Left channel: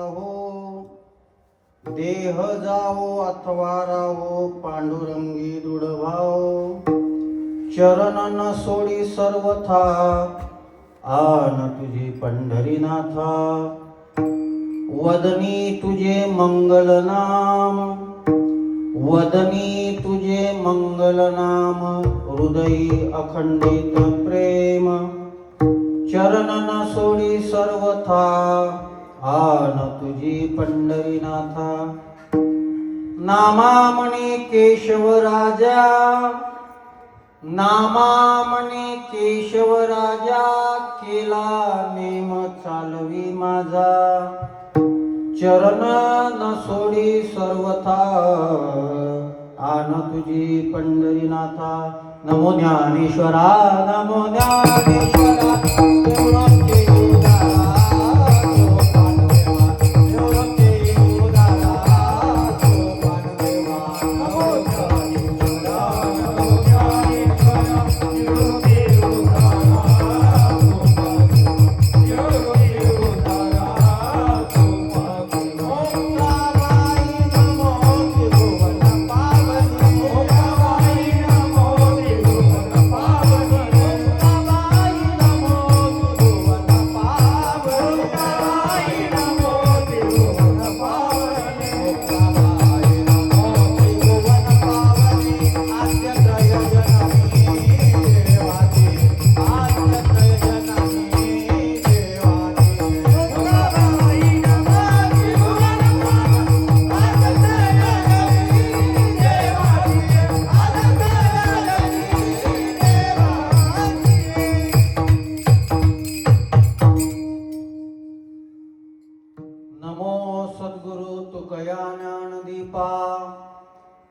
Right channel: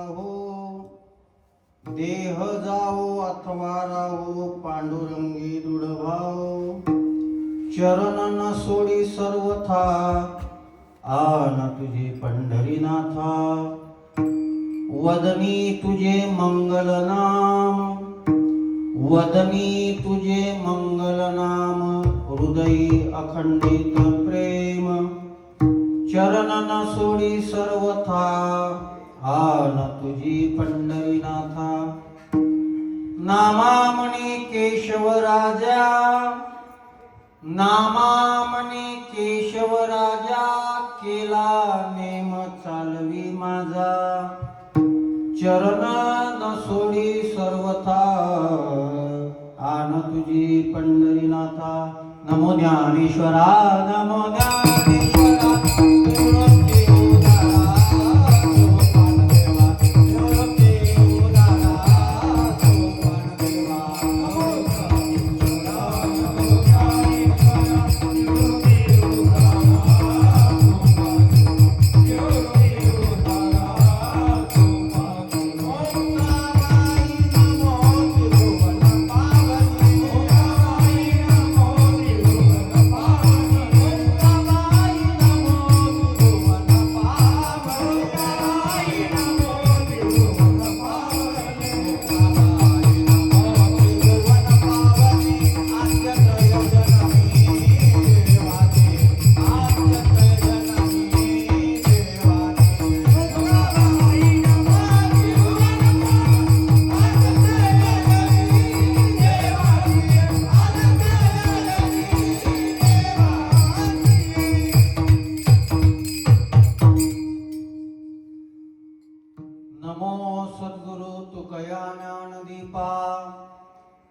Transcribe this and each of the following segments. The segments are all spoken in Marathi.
राहो, देह जावो अथवा राहो, पांडुरंगी दृढ भाव, चरण न सोडी सर्वथा, आन तुझे पंढरीनाथा, वदनी तुझे मंगल नाम, वदनी तुझे मंगल नाम, हृदयी अखंडित प्रेम, चरण न सोडी सर्वथा, आन तुझी पंढरीनाथा, नामामणी केशव राजा, नामामणी केशव राजा, केला नेम चालवी माझा, चरण न सोडी सर्वथा, आन तुझी पंढरीनाथा. नमो ज्ञानेश्वरा, नमो ज्ञानेश्वरा,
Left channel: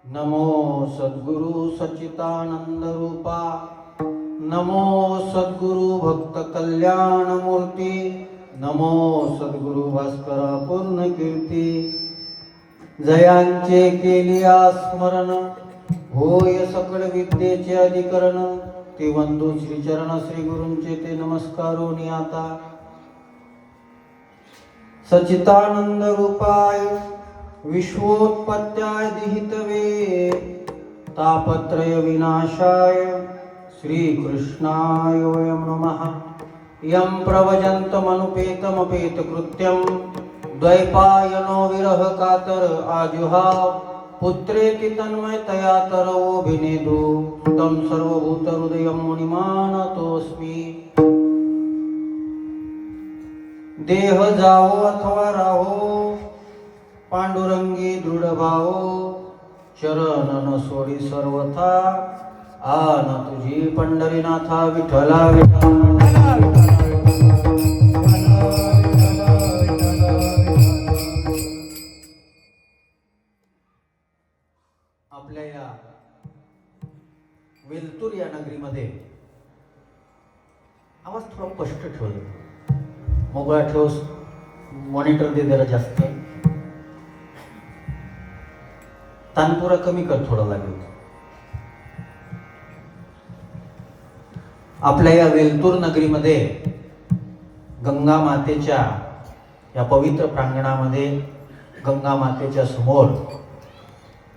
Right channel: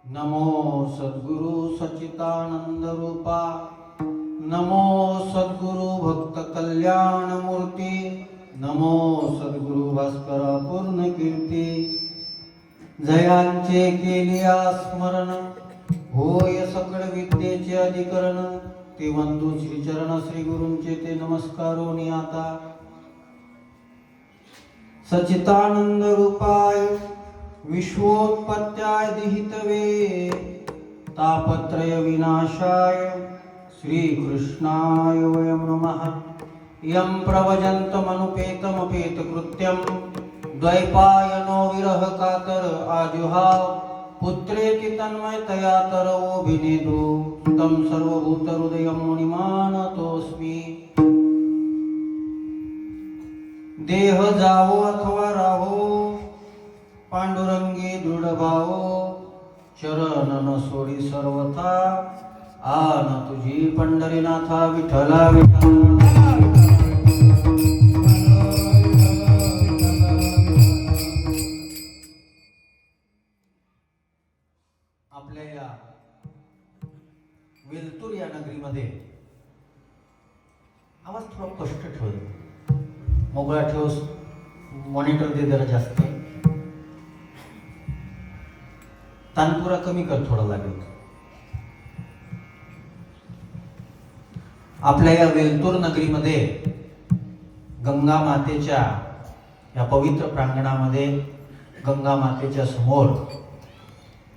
नमो सद्गुरु सच्चिदानंद रूपा, नमो सद्गुरु भक्त कल्याण मूर्ती, नमो सद्गुरु भास्करा पूर्ण कीर्ती. जयांचे केलिया स्मरण, होय सकळ विद्येचे अधिकरण, ते बंधू श्री चरण श्री गुरूंचे ते नमस्कारोनी आता. सच्चिदानंद रूपाय विश्वोत्पत्त्याय दिहितवे, तापत्रय विनाशाय श्रीकृष्णाय वयं नमः. यं प्रवजन्तमनुपेतमपेत कृत्यं, द्वैपायनो विरह कातर आजुहाव, पुत्रेति तन्मयतया तरवोऽभिनेदु, तं सर्वभूतहृदयं मुनिमानतोऽस्मि. देह जावो अथवा राहो, पांडुरंगी दृढ भावो, चरण न सोडी सर्वथा, आन तुझी पंढरीनाथा. विठ्ठला विठ्ठला. आपल्या या वेलतूर या नगरीमध्ये आवाज थोडा स्पष्ट ठेवला, मोकळा ठेव, मॉनिटर दे जरा जास्त, तानपुरा कमी कर थोडा लागेल. आपल्या या वेलतूर नगरीमध्ये गंगा मातेच्या या पवित्र प्रांगणामध्ये गंगा मातेच्या समोर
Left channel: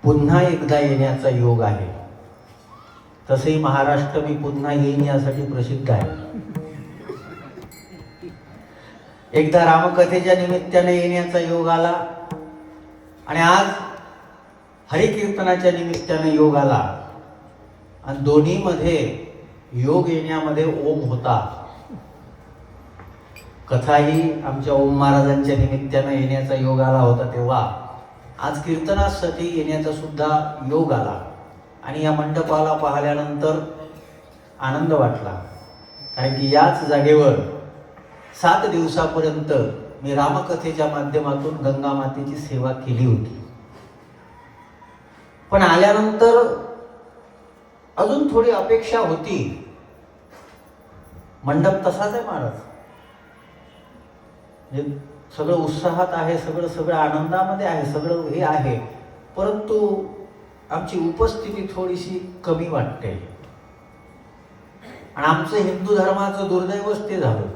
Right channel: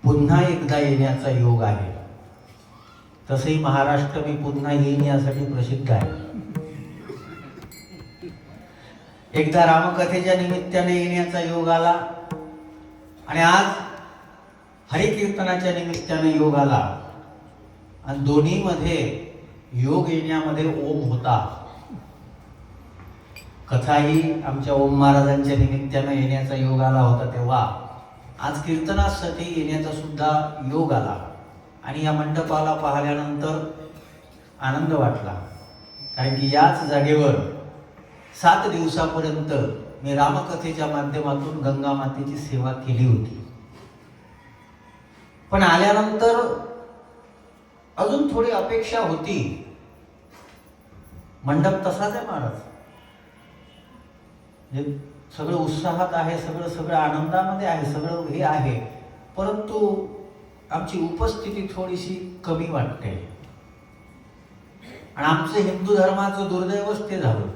पुन्हा एकदा येण्याचा योग आहे. तसंही महाराष्ट्र मी पुन्हा येईन यासाठी प्रसिद्ध आहे. एकदा रामकथेच्या निमित्ताने येण्याचा योग आला आणि आज हरिकीर्तनाच्या निमित्ताने योग आला, आणि दोन्हीमध्ये योग येण्यामध्ये ओम होता. कथाही आमच्या ओम महाराजांच्या निमित्ताने येण्याचा योग आला होता, तेव्हा आज कीर्तनासाठी येण्याचा सुद्धा योग आला. आणि या मंडपाला पाहिल्यानंतर आनंद वाटला, कारण की याच जागेवर 7 दिवसापर्यंत मी रामकथेच्या माध्यमातून गंगा मातेची सेवा केली होती. पण आल्यानंतर अजून थोडी अपेक्षा होती. मंडप तसाच आहे महाराज, सगळं उत्साहात आहे, सगळं आनंदामध्ये आहे, सगळं हे आहे, परंतु आमची उपस्थिती थोडीशी कमी वाटते. आणि आमचं हिंदू धर्माचं दुर्दैवच ते झालं.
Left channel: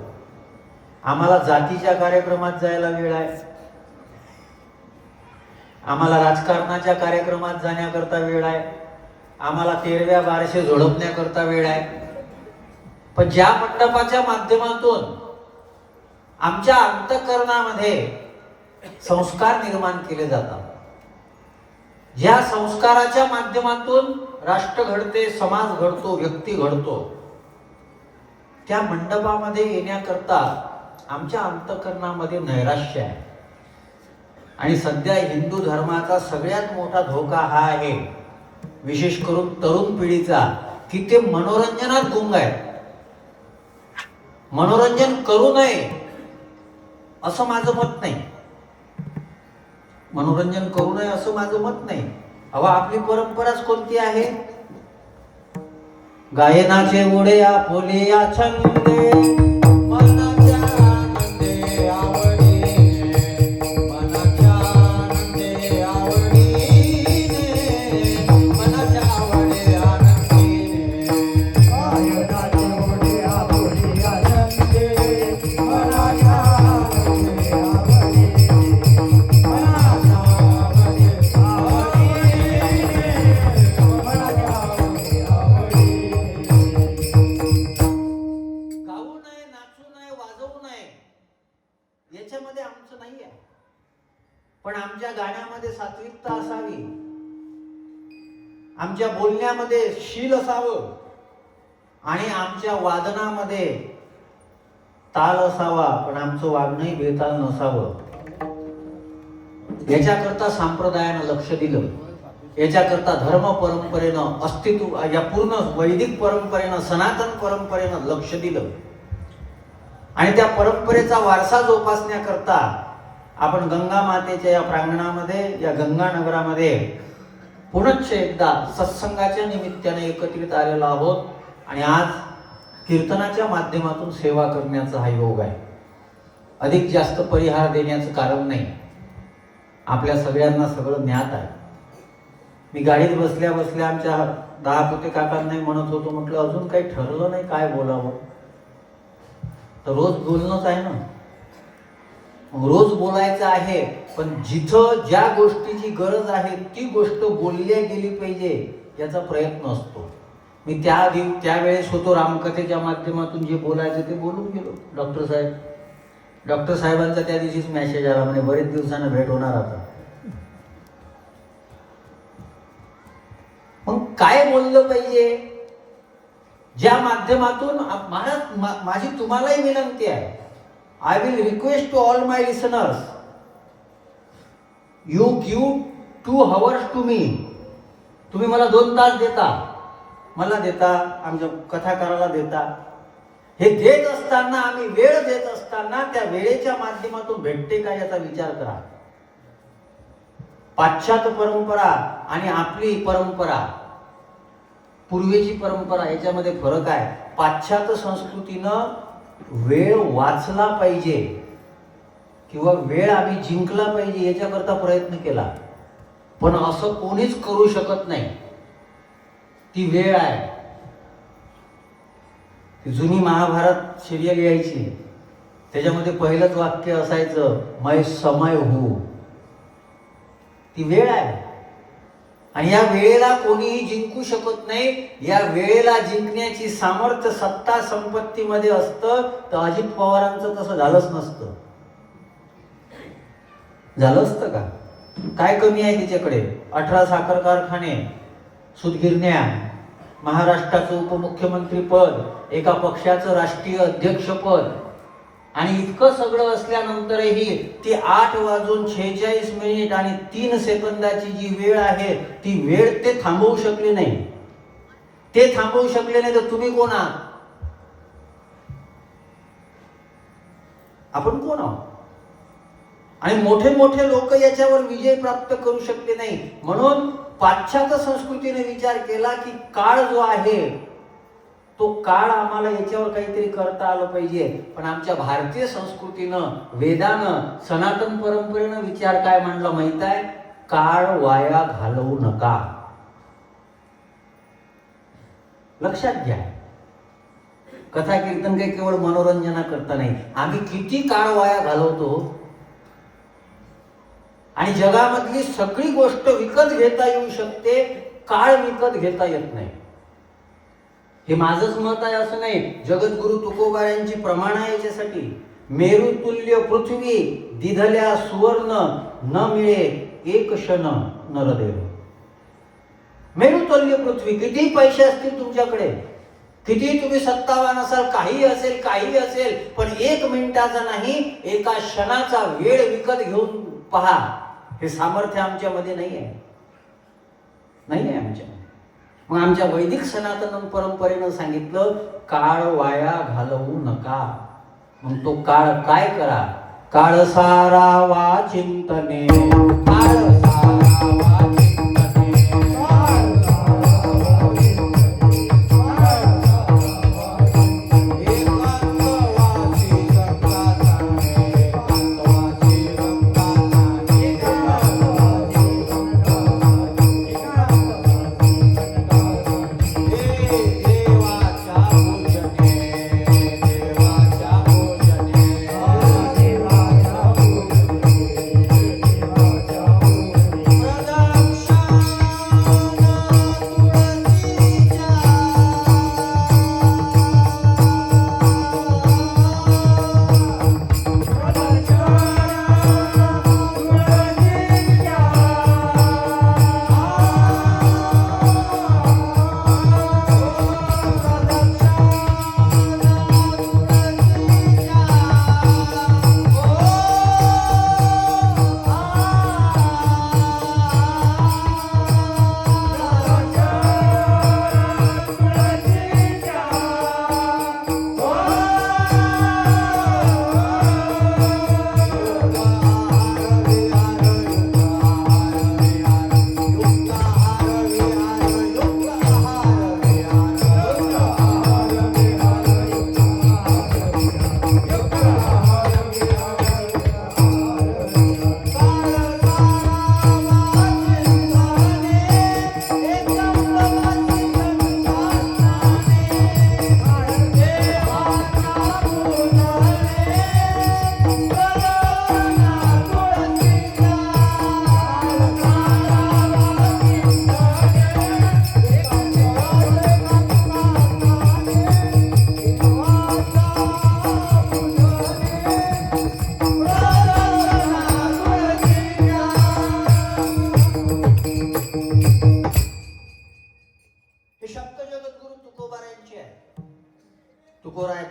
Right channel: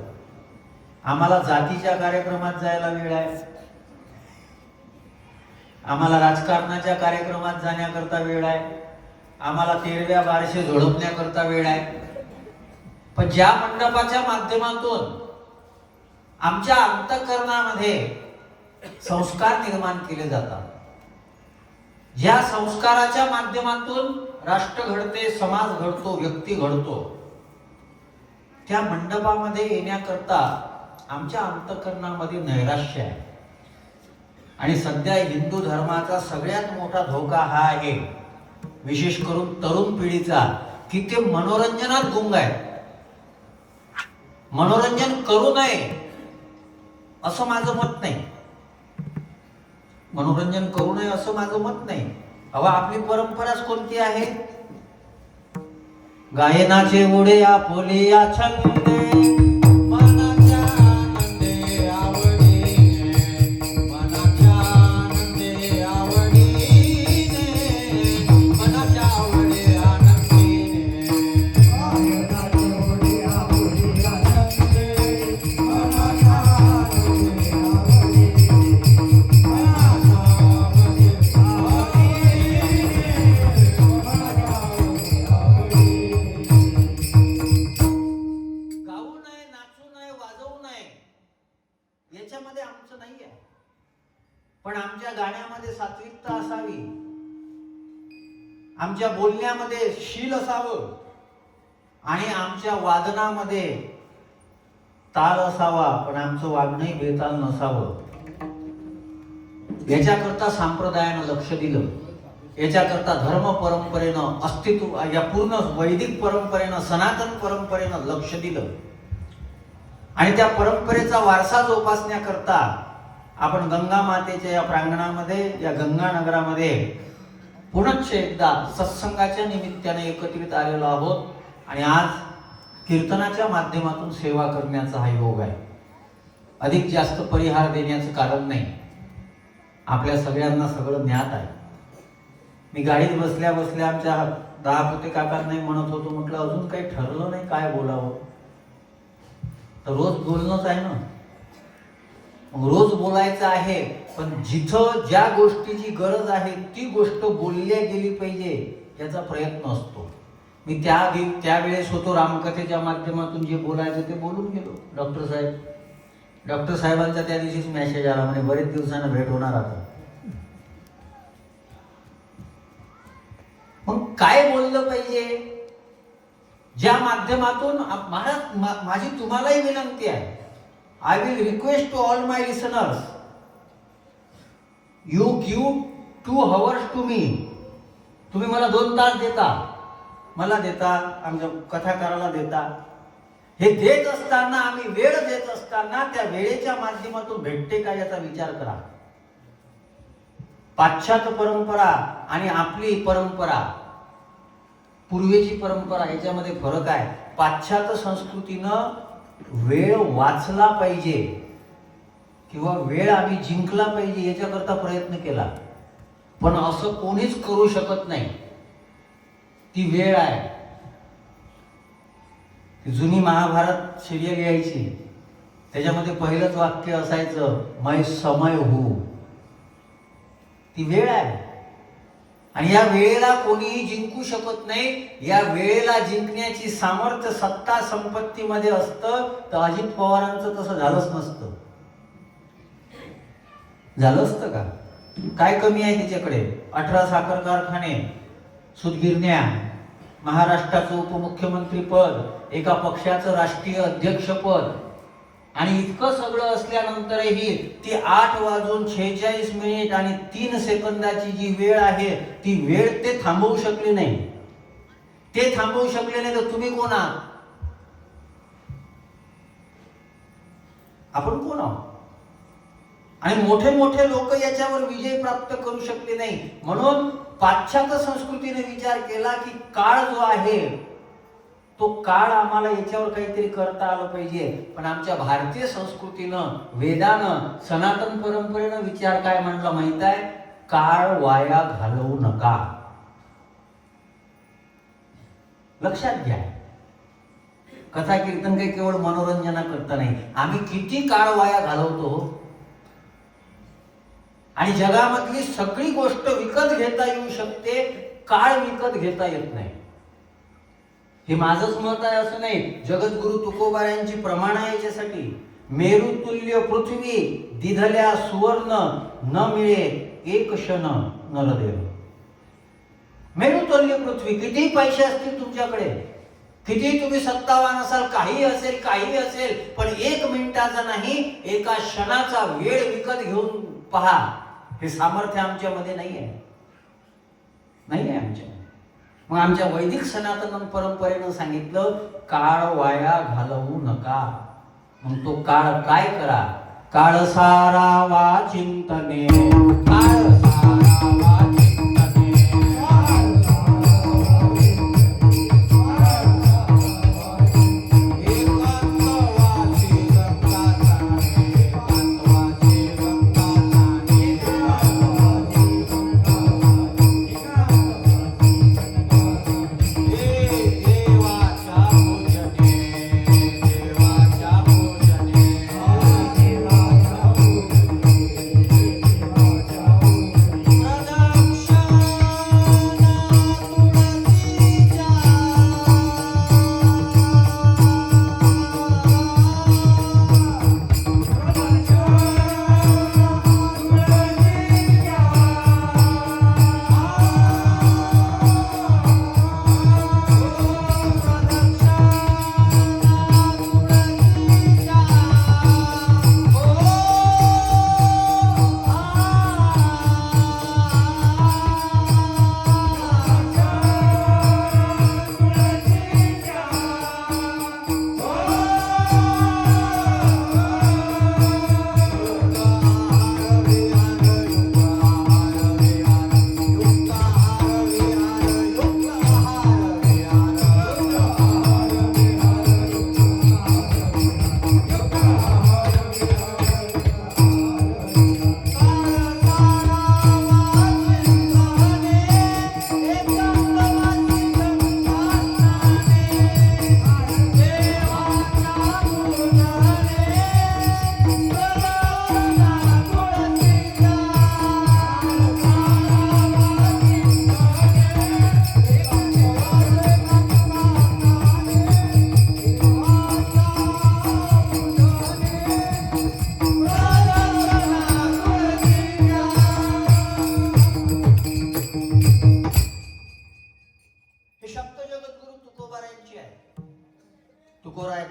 आम्हाला जातीच्या कार्यक्रमात जायला वेळ आहे, आम्हाला राजकारणाच्या कार्यक्रमात जाण्याकरता वेळ आहे, आम्हाला तेरव्या बारशे झोडपण्याकरता वेळ आहे. पण ज्या मंडपाच्या माध्यमातून आमच्या अंतःकरणामध्ये संस्कार निर्माण केले जातात, ज्या संस्काराच्या माध्यमातून राष्ट्र घडते, समाज घडतो, व्यक्ती घडतो, त्या मंडपामध्ये येण्याकरता आमच्या अंतःकरणामध्ये नैराश्य आहे. आणि सध्या हिंदू धर्माचा सगळ्यात मोठा धोका हा आहे, विशेष करून तरुण पिढीचा, की ते मनोरंजनात गुंग आहे. मनोरंजन करू नये असं माझं मत नाही. मनोरंजन करू नये असं माझं मत नाही. अहो, आपली परंपराच कोणती आहे? गायनाचे ओढे आपोले या छंदे, मनाच्या आनंदे आवडीने, मनाच्या आनंदे आवडीने, मनाच्या आवडे आनंदीने. गायनाचे ओढे आपोले या छंदे, मनाच्या आनंदे आवडीने, मनाच्या आवडे याच्यामध्ये आमचं नाही आहे. पण आमच्या गाण्यामध्ये सात्विकता असावी, आमच्या बोलण्यामध्ये शील असावं आणि आमच्या वादनामध्ये ताल असावा, पण आमचं वागणंही बेताल नसावं. याच्याकरता संप्रदायानं लक्ष दिलं, याच्याकरता धर्म परंपरेनं, अस्तित्व या पूर्ण वैदिक परंपरेनं, सनातन परंपरेनं लक्ष दिलं. आणि त्या परंपरेचा वारसा जोपासण्याकरता आपण गंगा मातेच्या या प्रांगणामध्ये, या गंगा नगरामध्ये पुनश्च एकदा सत्संगाच्या निमित्ताने एकत्रित आलेलो आहोत. आणि आज कीर्तनाच्या माध्यमातून सेवा करण्याचा हा योग आहे. अधिक जास्त परिहार देण्याचं कारण नाही, आपल्या सगळ्यांना सगळं ज्ञात आहे. मी गाडीत बसल्या बसल्या आमच्या दहापुते काकांना म्हणत होतो, म्हटलं अजून काही ठरलं नाही काय बोलावं. तर रोज बोलणंच आहे ना, रोज बोलायचं आहे. पण जिथं ज्या गोष्टीची गरज आहे ती गोष्ट बोलल्या गेली पाहिजे याचा प्रयत्न असतो. मी त्यावेळेस होतो रामकथेच्या माध्यमातून जे बोलायचं ते बोलून गेलो. डॉक्टर साहेबांचा त्या दिवशीच मेसेज आला, म्हणजे बरेच दिवसांना भेट होणार आता. मग काय बोललं पाहिजे, ज्या माध्यमातून माझी तुम्हालाही विनंती आहे, I will request to all my listeners, you give 2 hours to me. तुम्ही मला 2 तास देता, मला देता, आमच्या कथाकाराला देता. हे देत असताना, आम्ही वेळ देत असताना त्या वेळेच्या माध्यमातून भेटते का याचा विचार करा. पाश्चात्य परंपरा आणि आपली परंपरा, पूर्वेची परंपरा, याच्यामध्ये फरक आहे. पाश्चात्य संस्कृतीनं वेळ वाचला पाहिजे किंवा वेळ आम्ही जिंकला पाहिजे याच्याकरता प्रयत्न केला, पण असं कोणीच करू शकत नाही. ती वेळ आहे. जुनी महाभारत सिरियल यायची, त्याच्यामध्ये पहिलंच वाक्य असायचं, मै समय हू. ती वेळ आहे आणि या वेळेला कोणीही जिंकू शकत नाही. या वेळेला जिंकण्याची सामर्थ्य सत्ता संपत्तीमध्ये असतं. तर अजित पवारांचं तसं झालंच नसतं. झालं असतं का? काय कमी आहे तिच्याकडे? 18 साखर कारखाने, सूतगिरण्या, महाराष्ट्राचं उपमुख्यमंत्री पद, एका पक्षाचं राष्ट्रीय अध्यक्षपद, आणि इतकं सगळं असल्यानंतरही ती 8:46 आणि 3 सेकंदाची जी वेळ आहे ती वेळ ते थांबवू शकले नाही. ते थांबवू शकले नाही तर तुम्ही कोण आहात? आपण कोण आहोत? आणि मोठे मोठे लोक याच्यावर विजय प्राप्त करू शकले नाही. म्हणून पाश्चात्य संस्कृतीने विचार केला की काळ जो आहे तो काळ आम्हाला याच्यावर काहीतरी करता आलं पाहिजे. पण आमच्या भारतीय संस्कृतीनं, वेदानं, सनातन परंपरेनं विचार काय म्हणला माहित आहे? काळ वाया घालवू नका. लक्षात घ्या, कथा कीर्तन काही केवळ मनोरंजना करता नाही. आम्ही किती काळ वाया घालवतो. आणि जगामधली सगळी गोष्ट विकत घेता येऊ शकते, काळ विकत घेता येत नाही. हे माझंच मत आहे असं नाही, जगद्गुरु तुकोबा यांची प्रमाण आहे याच्यासाठी. मेरुतुल्य पृथ्वी दिधल्या सुवर्ण, न मिळे एक क्षण नरदेव. मेरुतुल्य पृथ्वी, किती पैसे असतील तुमच्याकडे, किती तुम्ही सत्तावान असाल, काही असेल, पण 1 मिनिटाचा नाही, एका क्षणाचा वेळ विकत घेऊन पहा, हे सामर्थ्य आमच्यामध्ये नाही आहे आमच्या. मग आमच्या वैदिक सनातन परंपरेनं सांगितलं, काळ वाया घालवू नका. मग तो काळ काय करा, काळ सारावा चिंतने, काळ सारावा चिंतने,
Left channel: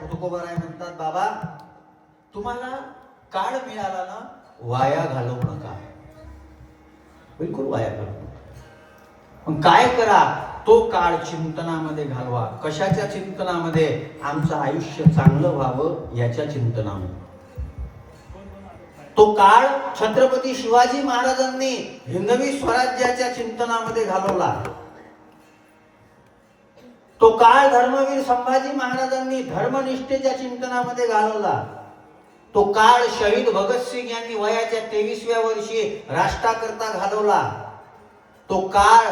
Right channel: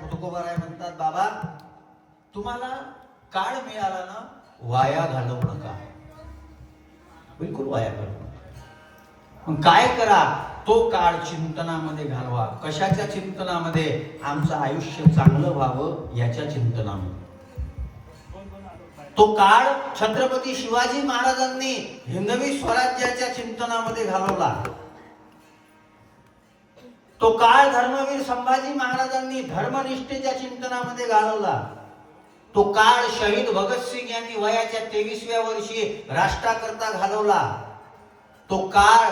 तुकोबाराय म्हणतात, बाबा तुम्हाला काळ मिळाला ना, वाया घालवू नका, बिलकुल वाया घालवू नका. मग काय करा, तो काळ चिंतनामध्ये घालवा. कशाच्या चिंतनामध्ये, आमचं आयुष्य चांगलं व्हावं याच्या चिंतनामध्ये. तो काळ छत्रपती शिवाजी महाराजांनी हिंदवी स्वराज्याच्या चिंतनामध्ये घालवला. तो काळ धर्मवीर संभाजी महाराजांनी धर्मनिष्ठेच्या चिंतनामध्ये घालवला. तो काळ शहीद भगतसिंग यांनी वयाच्या 23व्या वर्षी राष्ट्राकरता घालवला. तो काळ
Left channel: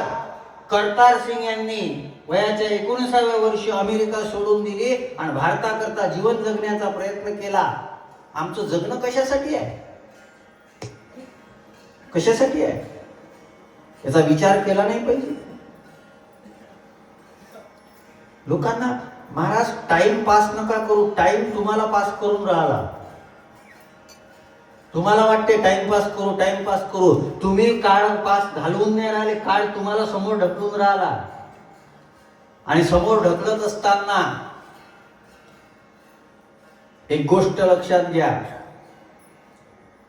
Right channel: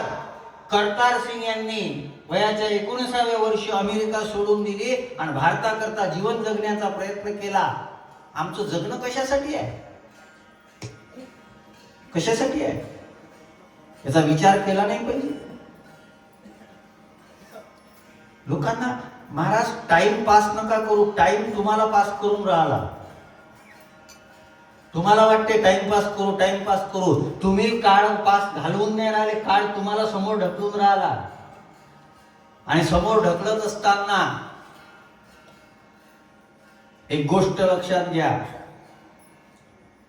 करतार सिंग यांनी वयाच्या 19व्या वर्षी अमेरिका सोडून दिली आणि भारताकरता जीवन जगण्याचा प्रयत्न केला. आमचं जगणं कशासाठी आहे, कशासाठी आहे, याचा विचार केला नाही पाहिजे. लोकांना महाराज टाइम पास नका करू, टाइम तुम्हाला पास करून राहिला. तुम्हाला वाटते टाइमपास करू, तुम्ही काळ पास घालवून नाही राहिले, काळ तुम्हाला समोर ढकलून राहिला. आणि समोर ढकलत असताना एक गोष्ट लक्षात घ्या,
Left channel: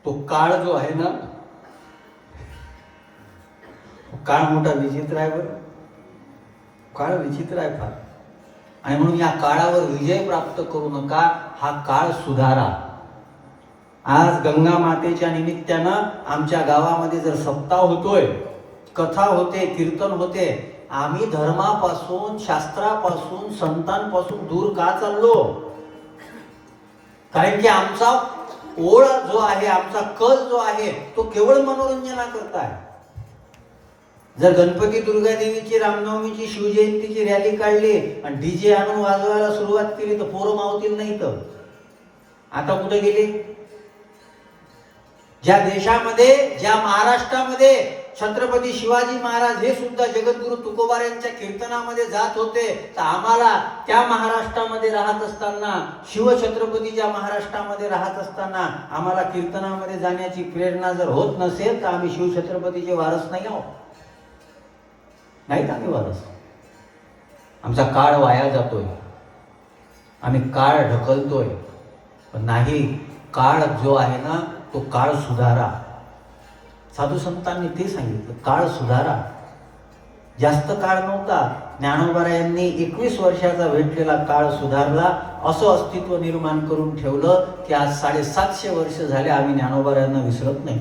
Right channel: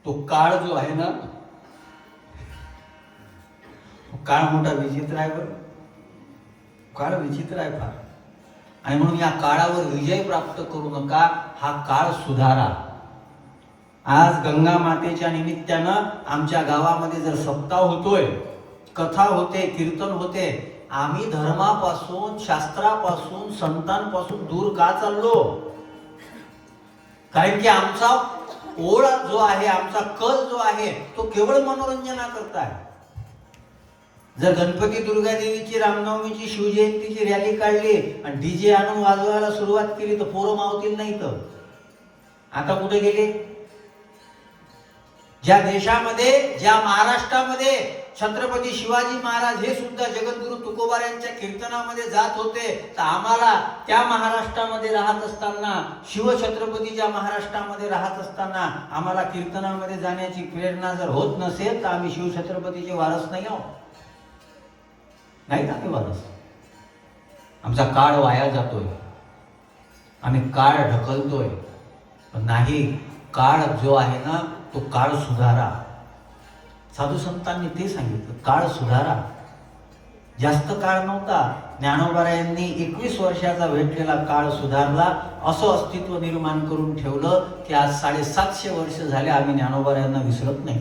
तो काळ जो आहे ना, काळ मोठा विचित्र आहे. बरं, काळ विचित्र आहे फार. आणि म्हणून या काळावर विजय प्राप्त करू नका, हा काळ सुधारा. आज गंगा मातेच्या निमित्तानं आमच्या गावामध्ये जर सप्ताह होतोय, कथा होते, कीर्तन होते, आम्ही धर्मापासून, शास्त्रापासून, संतांपासून दूर का चाललो? कारण की आमचा ओळ जो आहे, आमचा कल जो आहे, तो केवळ मनोरंजनाकरता आहे. जर गणपती दुर्गा देवीची, रामनवमीची, शिवजयंतीची रॅली काढली आणि डीजे आणून वाजवायला सुरुवात केली तर पोरं मावतील नाही. तर आता कुठे गेले? ज्या देशामध्ये, ज्या महाराष्ट्रामध्ये छत्रपती शिवाजी महाराज हे सुद्धा जगद्गुरु तुकोबारायांच्या कीर्तनामध्ये जात होते, तर आम्हाला त्या महाराष्ट्रामध्ये राहत असताना, शिवछत्रपतीच्या महाराष्ट्रामध्ये राहत असताना आम्हाला कीर्तनामध्ये जाण्याची प्रेरणा जर होत नसेल तर आम्ही शिवछत्रपतीचे वारस नाही आहोत. नाहीत आम्ही वारस. आमचा काळ वाया जातोय, आम्ही काळ ढकलतोय. पण नाही, काळ जो आहे ना तो काळ सुधारा. साधू संतांनी ते सांगितलं, काळ सुधारा. जास्त काळ नव्हता, ज्ञानोबारायांनी 21 वर्षाचा भेटलेला काळ सुधारला, असं अस्तित्व निर्माण करून ठेवलं की आज 750 वर्ष झाले आम्ही ज्ञानोबारायांना विसरत नाही.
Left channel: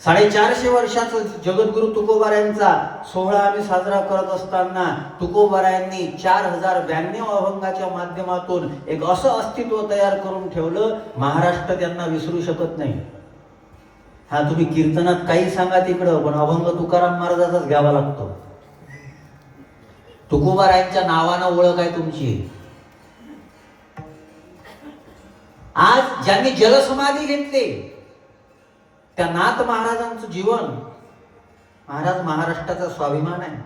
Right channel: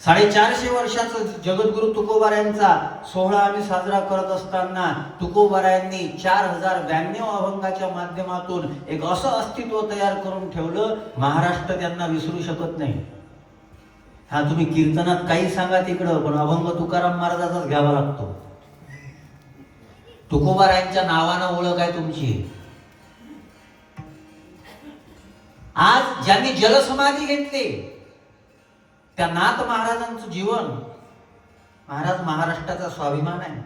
450 वर्षाचा जगद्गुरु तुकोबारायांचा सोहळा आम्ही साजरा करत असताना तुकोबारायांनी 4092 अभंगाच्या माध्यमातून एक असं अस्तित्व तयार करून ठेवलं, महाराष्ट्र त्यांना विसरू शकत नाही. हा, तुम्ही कीर्तनात काही सांगा तिकडं, पण अभंग तुकाराम महाराजाचाच घ्यावा लागतो. तुकोबारायांच्या नावानं ओळख आहे तुमची. आज ज्यांनी जलसमाधी घेतली त्या नाथ महाराजांचं जीवन, महाराज महाराष्ट्राचा स्वाभिमान आहे.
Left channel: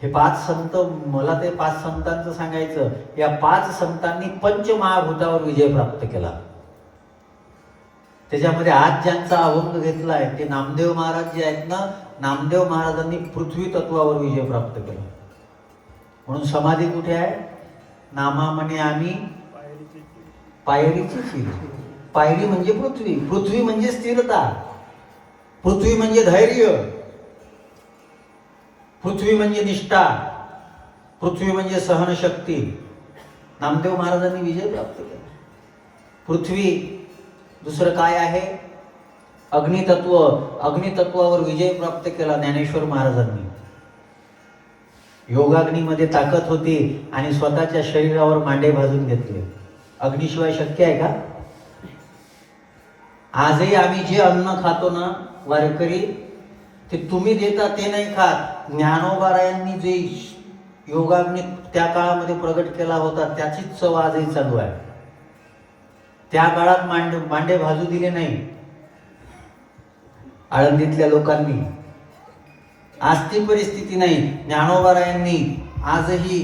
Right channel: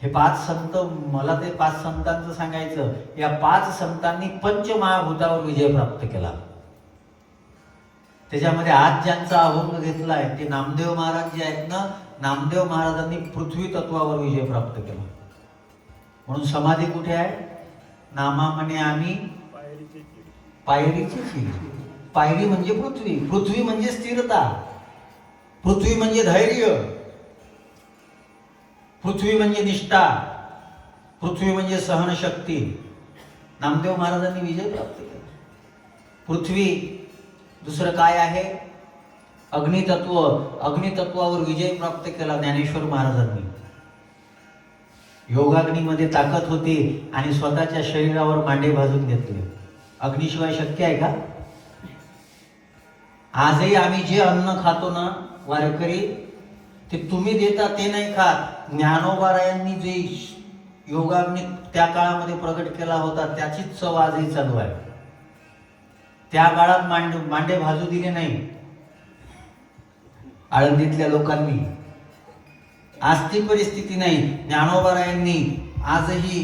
हे 5 संत, मला ते 5 संतांचं सांगायचं, या 5 संतांनी पंचमहाभूतावर विजय प्राप्त केला. त्याच्यामध्ये आज ज्यांचा अभंग घेतलाय ते नामदेव महाराज जे आहेत ना, नामदेव महाराजांनी पृथ्वी तत्वावर विजय प्राप्त केला. म्हणून समाधी कुठे आहे? नामा म्हणे आम्ही पायरीची शिर. पायरी म्हणजे पृथ्वी, पृथ्वी म्हणजे स्थिरता, पृथ्वी म्हणजे धैर्य, पृथ्वी म्हणजे निष्ठा, पृथ्वी म्हणजे सहनशक्ती. नामदेव महाराजांनी विजय प्राप्त केला. पृथ्वी, दुसरं काय आहे? अग्नितत्व. अग्नितत्वावर विजय प्राप्त केला ज्ञानेश्वर महाराजांनी. योगाग्नीमध्ये ताकद होती आणि स्वतःच्या शरीरावर मांडे भाजून घेतले. अग्निशिवाय शक्य आहे का? आजही आम्ही जे अन्न खातो ना वारकरी, ते तुम्ही देता ते नाही खात. ज्ञानोबारायांनी जे योगाग्नी त्या काळामध्ये प्रगट केला होता त्याचीच चव आजही चालू आहे. त्या काळात मांडे भाजू दिले नाही आळंदीतल्या लोकांनी. आज ती परिस्थिती नाही. ज्ञानोबारायांनी आजही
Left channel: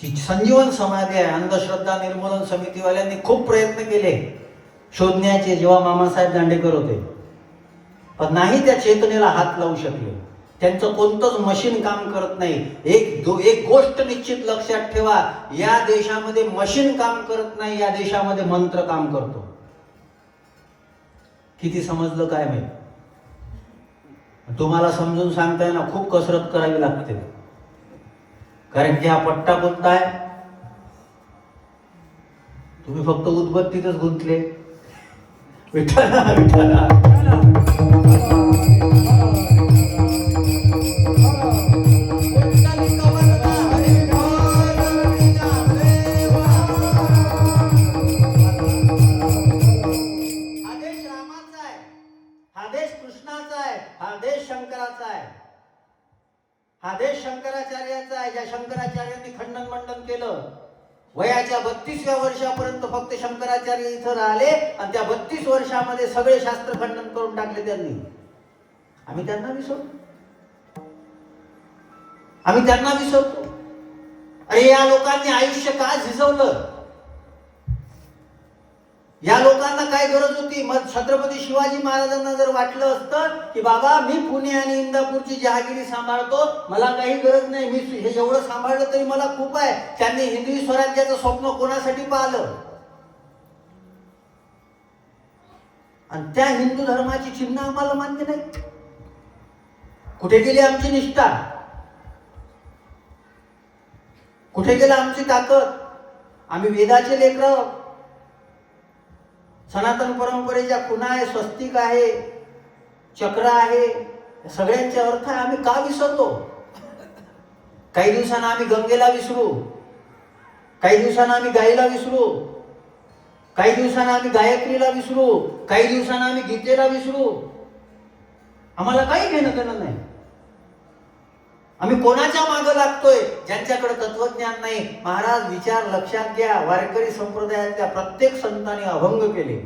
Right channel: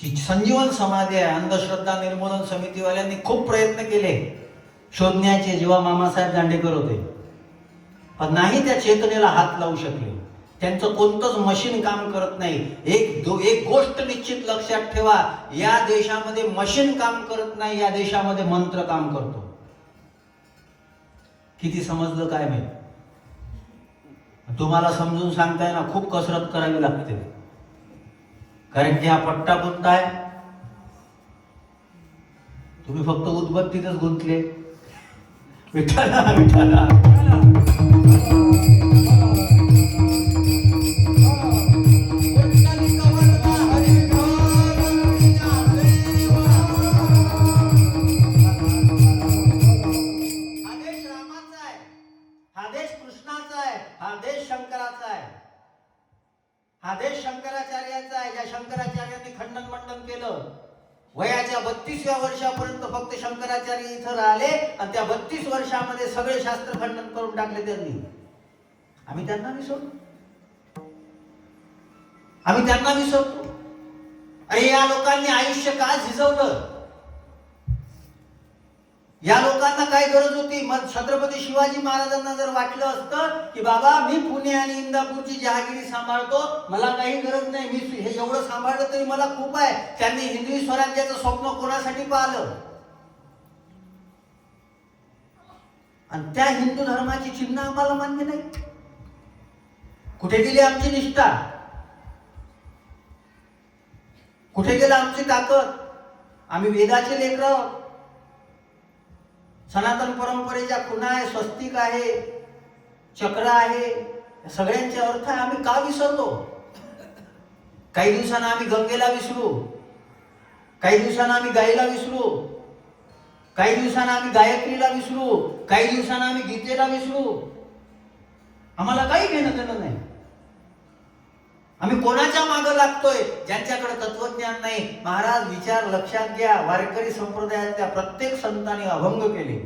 जी संजीवन समाधी आहे, अंधश्रद्धा निर्मूलन समितीवाल्यांनी खूप प्रयत्न केले शोधण्याचे, जेव्हा मामासाहेब दांडेकर होते, पण नाही त्या चेतनेला हात लावू शकले. त्यांचं कोणतंच मशीन काम करत नाही. एक गोष्ट निश्चित लक्षात ठेवा, या देशामध्ये मशीन काम करत नाही, या देशामध्ये मंत्र काम करतो. किती समजलं काय माहित? तुम्हाला समजून सांगताय ना, खूप कसरत करावी लागते. कारण की हा पट्टा कोणता आहे? तुम्ही फक्त उदबत्तीतच गुंतले. विठ्ठला विठ्ठला. हा देश शंकराचार्याचा आहे. ज्या शंकराचार्यांनी खंडन मंडन केलं, वयाच्या 32व्या वर्षापर्यंत फक्त शंकराचार्य इथं राहिले आणि त्या 32 वर्षामध्ये सगळे शास्त्र खंडन करून टाकले त्यांनी. आम्ही त्यांना विसरतो, आम्ही त्यांना विसरतो. अरे या लोकांनी आयुष्य का झिजवलं? या लोकांना काय गरज होती? मग छत्रपती शिवाजी महाराजांना जर वाटलं असतं की बाबा मी पुणे आणि इंदापूरची जहागिरी सांभाळतो, मला काही गरज नाही, मी हे एवढं सांभाळलं तरी मला खूप आहे. त्यांनी हिंदवी स्वराज्याचं स्वप्न कोणासाठी पाहिलं? आणि त्या हिंदू धर्माची चिन्ह आम्हाला मान्य नाही. कुठे गेली आमची निष्ठा? कुठे गेला आमची ताकद? आम्ही वेदाचे लेकरं, सनातन परंपरेच्या खुणा आहे, स्वस्तिक आहे, चक्र आहे, सगळ्यांचे अर्थ आहे. आम्ही का विसरतो? काही दिवसांना आम्ही गंगेला विसरू, काही दिवसांना आम्ही गायीला विसरू, काही दिवसांना आम्ही गायत्रीला विसरू, काही दिवसांना आम्ही गीतेला विसरू. आम्हाला काही घेणं देणं नाही. आम्ही कोणाच्या मागे लागतोय? ज्यांच्याकडे तत्वज्ञान नाही. महाराज विचार लक्षात घ्या, वारकरी संप्रदायातल्या प्रत्येक संतांनी अभंग केले.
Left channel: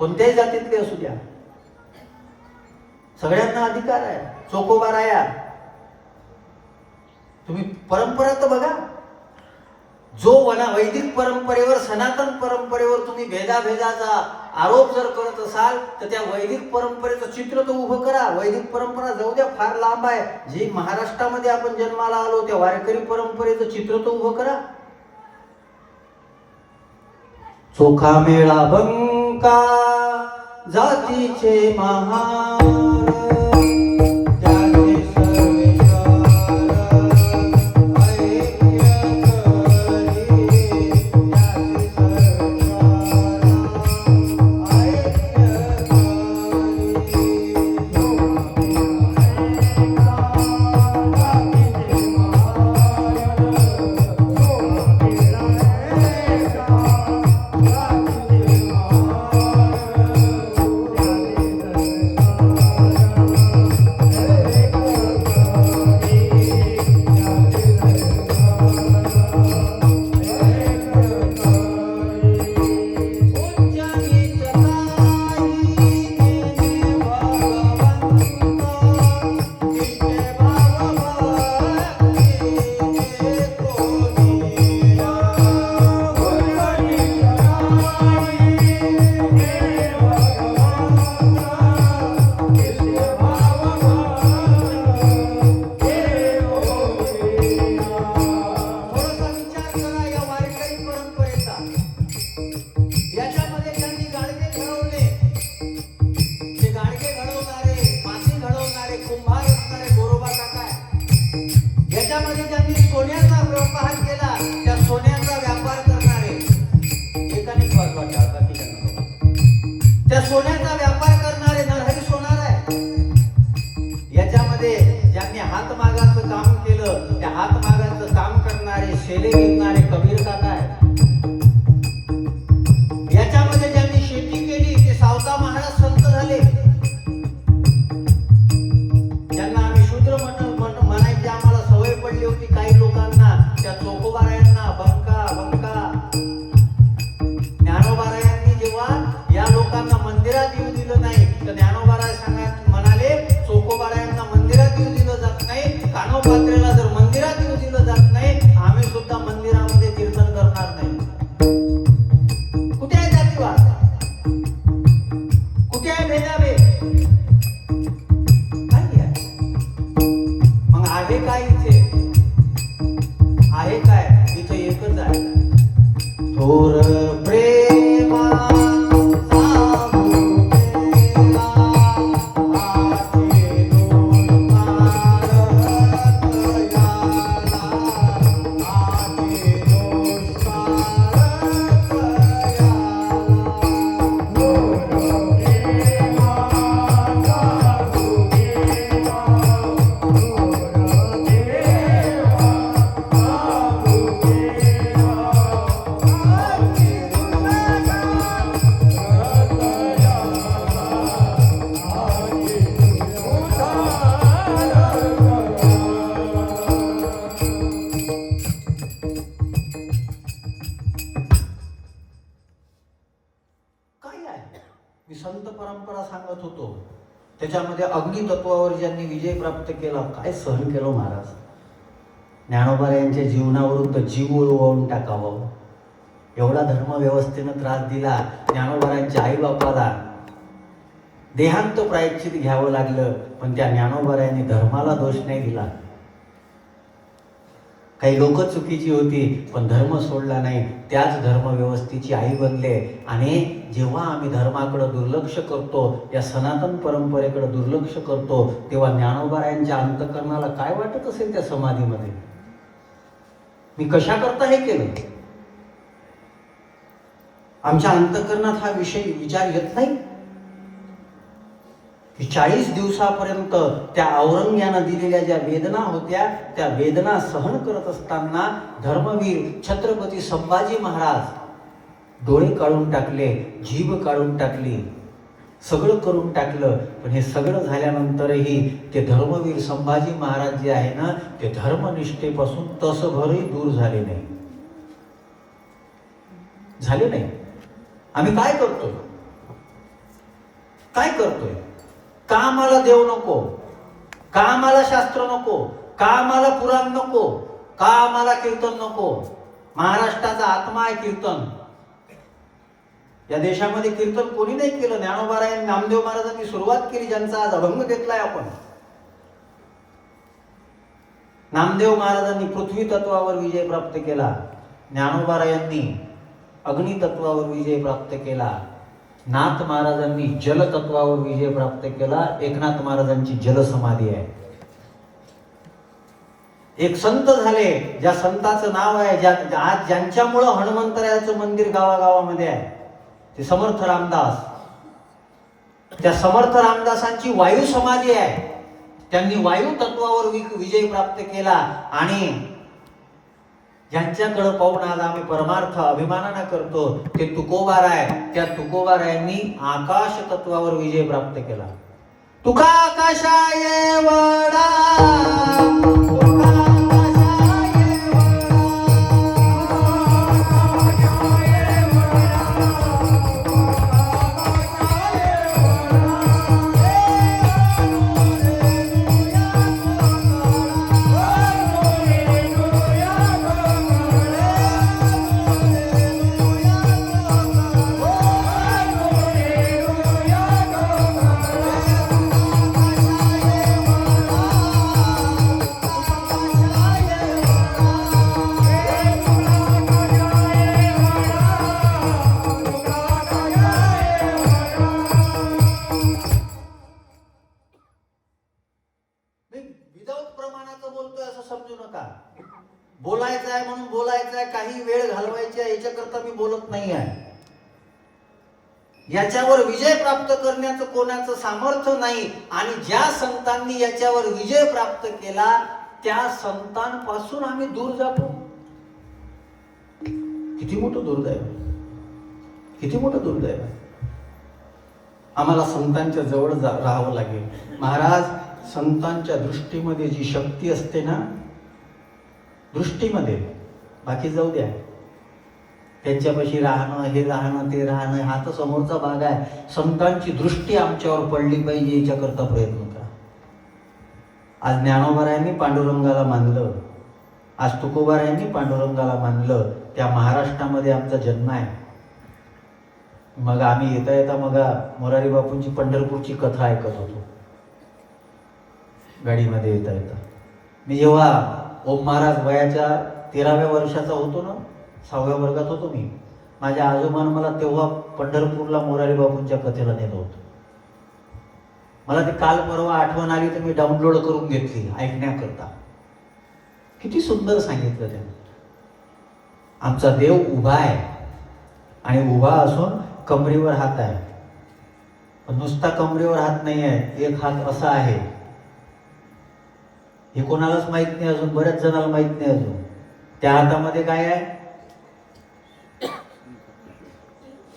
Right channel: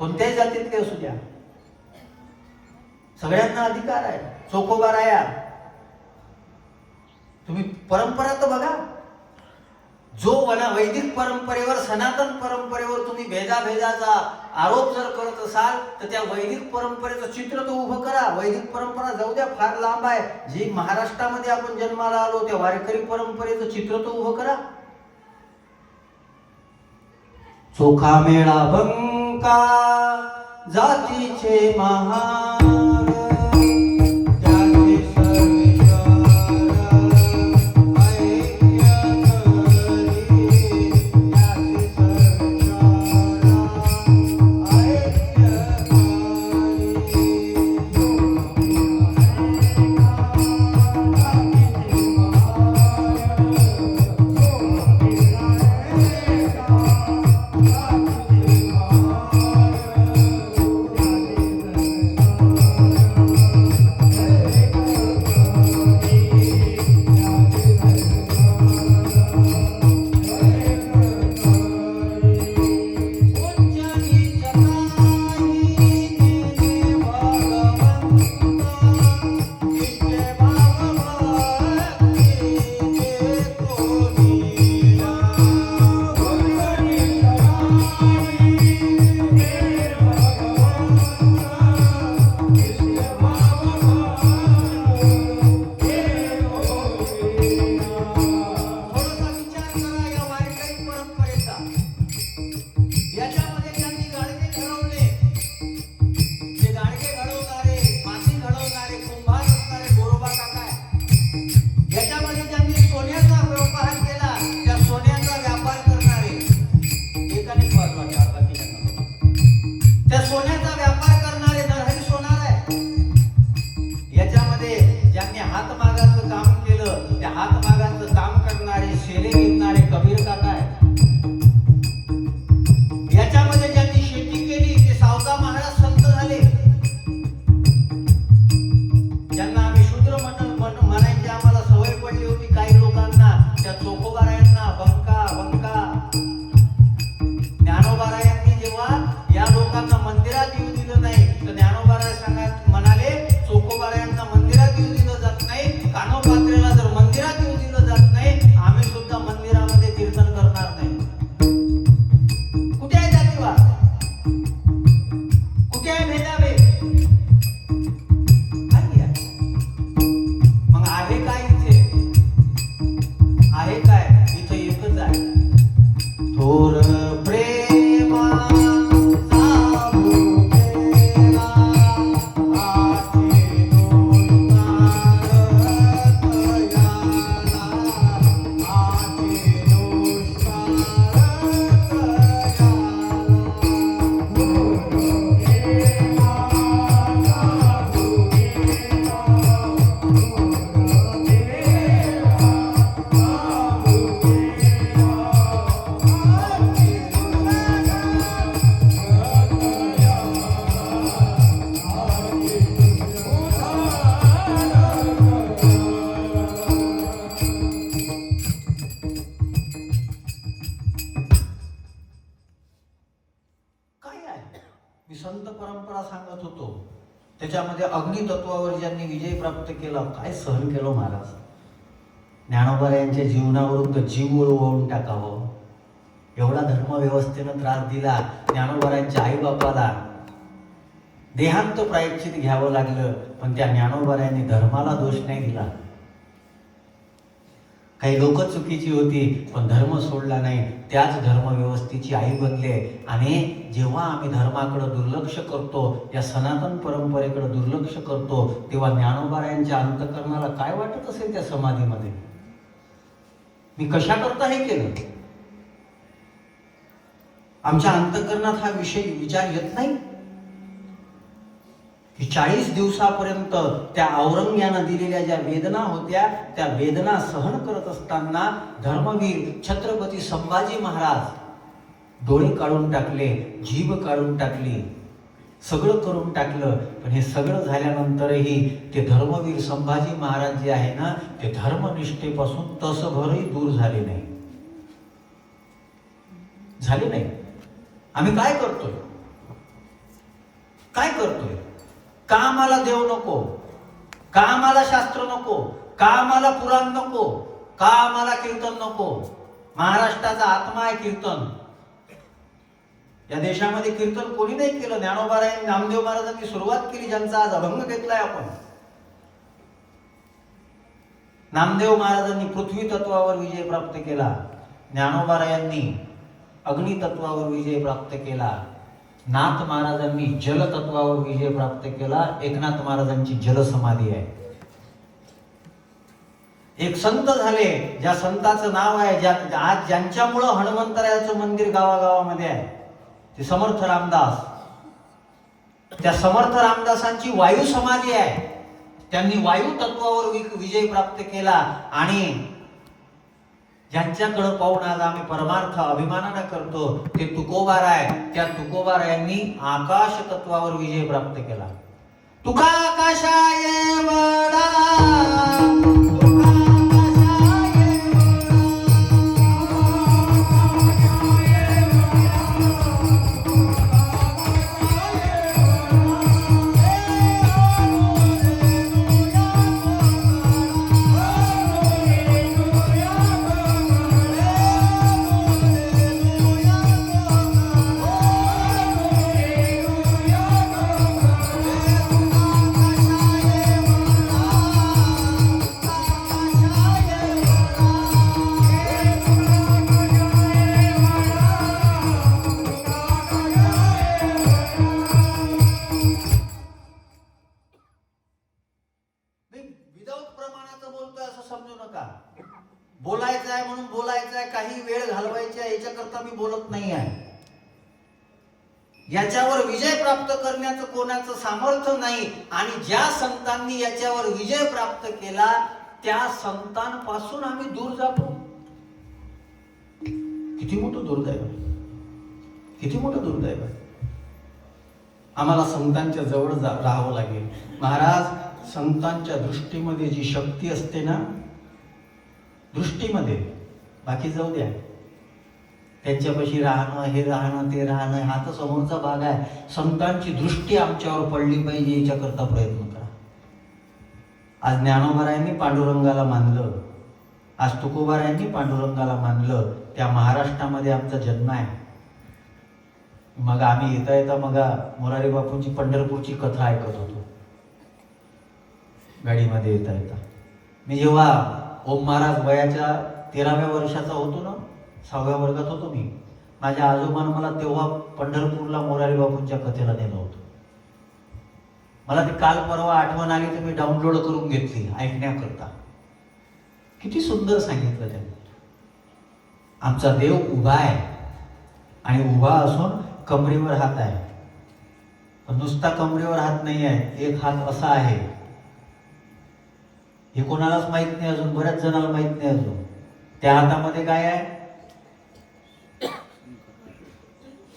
कोणत्याही जातीतले असू द्या, सगळ्यांना अधिकार आहे. चोखोबाराया, तुम्ही परंपरा तर बघा. जो वैदिक परंपरेवर, सनातन परंपरेवर तुम्ही भेदाभेदाचा आरोप जर करत असाल तर त्या वैदिक परंपरेचं चित्र तर उभं करा. वैदिक परंपरा जाऊ द्या, फार लांब आहे. जी महाराष्ट्रामध्ये आपण जन्माला आलो त्या वारकरी परंपरेचं चित्र तर उभं करा. चोखा मेळा बंका जातीचे महार, त्याच्यामध्ये अग्नितत्वावर ज्यांनी विजय प्राप्त केला, काय सहन केलं महाराज. ज्ञानोबा यांच्या जीवनाविरुद्ध जीव ओळवून टाकावं एवढा धर्मव्यवस्थेनं त्रास दिला. ज्ञानोबारांच्या आई बापाला देहांत प्रायश्चित घ्यावं लागलं, पण त्या ज्ञानोबारांनी धर्माला दोष नाही दिला. काही लोक चुकीची होती पण धर्म सोडला नाही, त्याच धर्मव्यवस्थेची आई बनले. आणि जेव्हा आम्ही धर्माकडे दुर्लक्ष करतो, या सनातन परंपरेकडे दुर्लक्ष करतो, तेव्हा ज्ञानोबारायांच्या अंतःकरणाला काय वाटत असेल त्या समाधीमध्ये. मी कशा करता हे केलं. आमच्या अंतःकरणात हा विचार येत नाही की 40 दिवसापर्यंत त्या औरंग्यानं दिलेल्या ज्या वेदना होत्या, त्या वेदना सहन करत असताना धर्मवीर छत्रपती संभाजी महाराज डोळे काढून टाकले, जीभ काढून टाकली, सगळं करून टाकलं. पण हे सगळं झाल्यानंतरही ते धर्मवीर संभाजी महाराज जे आहे ना, ते धर्मनिष्ठेपासून तसभरही दूर झाले नाही. आम्ही काय करतो. काय करतोय? का आम्हाला देव नको? का आम्हाला शास्त्र नको? का आम्हाला पुराण नको? का आम्हाला कीर्तन नको? महाराष्ट्राचा आत्मा आहे कीर्तन. या देशामध्ये कीर्तन कोणी नाही केलं. ज्ञानोबाराय नामदेव महाराजांनी सुरुवात केली, ज्यांचा आज अभंग घेतलाय आपण. नामदेव महाराजांनी पृथ्वी तत्वावर विजय प्राप्त केला. ज्ञानोबारायांनी अग्नी तत्वावर विजय प्राप्त केला. नाथ महाराजांनी जल तत्वावर विजय प्राप्त केला. एकनाथ महाराजांची जलसमाधी आहे. एक संत झाले, ज्या संताचं नाव आहे, आज ज्यांच्यामुळं हनुमंतरायाचं मंदिर गावागावामध्ये आहे, ते समर्थ रामदास. त्या समर्थ रामदासांची वायू समाधी आहे. त्यांनी वायू तत्वावर विजय प्राप्त केला. आणि ज्यांच्याकडे पाहून आज आम्ही परमार्थ अभिमानाने करतो ते तुकोबाराय. त्या तुकोबारायांनी आकाश तत्वावर विजय प्राप्त केला. तुका आकाशाय वडा, बोलायचं आहे म्हणून बोलायचं आहे, काही वेळ घालवायची आहे याच्याकरता मी बोलत नाही आहे. याच्यावर विजय प्राप्त करण्याचं कोणाचं सामर्थ्य नाही. आणि ज्या संतांनी याच्यावर विजय प्राप्त केला त्या संतांपासून आम्ही दूर जातो. किती मोठं दुर्दैव, किती मोठं दुर्दैव. आम्हाला संतांच्या जवळ राहावं लागेल. महाराज, संतांच्या दृष्टीमध्ये जी शक्ती असते ना, दृष्टीमध्ये, बाकी जाऊ द्या, त्यांच्यापाशी राहणं, हे राहणं, ते राहणं, हा तर समोरचा भाग आहे. संतांची दृष्टी आमच्यावर पडली पाहिजे याच्याकरता प्रयत्न करा. आज ज्ञानोबारायांनी पांडुरंगाला मानलं, आज तुकोबारायांनी पांडुरंगाला मानलं. त्या महाराष्ट्रामध्ये आमचा जन्म आहे. मग आम्ही येता येता मग मोरारी बापूंची पंढरपूरची कथा ऐकत होतो गाडीमध्ये येता येता. मी जेव्हा ओम महाराज वयाच्या 13व्या वर्षाचा होतो ना, 6व्या वर्गात होतो मी, माझ्या आजोबानं मला तेव्हा पंढरपूरला मोरारी बापूंच्या कथेला नेलं होतं. मला ते काल परवा आठवण आली तर मी डाउनलोड करून घेतली ऐकण्याकरता. किती सुंदर सांगितलं त्यांनी. आमचा देव उभा आहे आणि उभा असून कमरेवर हात आहे. पण नुसता कमरेवर हात नाही आहे, एक हात असा आहे. हे कोणालाच माहित नाही अजून, बऱ्याच जणांना माहित नाही अजून. त्या हातामध्ये काय आहे?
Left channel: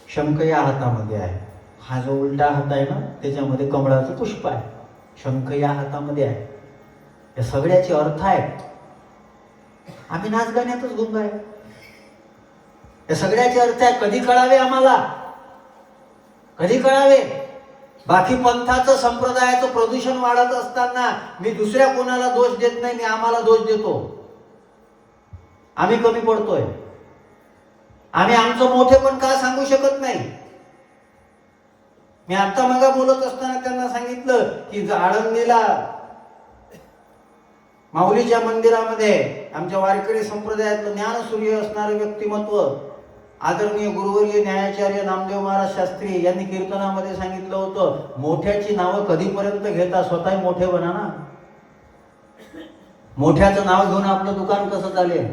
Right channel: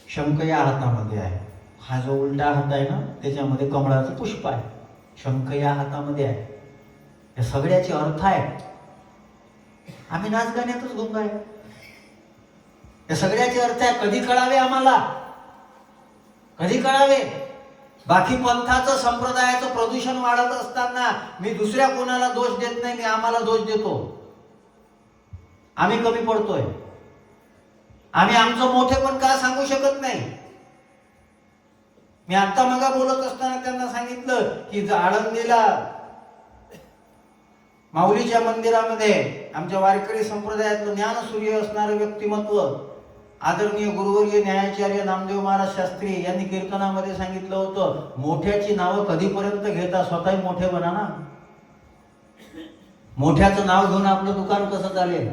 शंख या हातामध्ये आहे. हा जो उलटा हात आहे ना, त्याच्यामध्ये कमळाचं पुष्प आहे. शंख या हातामध्ये आहे. या सगळ्याचे अर्थ आहेत. आम्ही नाच गाण्यातच गुंग आहे. या सगळ्याचे अर्थ आहे. कधी कळावे आम्हाला? कधी कळावे? बाकी पंथाचं, संप्रदायाचं प्रदूषण वाढत असताना मी दुसऱ्या कोणाला दोष देत नाही, मी आम्हाला दोष देतो. आम्ही कमी पडतोय. आम्ही आमचं मोठेपण का सांगू शकत नाही? मी आता मग बोलत असताना त्यांना सांगितलं की आळंदीला माऊलीच्या मंदिरामध्ये आमच्या वारकरी संप्रदायातलं ज्ञानसूर्य असणारं व्यक्तिमत्व आदरणीय गुरुवर्य न्यायाचार्य नामदेव महाराज शास्त्री यांनी कीर्तनामध्ये सांगितलं होतं, मोठ्याची नावं कधीपर्यंत घेता, स्वतः मोठे बना ना. मोठ्याचं नाव घेऊन आपलं दुकान कसं चालेल?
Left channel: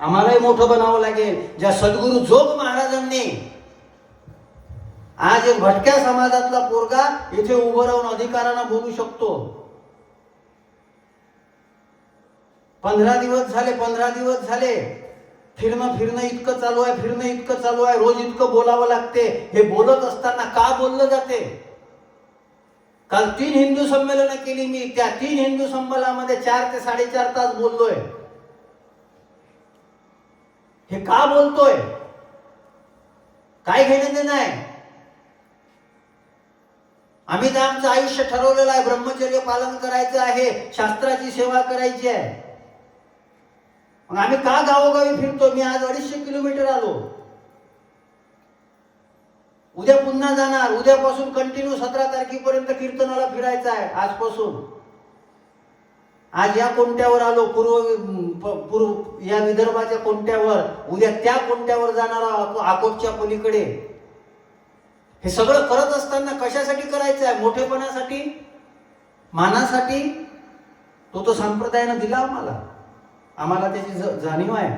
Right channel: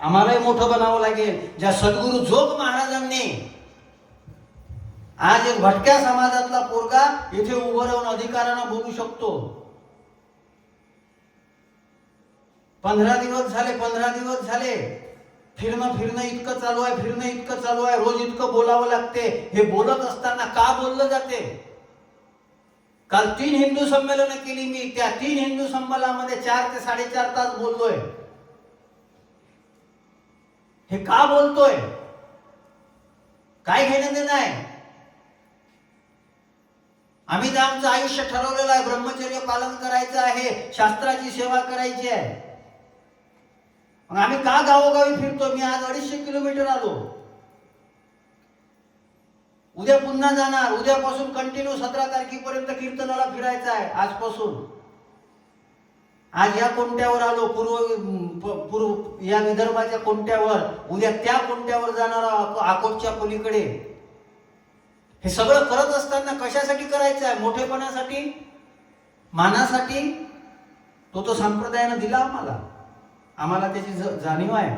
आम्हालाही मोठं बनावं लागेल. ज्या सद्गुरू जोग महाराजांनी आज एक भटक्या समाजातला पोरगा इथे उभं राहून अधिकारानं बोलू शकतो. 15 दिवस झाले फिरणं इतकं चालू आहे, रोज इतकं बोलावं लागते. हे बोलत असताना का बोललं जाते? काल 3 हिंदू संमेलनं केली मी. त्या 3 हिंदू संमेलनामध्ये 4 ते 4.5 तास बोललोय. हे का बोलतोय? काय घेणं देणं आहे? आम्ही तर आमचं आयुष्य ठरवलेलं आहे, ब्रह्मचर्य पालन करायचं आहे, शास्त्राची सेवा करायची आहे. मग आम्ही का गावोगावी फिरतो? मी आज 250 किलोमीटर आलो. उद्या पुन्हा जाणार. उद्यापासून कंटिन्यू 17 तारखेपर्यंत कीर्तनाला फिरायचं आहे. आजपासून आज या कोणत्यावर आलो, पूर्व या विदर्भाच्या कोणत्यावर, उद्या त्या कोणत्यावर जाणार, अकोटच्या पलीकडे. हे सगळं करत असताना कशासाठी करायचं आहे? मोठेपणासाठी, मानासाठी? तो संप्रदायानं दिला आम्हाला त्याची जाणीव आहे.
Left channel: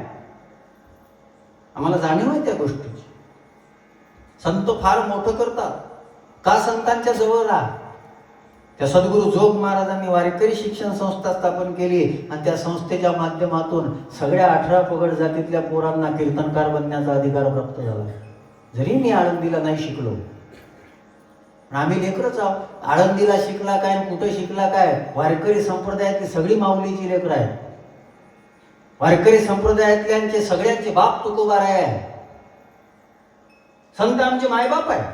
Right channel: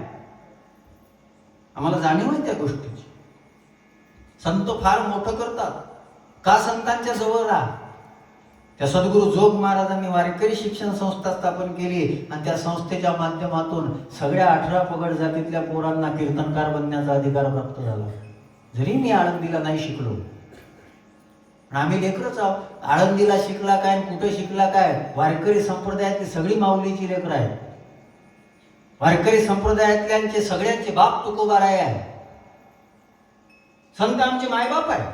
आम्हाला जाणीव आहे त्या गोष्टीची. संत फार मोठं करतात. का? संतांच्या जवळ राहा. त्या सद्गुरू जोग महाराजांनी वारकरी शिक्षण संस्था स्थापन केली आणि त्या संस्थेच्या माध्यमातून सगळ्या 18 पगड जातीतल्या पोरांना कीर्तनकार बनण्याचा अधिकार प्राप्त झाला. जरी मी आळंदीला नाही शिकलो, पण आम्ही लेकरच आहोत. आळंदीला शिकला काय, कुठं शिकला काय? वारकरी संप्रदायातली सगळी माऊलीची लेकरं आहेत. वारकरी संप्रदायातल्यांचे सगळ्यांचे बाप तुकोबाराय आहे. संत आमचे मायबाप आहे.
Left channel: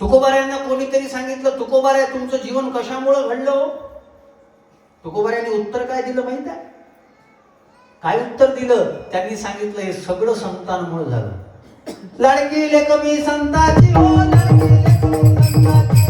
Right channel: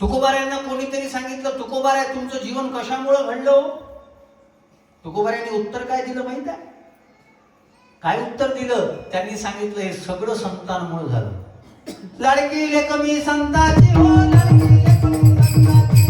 तुकोबारायांना कोणीतरी सांगितलं, तुकोबाराय तुमचं जीवन कशामुळे घडलं? तुकोबारायांनी उत्तर काय दिलं माहित आहे? काय उत्तर दिलं? त्यांनी सांगितलं, हे सगळं संतांमुळे झालं. लाडकी कमी संताची हो, लाडकी कमी संताची.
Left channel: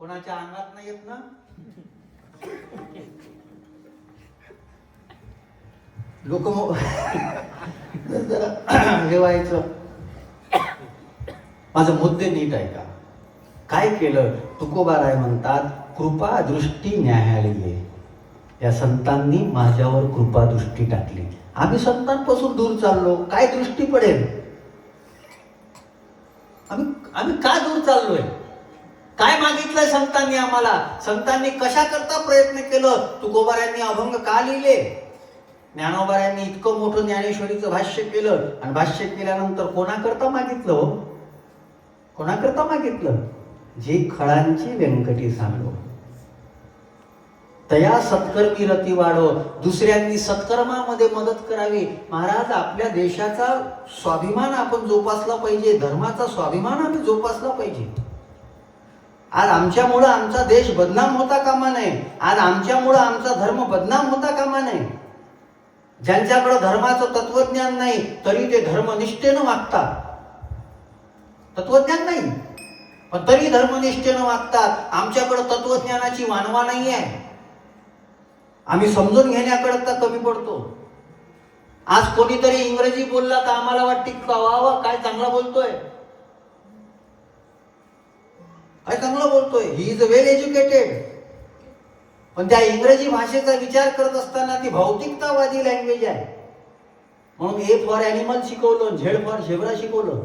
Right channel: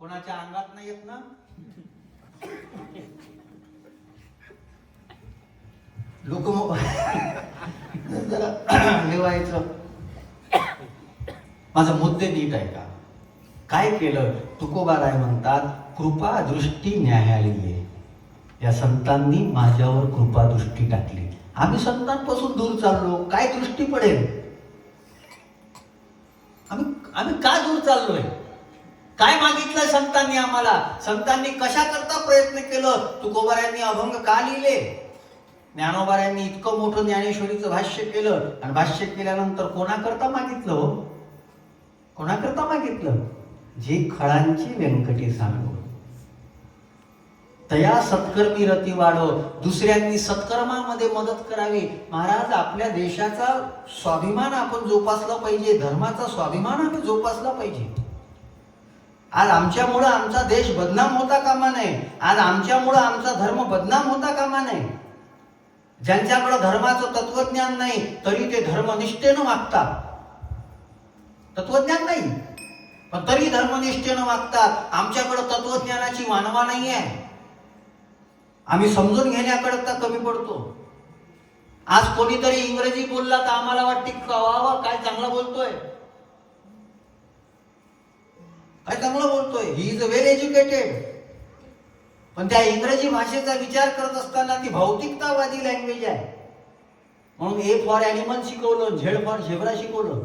कोणाच्या अंगात नाही येत ना? लोक जरा लिवायचं. माझं मुद्दे नीट आहे का? काय केलं? तुकोबाराय म्हणतात, कृपा दृष्टी न्यायालय. या संतांनी माझ्यावर कृपा दृष्टी टाकली. आम्ही संतांपासून दूर चाललो, काय दृष्टी पडेल? आम्ही का दूर चाललोय? काय मागितलंय संतांनी आम्हाला? संतांनी कशा करता प्रयत्न केलं? तुकोबारायांनी अभंग का लिहिले? ज्ञानोबारायांनी इतकं मोठं ज्ञानेश्वरीचं भाष्य केलं आणि भाष्य केल्यानंतर कोणाकरता मागितलं? कोणाकरता मागितलं? जी खळांची व्यंकटी सांगो, तया सत्कर्मी रती वाढो. दुसऱ्यांनी सत्कर्मामध्ये मदत करावी. महाराज, आपल्या देशाचा स्वाभिमान आपण जोपासला पाहिजे, धर्माचा स्वाभिमान आपण जोपासला पाहिजे. आज आमच्यामुळं आमचा देश बदनाम होता कामा नये. आज आमच्यामुळं आमचा धर्म बदनाम होता कामा नये. ज्यांच्याकडे धर्माचं तत्वज्ञान नाही तरी ते धर्मनिष्ठेनं वागतात. तत्वज्ञान नाही पण तरी धर्मनिष्ठेनं वागतात. आमच्याकडे तत्वज्ञानाची वानवा नाही आहे. आम्ही समजून घेण्याकरता कमी पडतो. आज कोणीतरी इंग्रजी बोलला तर आम्हाला वाटते वा काय चांगला बोलतोय, काय चांगलं बोलतोय, ही इज वेल एज्युकेटेड. पण त्या इंग्रजी भाषेचा विचार करत असताना ती भौतिकतावादी लँग्वेज आहे. म्हणून ए फॉर ॲनिमल शिकवलं, झेड फॉर झेब्रा शिकवलं.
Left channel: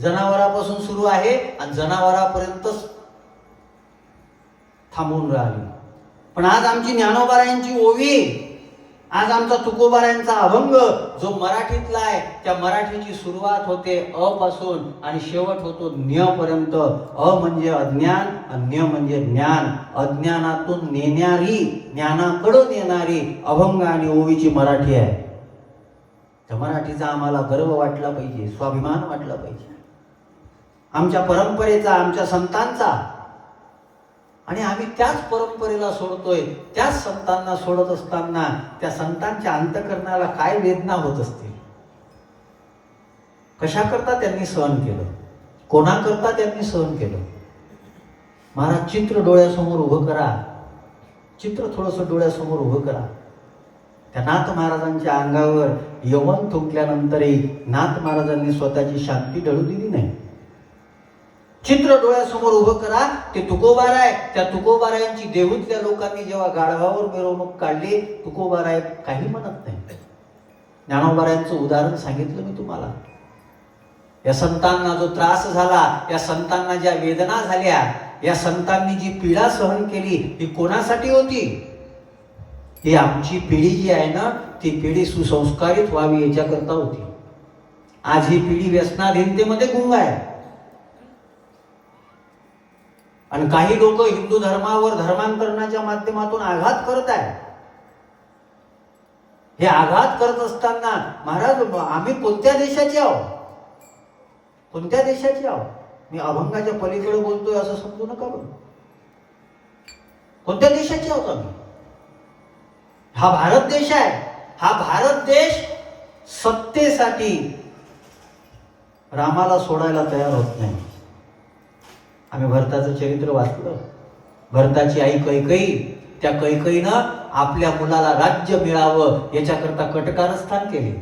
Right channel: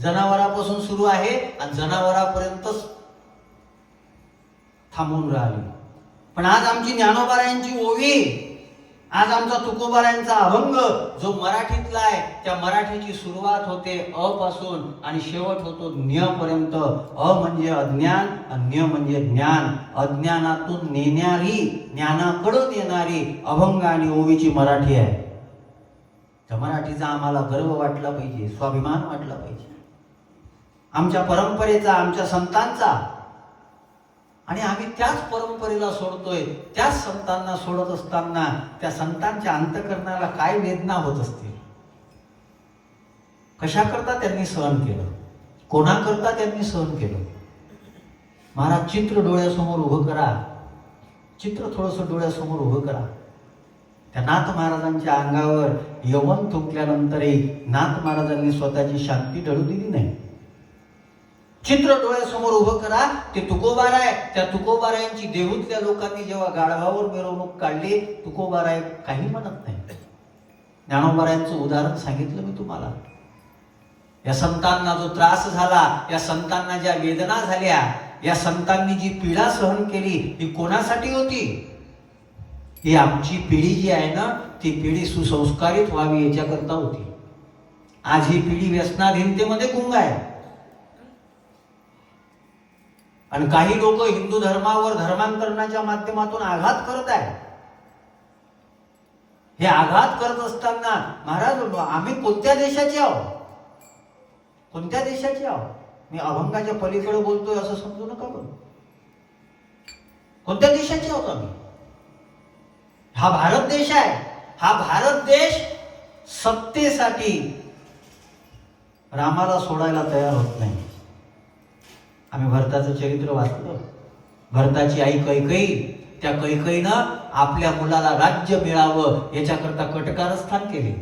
जनावरापासून सुरू आहे आणि जनावरापर्यंतच थांबून राहिली. पण आज आमची ज्ञानोबारायांची ओवी, आज आमचा तुकोबारायांचा अभंग जो मराठीतला आहे, त्या मराठीची सुरुवात होते अ पासून आणि शेवट होतो ज्ञ पर्यंत. अ म्हणजे अज्ञान, ज्ञ म्हणजे ज्ञान. अज्ञानातून नेणारी, ज्ञानाकडे नेणारी अभंग आणि ओवीची मराठी आहे. त्या मराठीचा आम्हाला गर्व वाटला पाहिजे, स्वाभिमान वाटला पाहिजे, आमच्या परंपरेचा, आमच्या संतांचा. आणि आम्ही त्याच परंपरेला सोडतोय. त्याच संतांना सोडत असताना त्या संतांच्या अंतःकरणाला काय वेदना होत असतील? कशा करता त्यांनी सहन केलं? कोणाकरता त्यांनी सहन केलं? महाराज, चित्र डोळ्यासमोर उभं करा. चित्र थोडंसं डोळ्यासमोर उभं करा. त्या नाथ महाराजांच्या अंगावर यवन थुंकल्यानंतरही नाथ महाराजांनी स्वतःची शांती ढळू दिली नाही. चित्र डोळ्यासमोर उभं करा. ते तुकोबाराय, त्या तुकोबारायांची देहूतल्या लोकांनी जेव्हा गाढवावर मिरवणूक काढली, तुकोबाराय काही म्हणत नाही. ज्ञानोबारायांचं उदाहरण सांगितलं मी तुम्हाला. या संतांना जो त्रास झाला, या संतांना ज्या वेदना झाल्या, या संतांनी जी पीडा सहन केली, ही कोणासाठी होती? ही आमची पिढी जी आहे ना, ती पिढी सुसंस्कारित व्हावी याच्याकरता होती. आज ही पिढी व्यसनाधीनतेमध्ये गुंग आहे. आणि काही लोक हिंदू धर्मावर धर्मांतरणाच्या माध्यमातून आघात करत आहेत. हे आघात करत असताना महाराज आम्ही कोणत्या देशाचे आहोत? कोणत्या देशाचे आहोत? मी अभंगाच्या पलीकडे बोलतोय असं समजू नका बरं. कोणत्या देशाचे आहोत आम्ही? हा भारत देश आहे. हा भारत देश सत्तेसाठी रामाला सोडायला तयार होत नाही. आम्ही भरताचं चरित्र वाचलं. भरताची आई कैकेयी, त्या कैकेयीनं आपल्या मुलाला राज्य मिळावं याच्याकरता कटकारस्थान केले.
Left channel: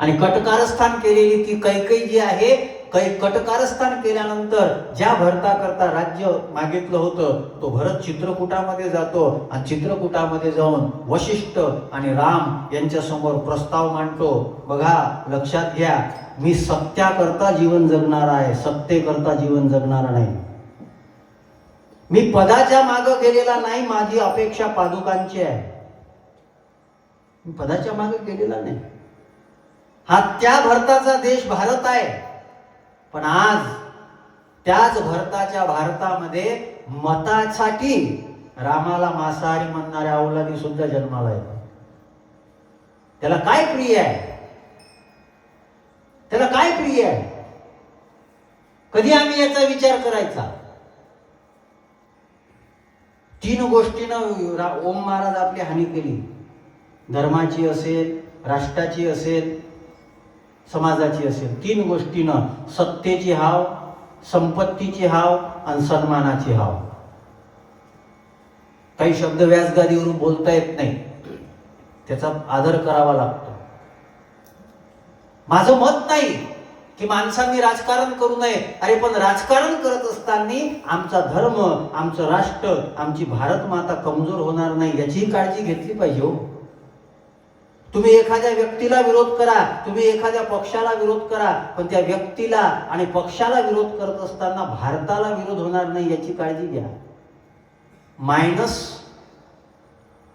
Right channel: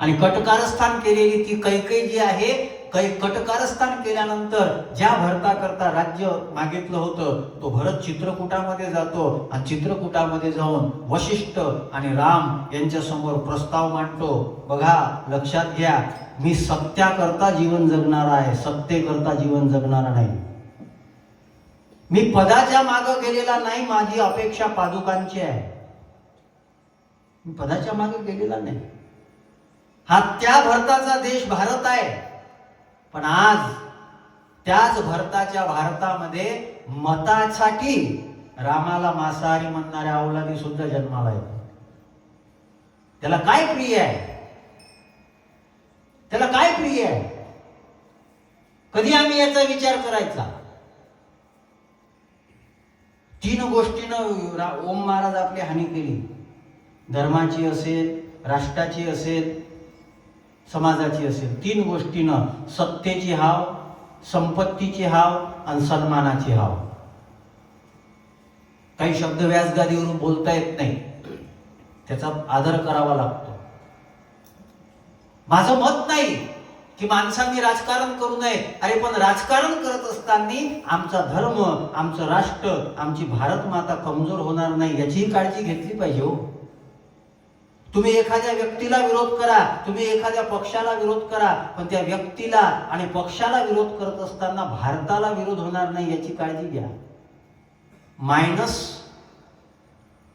आणि कटकारस्थान केलेली ती कैकेयी जी आहे, कटकारस्थान केल्यानंतर ज्या भरताकरता राज्य मागितलं होतं, तो भरत चित्रकूटामध्ये जातो आणि चित्रकूटामध्ये जाऊन वशिष्ठ आणि राम यांच्या समोर प्रस्ताव मांडतो. बघा, लक्षात घ्या, मी सत्याकरता जीवन जगणार आहे, सत्तेकरता जीवन जगणार नाही. मी पदाच्या मागे गेलेला नाही. माझी अपेक्षा पादुकांची आहे. मी पदाच्या मागे गेलेला नाही. हा त्या भरताचा देश भारत आहे. पण आज त्याच भरताच्या भारतामध्ये मतासाठी रामाला मांसाहारी म्हणणाऱ्या अवलादी सुद्धा जन्माला येतात. त्याला काय प्रिय आहे? त्याला काय प्रिय आहे? कधी आम्ही याचा विचार करायचा? 3 गोष्टीनं ओम महाराज आपली हानी केली. धर्माची असेल, राष्ट्राची असेल, समाजाची असेल. 3 गोष्टीनं, सत्तेची हाव, संपत्तीची हाव आणि सन्मानाची हाव. काही शब्द व्यासगादीवरून बोलता येत नाही, त्याचा आदर करावा लागतो. माझं मत नाही की माणसांनी राजकारण करू नये. अरे पण राजकारण करत असताना आमचा धर्म, आमचं राष्ट्र, आमची भारत माता कमजोर होणार नाही याचीही काळजी घेतली पाहिजे. हो, तुम्ही एखाद्या व्यक्तीला विरोध करा, तुम्ही एखाद्या पक्षाला विरोध करा, पण त्या व्यक्तीला आणि पक्षाला विरोध करत असताना भारताला विरोध होणार नाही याची काळजी घ्या. मायनस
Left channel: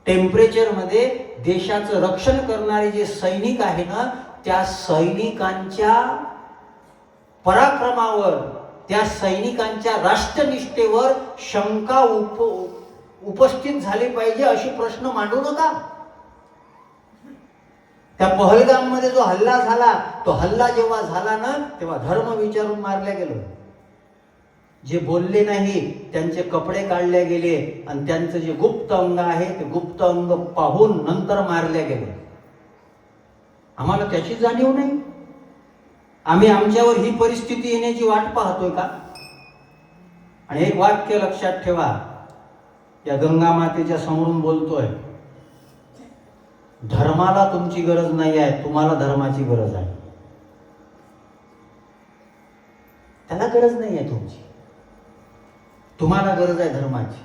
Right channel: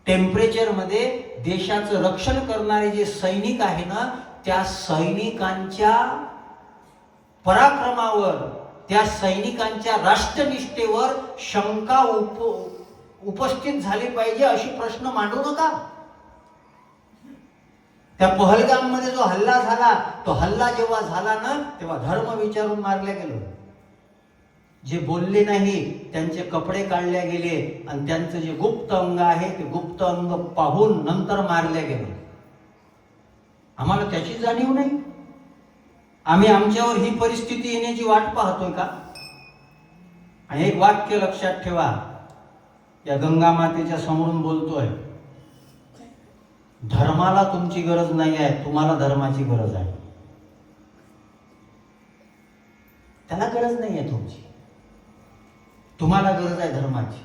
टेम्परेचर मध्ये देशाचं रक्षण करणारे जे सैनिक आहे ना, त्या सैनिकांच्या पराक्रमावर, त्या सैनिकांच्या राष्ट्रनिष्ठेवर शंका उपस्थित झाली पाहिजे अशी प्रश्न मांडू नका. त्या पहलगाम मध्ये जो हल्ला झाला, तो हल्ला जेव्हा झाला ना, तेव्हा धर्म विचारून मारल्या गेलो. जे बोलले नाही त्यांचे कपडे काढले गेले आणि त्यांचं जे गुप्त अंग आहे ते गुप्त अंग पाहून नंतर मारल्या गेले. आम्हाला त्याची जाणीव नाही. आम्ही आमच्यावर ही परिस्थिती येण्याची वाट पाहतोय का? आणि एक वाक्य लक्षात ठेवा, या गंगा मातेच्या समोरून बोलतोय, धर्माला तुमची गरज नाही आहे, तुम्हाला धर्माची गरज आहे. त्याला गरज नाही आहे तुमची, तुम्हाला गरज आहे धर्माची.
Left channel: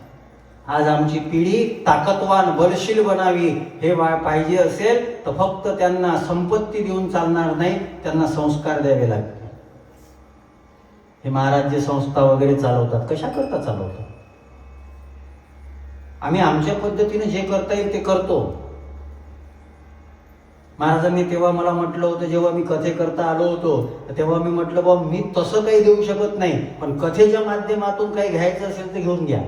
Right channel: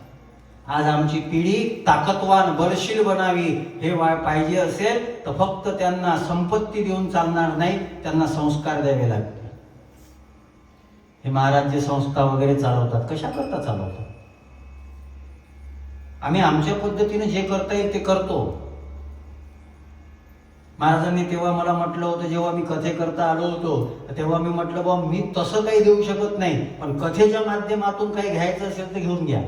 आज आमची पिढी ताकदवान, बलशील बनावी हे पाहिजे असेल तर फक्त त्यांना संपत्ती देऊन चालणार नाही, त्यांना संस्कार द्यावे लागतील. हे महाराज जे संस्था वगैरे चालवतात, कशा करता चालवतात? आम्ही आमच्या पद्धतीने जे करता येईल ते करतो. महाराजांनी तेव्हा मला म्हटलं होतं, जेव्हा मी कथेकरता आलो होतो तेव्हा मी म्हटलं, बा मी तसं काही देऊ शकत नाही, पण कथेच्या माध्यमातून काही घ्यायचं असेल तर घेऊन घ्या.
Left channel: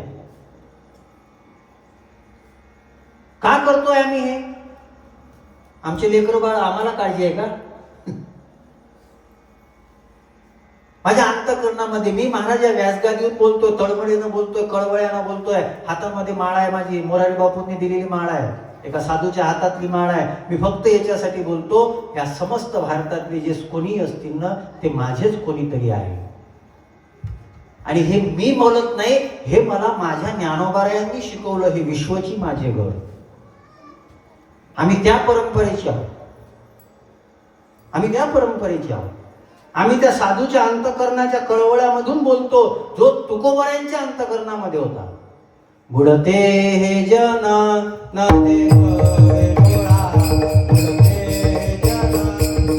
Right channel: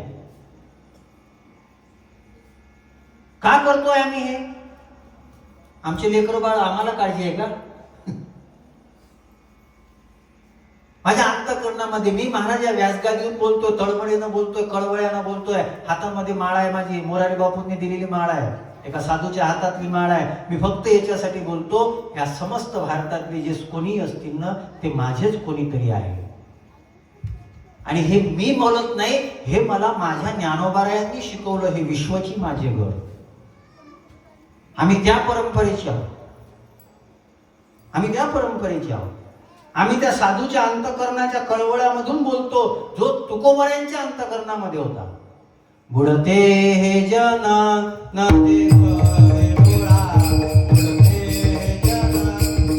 का करतोय आम्ही हे? आमचे लेकरं बाळ आम्हाला काळजी आहे का? माझ्या अंतःकरणामध्ये मी महाराज या व्यासगादीवर बोलतोय, तळमळीनं बोलतोय, कळवळ्यानं बोलतोय. हातामध्ये माळ आहे माझी, मोरारी बापूंनी दिलेली माळ आहे, एका साधूच्या हातातली माळ आहे. मी फक्त याच्यासाठी बोलतो, या समस्त भारतातले जे कोणी असतील ना, ते माझेच कोणीतरी आहे. आणि हे मी बोलत नाही, हे मला माझ्या ज्ञानोबारायांनी शिकवलं. हे विश्वची माझे घर. आम्ही त्या परंपरेचे आहोत, आम्ही त्या परंपरेचे आहोत. आम्ही त्या साधूच्या अंतकरणाच्या कळवळ्यामधून बोलतो, जो तुकोबऱ्यांच्या अंतकरणामध्ये होता. बुडते हे जन न देव डोळा, बुडते हे जन न देव डोळा.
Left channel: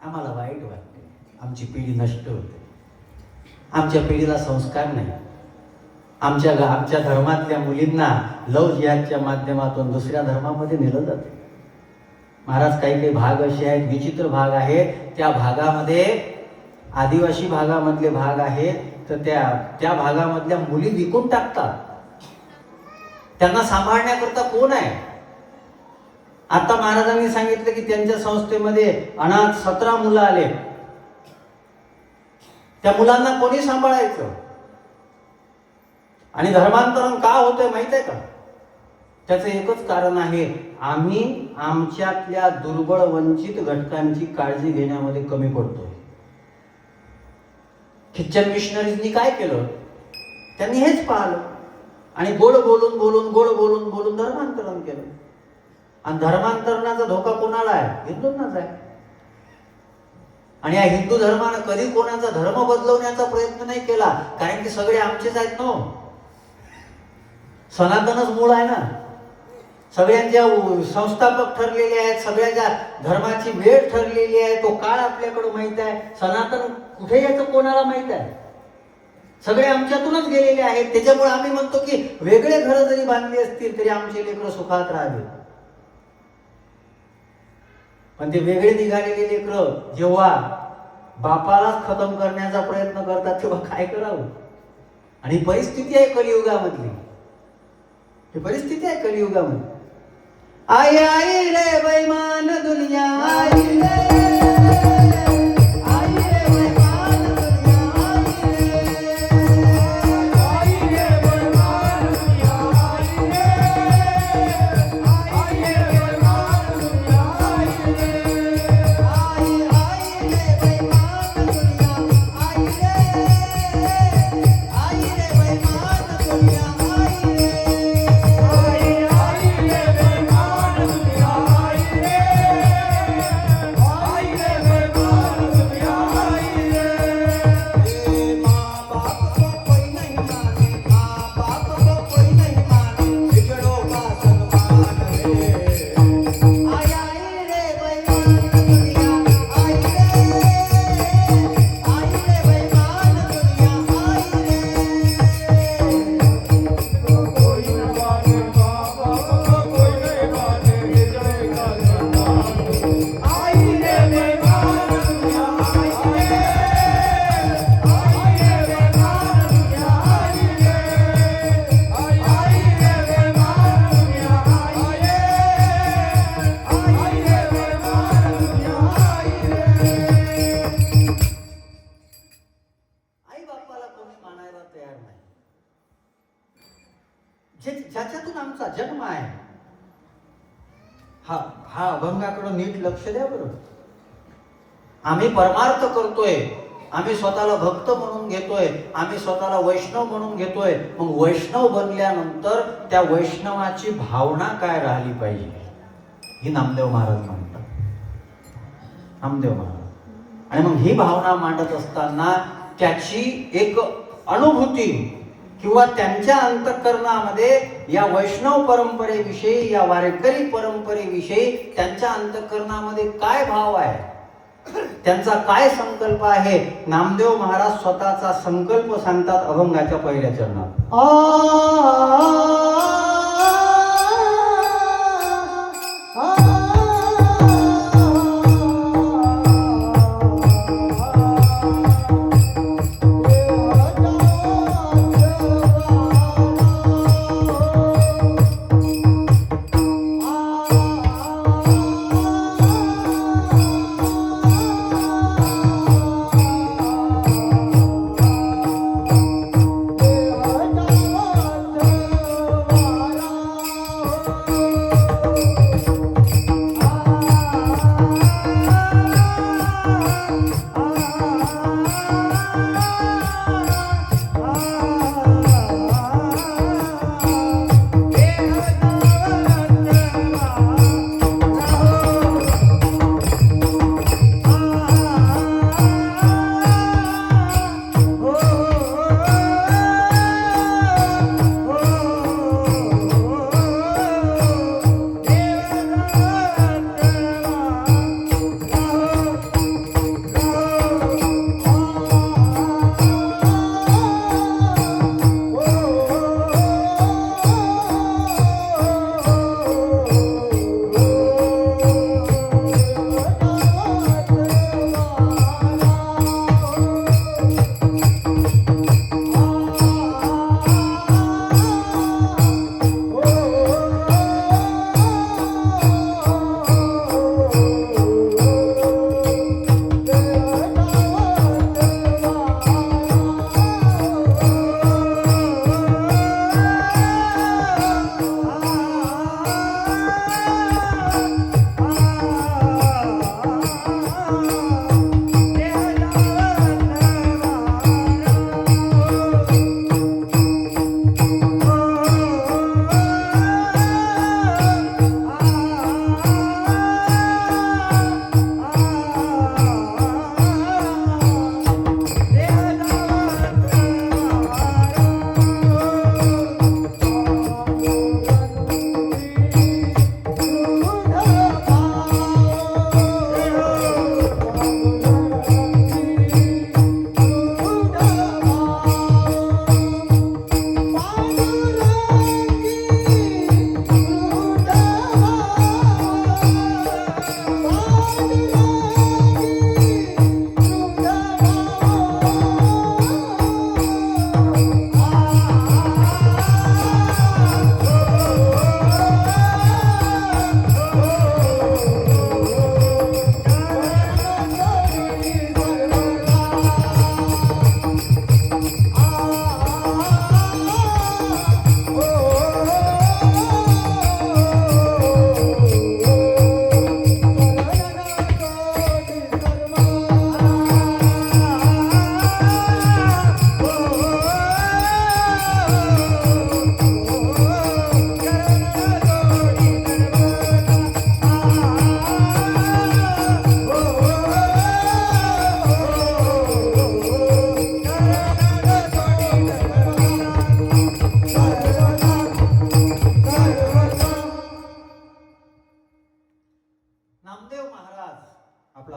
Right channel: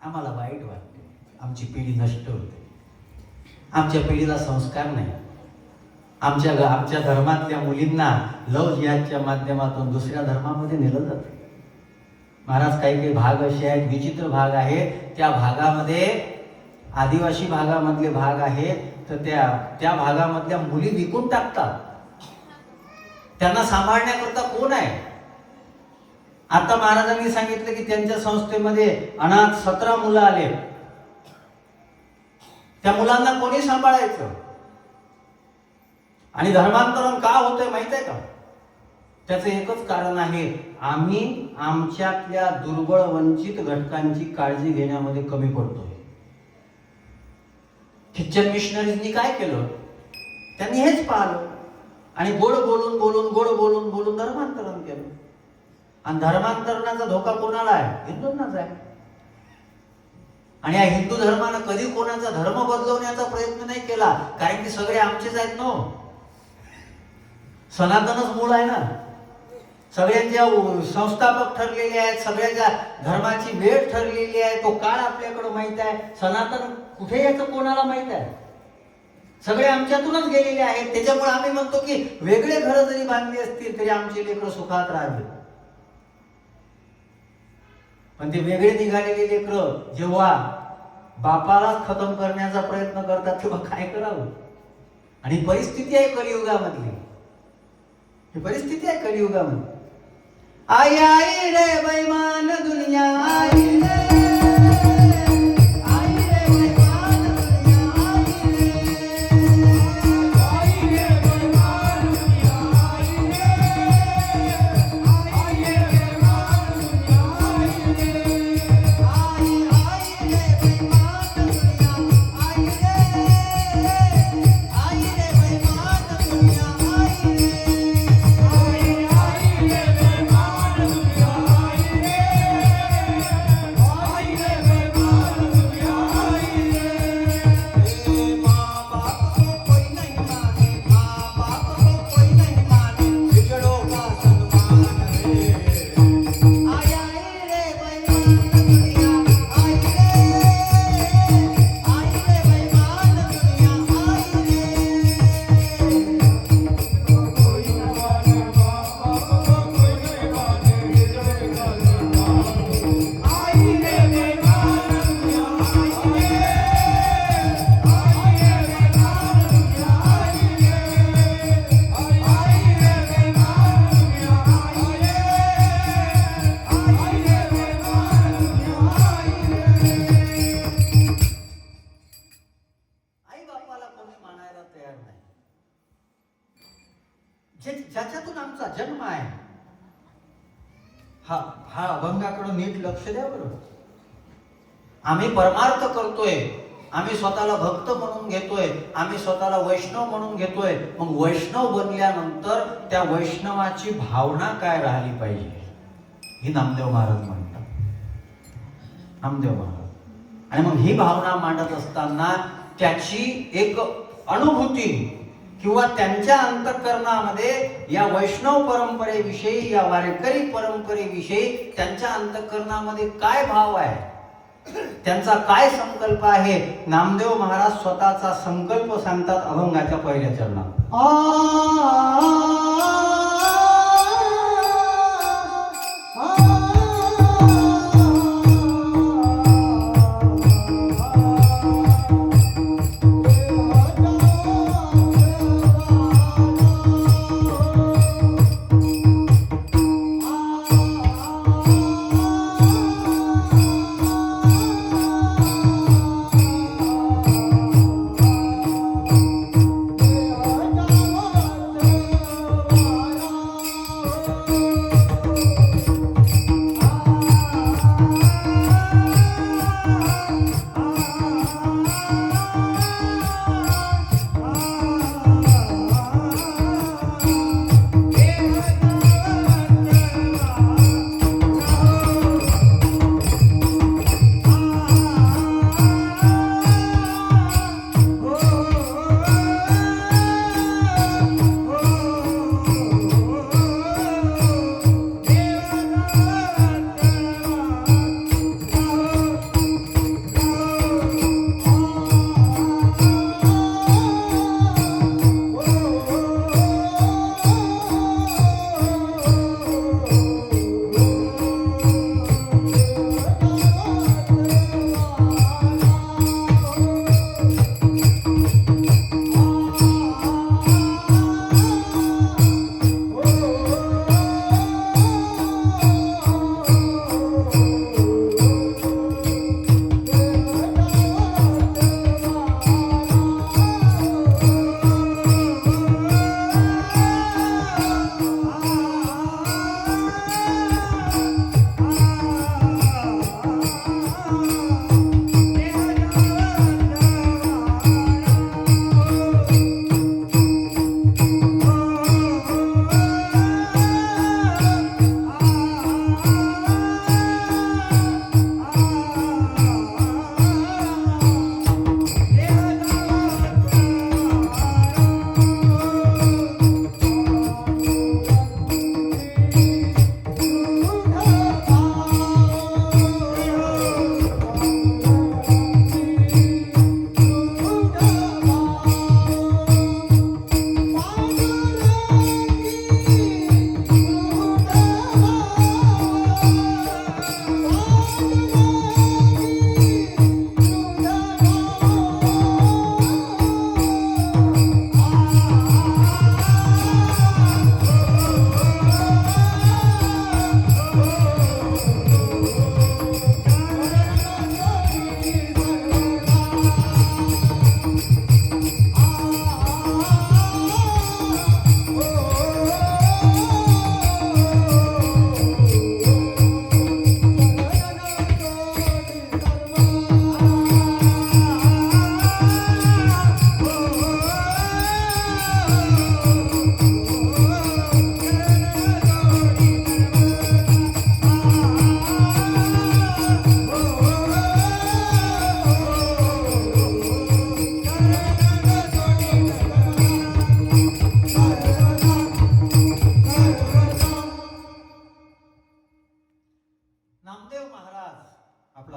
आम्हाला वाईट वाटते, आमची पिढी नष्ट होते, आमच्या पिढीला संस्कार नाही. आमच्या धर्मातल्या मुलींना लव्ह जिहादच्या माध्यमातून दुसऱ्या धर्मामध्ये नेलं जातं. महाराज, काही काही भाग असे आहेत, विचित्र भाग आहेत, त्या भागामध्ये आदिवासी भागामधले भाग आहेत, तर त्या भागामधल्या मुली विकून टाकतात. त्यांना सांभाळण्याकरता कोण आहे? आता महाराजांनी सांगितलं की त्यांच्या संस्थेमध्ये अनाथ 17 मुलं आले. त्या मुलांना कोणी सांभाळायचं? आणि धर्मांतरण का होतंय माहित आहे का? त्याचं एकच कारण आहे, आम्ही आमच्यातल्या दुर्बळ वंचित घटकांची काळजी घेण्यामध्ये कमी पडतोय. ख्रिश्चन मिशनरीजनी काय केलं? त्यांनी हेच पाहिलं आणि गोड बोलून धर्मांतरण केलं. आणि धर्मांतरणाचा धोका कोणाला आहे? हिंदूंनाच आहे. आणि या हिंदू धर्मानं कधी कोणाचा धर्म बदलवण्याचा प्रयत्न नाही केला, कारण की सगळे आमचेच आहेत ना. सनातनच मूळ आहे ना. सगळ्यांच्या संस्थापक ठरलेले आहेत, सगळ्यांच्या धर्माची वेळ ठरलेली आहे, तो काळ आपल्याकडे माहित आहे. सनातन कुठे यायचं कोणाला माहित आहे? सगळे आमच्यातूनच गेलेले आहेत. त्याच्यामुळे आम्ही म्हणतो की वेगळे घर जरी बांधली असतील तरी आमचे लेकरं सुखात राहावे. पण ते वेगळे निघालेले लेकरं जेव्हा बापालाच खतम करण्याचा प्रयत्न करतात तेव्हा काय करावं? आणि परिस्थिती आहे कलियुगामधली, ही परिस्थिती आहे कलियुगामध्ये. आई आई रे बैमान दुनिया, आई रे ज्याच्यातून आमचा जन्म आहे, हा अभंगाकडे नीट लक्ष द्या बरं. आम्ही परमार्थ करतोय, आम्ही स्वतःला भक्त म्हणून घेतोय, आम्ही स्वतःला वैष्णव म्हणून घेतोय. मग वैष्णव बनल्यानंतर त्या वैष्णवाची भावना काय राहिली पाहिजे, ही नामदेव महाराज म्हणतात. नामदेव महाराज. आणि मग ही भावना मांडत असताना त्याची एक अनुभूती किंवा त्यांच्या अंतःकरणामध्ये या वैष्णव परंपरेविषयी, या वारकरी परंपरेविषयी त्यांच्या अंतःकरणामध्ये काय भाव आहे, त्यांचा काय संकल्प आहे, नामदेव महाराज स्वतःचा संकल्प सांगतात अभंगाच्या पहिल्या चरणात.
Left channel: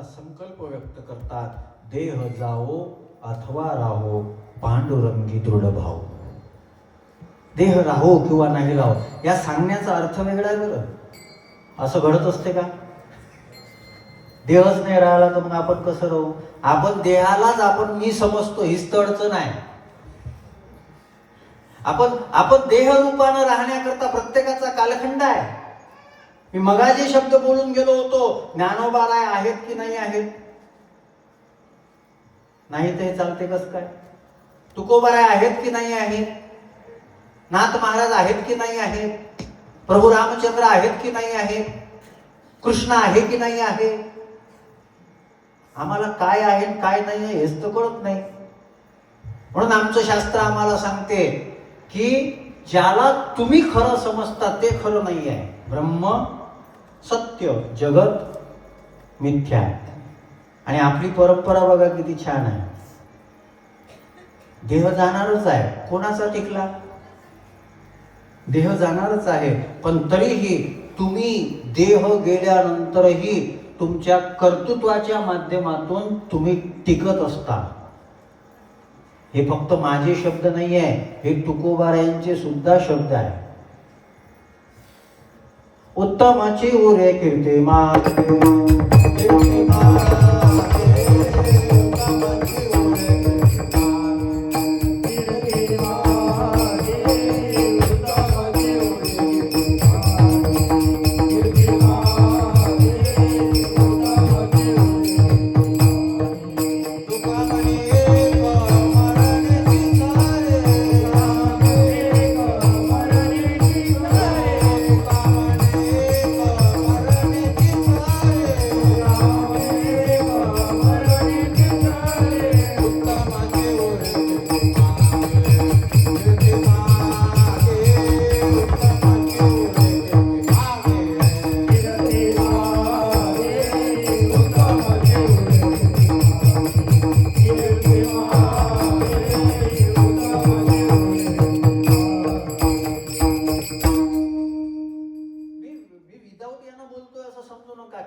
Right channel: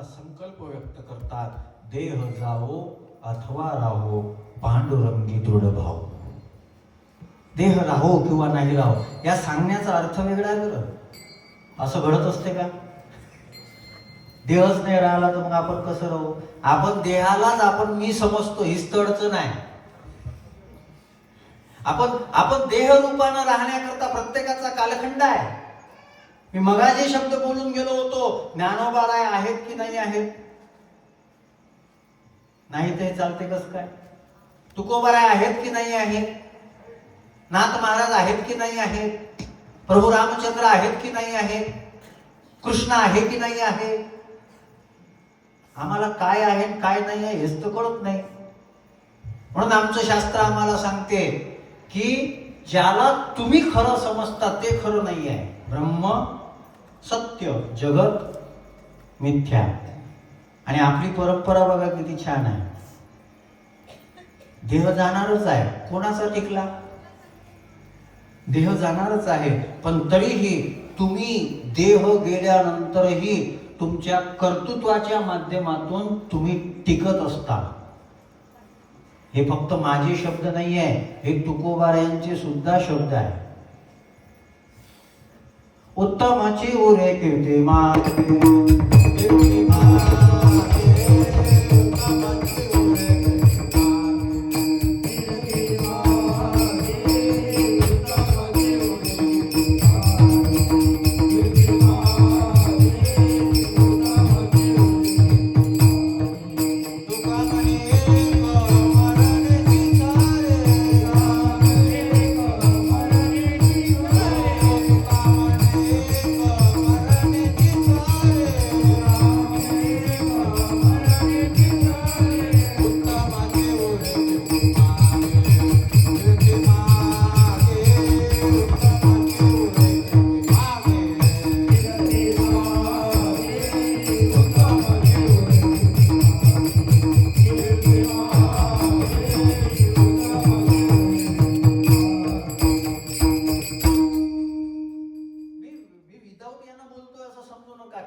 संकल्प व्यक्त करतात, देह जावो अथवा राहो पांडुरंगी दृढ भाव. देह राहो किंवा नाही राहो या सांगण्याचा अर्थ वेगळा आहे बरं. असं घडत असते का? देहच नाही राहिला तर मग आपण कसं राहू? आपण देहालाच आपण मी समजतो, हीच तर अडचण आहे. आपण देह रूपानं राहण्याकरता प्रत्येकाचा कालखंड आहे. मी मगाजे शब्द बोलून गेलो होतो, ज्ञानोबाराय आहेत की नाही आहेत? नाही ते चालते कस काय? तुकोबाराय आहेत की नाही आहेत? नाथ महाराज आहेत की नाही आहेत? प्रभू रामचंद्र आहेत की नाही आहेत? कृष्ण आहे की नाही आहे? आम्हाला काय आहे काय नाही आहे हेच तर कळत नाही. म्हणून आमचं शास्त्र आम्हाला सांगते की ज्याला तुम्ही खरं समजता ते खरं नाही आहे. ब्रह्म सत्य, जगत मिथ्या. आणि आपली परंपरा बघा किती छान आहे. देह जाणारच आहे, कोणाचा टिकला? देह जाणारच आहे, पण तरीही तुम्ही देह गेल्यानंतरही तुमच्या कर्तृत्वाच्या माध्यमातून तुम्ही टिकत असता. हे फक्त माझे शब्द नाही आहे, हे तुकोबारायांचे सुद्धा शब्द आहे. उत्तमाची उरे कीर्ती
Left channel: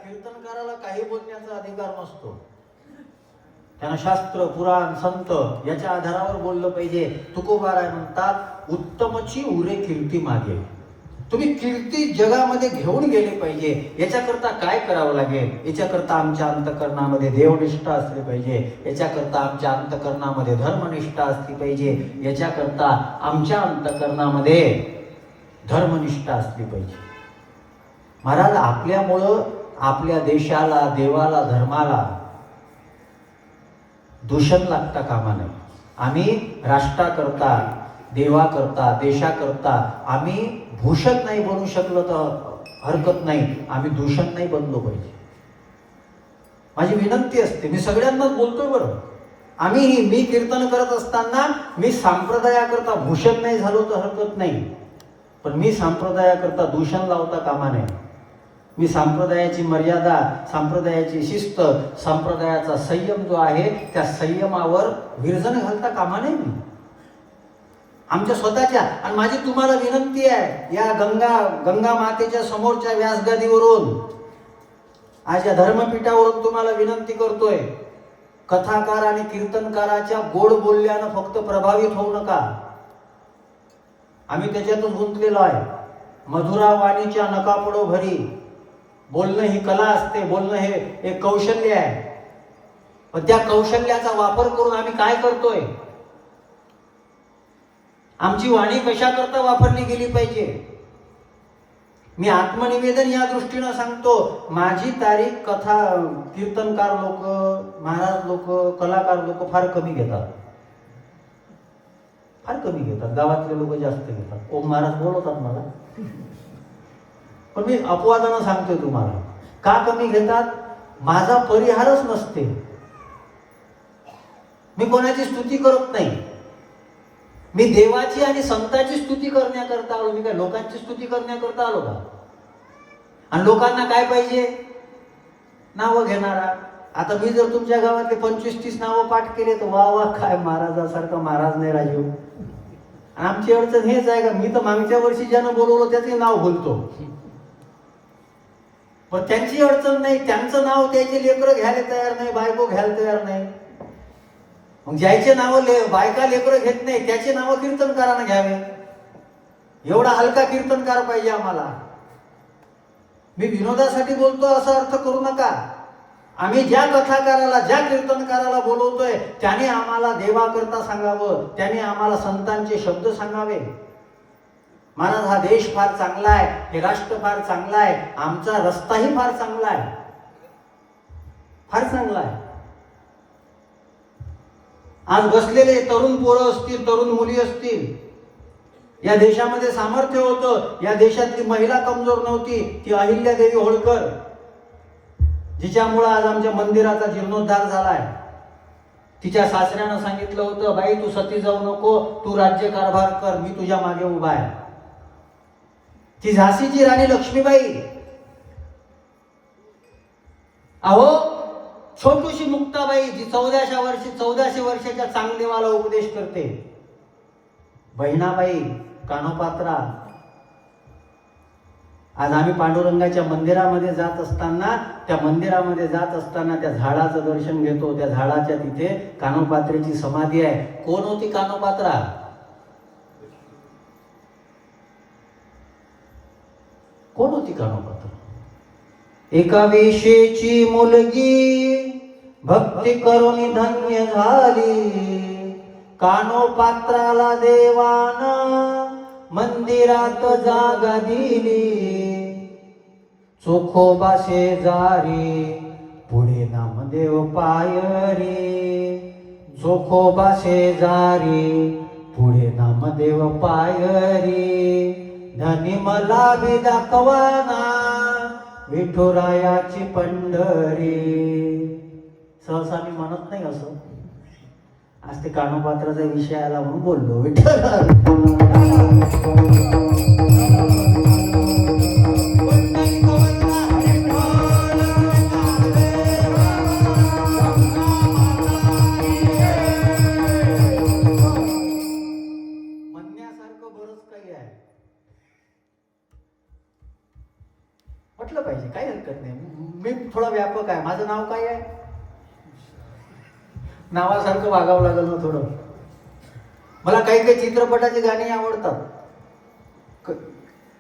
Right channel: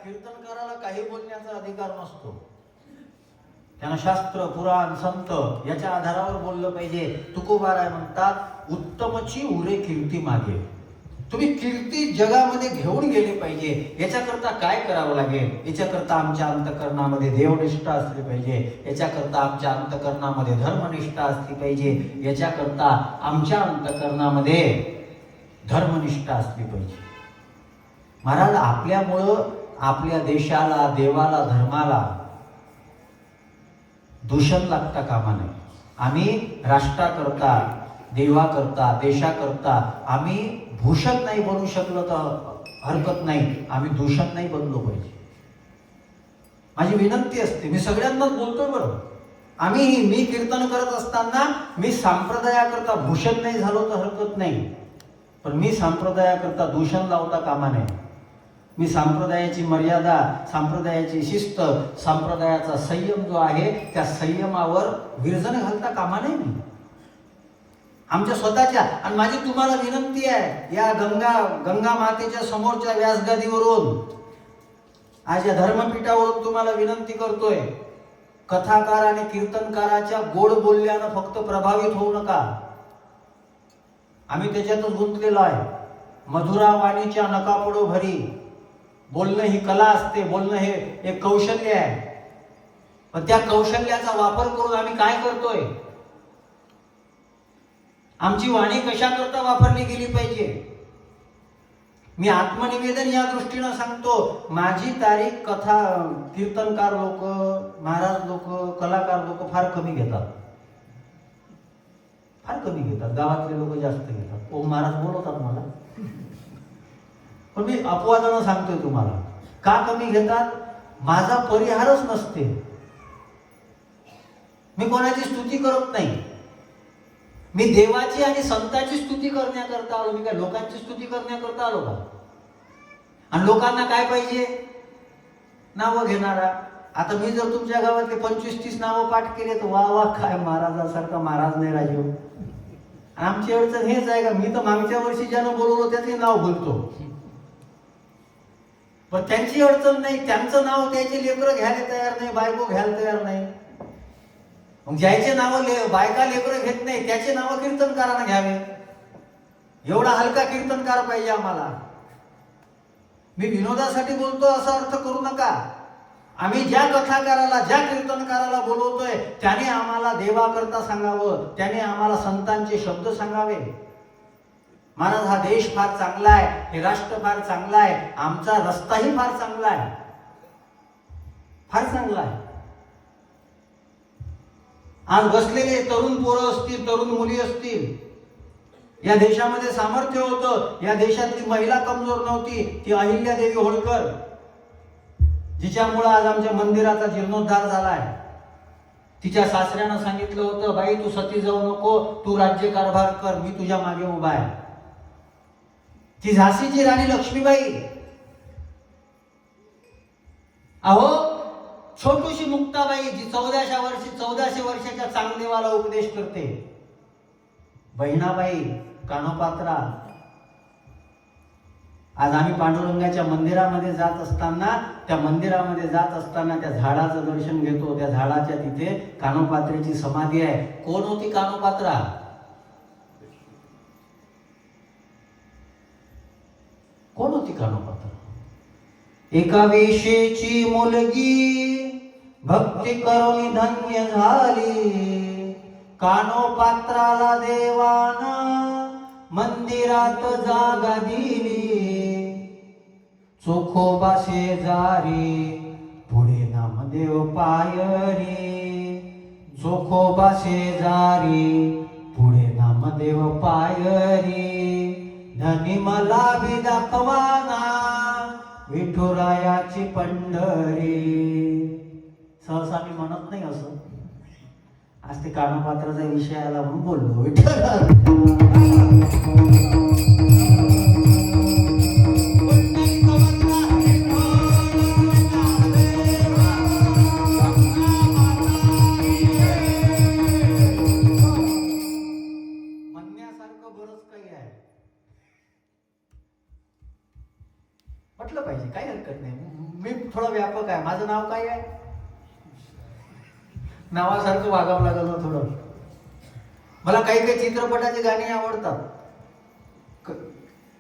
कीर्तनकाराला काही बोलण्याचा अधिकार नसतो. त्यांना शास्त्र पुराण संत याच्या आधारावर बोललं पाहिजे. तुकोबाराय म्हणतात उत्तमची उरे कीर्ती मागे. तुम्ही कीर्ती जगामध्ये घेऊन गेले पाहिजे. याच्याकरता काय करावं लागेल? याच्याकरता आमच्या अंतकरणामध्ये देवनिष्ठा असली पाहिजे. याच्याकरता आमच्या अंतकरणामध्ये धर्मनिष्ठा असली पाहिजे. याच्याकरता आमच्या अंतकरणामध्ये धर्मनिष्ठा असली पाहिजे. महाराज, आपल्यामुळं आपल्या देशाला, देवाला, धर्माला दूषण लागता कामा नये. आम्ही राष्ट्राकरता, देवाकरता, देशाकरता आम्ही भूषण नाही बनू शकलो तर हरकत नाही, आम्ही दूषण नाही बनलो पाहिजे. माझी विनंती असते, मी सगळ्यांनाच बोलतोय बरं. मी कीर्तन करत असताना मी संप्रदायाकरता भूषण नाही झालो तर हरकत नाही, पण मी संप्रदायाकरता दूषण लावता कामा नये. मी संप्रदायाची मर्यादा, संप्रदायाची शिस्त, संप्रदायाचा संयम जो आहे त्या संयमावर विरजण घालता कामा नये. मी आमच्या स्वतःच्या, आणि माझी तुम्हाला विनंती आहे, या गंगा मातेच्या समोरच्या व्यासगादीवरून, आज या धर्मपीठावरून तुम्हाला विनंती करतोय, कथाकार आणि कीर्तनकाराच्या गोड बोलल्यानं फक्त प्रभावित होऊ नका. आम्ही त्याच्यातच गुंतलेलो आहे. मधुरा वाणीच्या नका पडो भरी. बोलणं ही कला असते, बोलणं हे एक कौशल्य आहे. पण त्या कौशल्याचा वापर करून आम्ही काय करतोय? आमची वाणी कशा करता वापरली गेली पाहिजे? मी आत्मनिवेदन या दृष्टीनं सांगतो. माझी तारीख कथा कीर्तनकार लोक, महाराज लोक, कलाकार लोक फार कमी घेतात. फार कमी घेतात. गावातले लोक जास्त घेतात. ओम महाराज बोलवतात मला, पण मी अपवादानं सांगतोय तुम्हाला. का कमी घेतात? माझा परिहारच नसते. मी कोणाची स्तुती करत नाही. मी देवाची आणि संतांची स्तुती करण्याकरता आलो. मी काय लोकांची स्तुती करण्याकरता आलो का? आणि लोकांना काय पाहिजे? नावं घेणारा. आता मी जर तुमच्या गावातले 25-30 नावं पाठ केले तर वा वा, काय महाराजासारखा महाराज नाही राजीव. आमची अडचण हेच आहे का, मी तर मागच्या वर्षी ज्यानं बोलवलं त्याचे नाव बोलतो, पण त्यांची अडचण नाही. त्यांचं नाव त्याचे लेकरं घ्यायला तयार नाही, बायको घ्यायला तयार नाही. मग ज्याचे नाव बायका लेकरं घेत नाही त्याचे नाव कीर्तनकारांना घ्यावे. एवढा हलका कीर्तनकार पाहिजे आम्हाला. मी विनोदासाठी बोलतो असं अर्थ करू नका. आम्ही ज्या कथाकाराला, ज्या कीर्तनकाराला बोलवतोय त्याने आम्हाला देवाकरता सांगावं, त्याने आम्हाला संतांचे शब्द सांगावे. महाराज, हा देश फार चांगला आहे, हे राष्ट्र फार चांगला आहे, आमचा रस्ताही फार चांगला आहे, फार चांगला आहे. आज बसलेले तरुण पोरं असतील, तरुण मुली असतील, या देशामध्ये सामर्थ्य होतं. या देशातली महिला कमजोर नव्हती, ती अहिल्यादेवी होळकर, जिच्यामुळे आज आमच्या मंदिराचा जीर्णोद्धार झालाय. तिच्या सासऱ्यानं सांगितलं होतं, बाई तू सती जाऊ नको, तू राज्यकारभार कर, मी तुझ्या मागे उभा आहे. ती झाशीची राणी लक्ष्मीबाई, अहो छोटूशी मुक्ताबाई जी 1400 वर्षाच्या चांगदेवाला उपदेश करते, बहिणाबाई, कानोपात्रा. आज आम्ही पांडुरंगाच्या मंदिरामध्ये जात असताना, त्या मंदिरामध्ये जात असताना त्या झाडाचं दर्शन घेतो. त्या झाडाच्या तिथे कानोपात्रेची समाधी आहे. कोण होती कानोपात्रा? कोण होती कानोपात्रा? एका वेशेची मुलगी भक्ती करून धन्य झाली. कानोपात्राला देवानं मंदिरात जागा दिली. चोखोबा शेजारी पुढे नामदेव पायरी. चोखोबा शेजारी पुढे नामदेव पायरी. धनी मला बी दाखवाना विठुरायाची पंढरी. सहसा मी म्हणत नाही असं. आज ते कानोपात्राचा विषय आला म्हणून बोललो. म्हणण्यासारखं बरंच काही आहे, म्हटलं पाहिजे, काही हरकत नाही. मी थोडा व्यापक आहे. माझं नाव काय आहे? नावासारखं वागावं लागलं ना थोडं. मला काही काही चित्रपटाची गाणी आवडतात.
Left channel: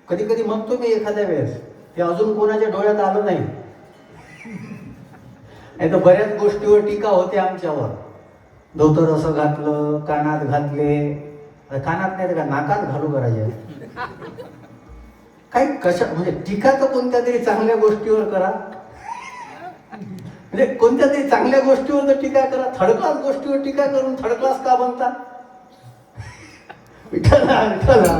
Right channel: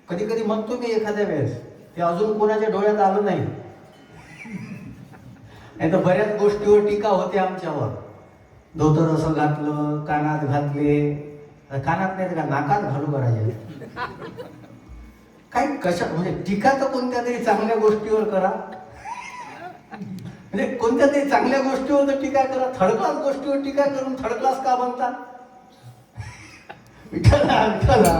कधी कधी म्हणतो मी एखाद्या वेळेस, ते अजून कोणाच्या डोळ्यात आलं नाही. तर बऱ्याच गोष्टीवर टीका होते आमच्यावर. धोतर असं घातलं, कानात घातले, कानात नाही का नाकात घालू करायचे. काही कशा म्हणजे टीका तर कोणत्या तरी चांगल्या गोष्टीवर करा. म्हणजे कोणत्या तरी चांगल्या गोष्टीवर तर टीका करा. थर्ड क्लास गोष्टीवर टीका करून थर्ड क्लास का बनता? विठ्ठला विठ्ठला.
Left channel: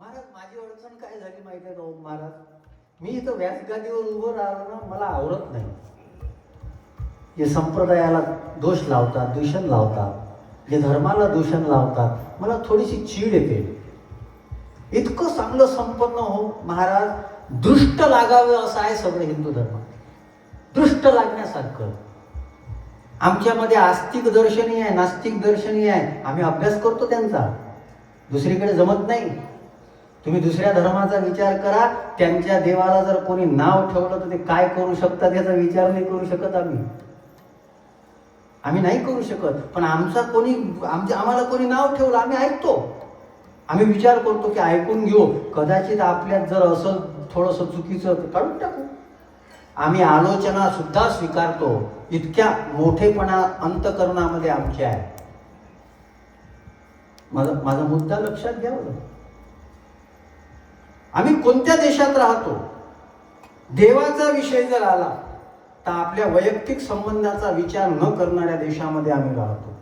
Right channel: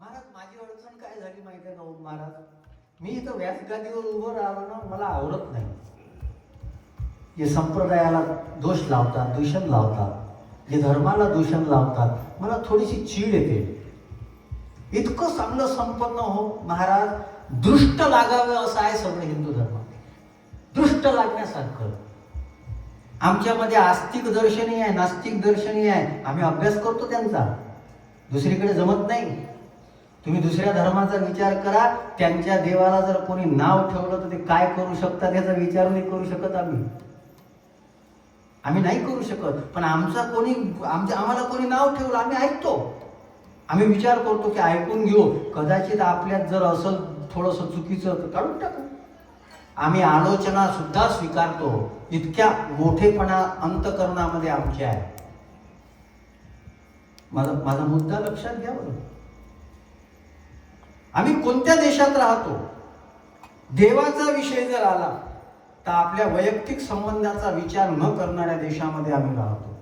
महाराज, माझी अडचण काय झाली माहिती आहे का महाराज? मी इथं व्यासगादीवर उभं राहिलो ना, मला आवडत नाही. जे संप्रदायाला दोष लावतात, दूषण लावतात, जे धर्माला दूषण लावतात, मला थोडीशी चीड येते. इतकं चांगलं संपन्न हो महाराज, दृष्ट लागावे असं आहे सगळं हिंदू धर्म. दृष्ट लागण्यासारखं. आमच्यामध्ये आस्तिक दर्शनी आहे, नास्तिक दर्शनी आहे. आम्ही अभ्यास करतो त्यांचा, दुसरीकडे जमत नाही. तुम्ही दुसऱ्या धर्माचा विचार करा. त्यांच्या देवाला जर कोणी नाव ठेवलं तर ते काय करू शकतात याचा विचार नाही करू शकत आम्ही नाही करू शकत. पण आम्हाला कोणी नाव ठेवलं, आम्ही ऐकतो. आम्ही विचार करतो की ऐकून घेऊ, कदाचित आपल्यात जर असं थोडंसं चुकीचं काढून टाकू. आम्ही आलोचना सुद्धा स्वीकारतो. इतक्या मोठेपणा अंतकरणामध्ये आमच्या आहे. माझा मुद्दा लक्षात घ्यावं. आम्ही कोणत्या देशात राहतो, देवाचा विषय जर आला तर आपल्या वैयक्तिक संबंधाचा विचार न करणाऱ्या देशामध्ये आम्ही राहतो.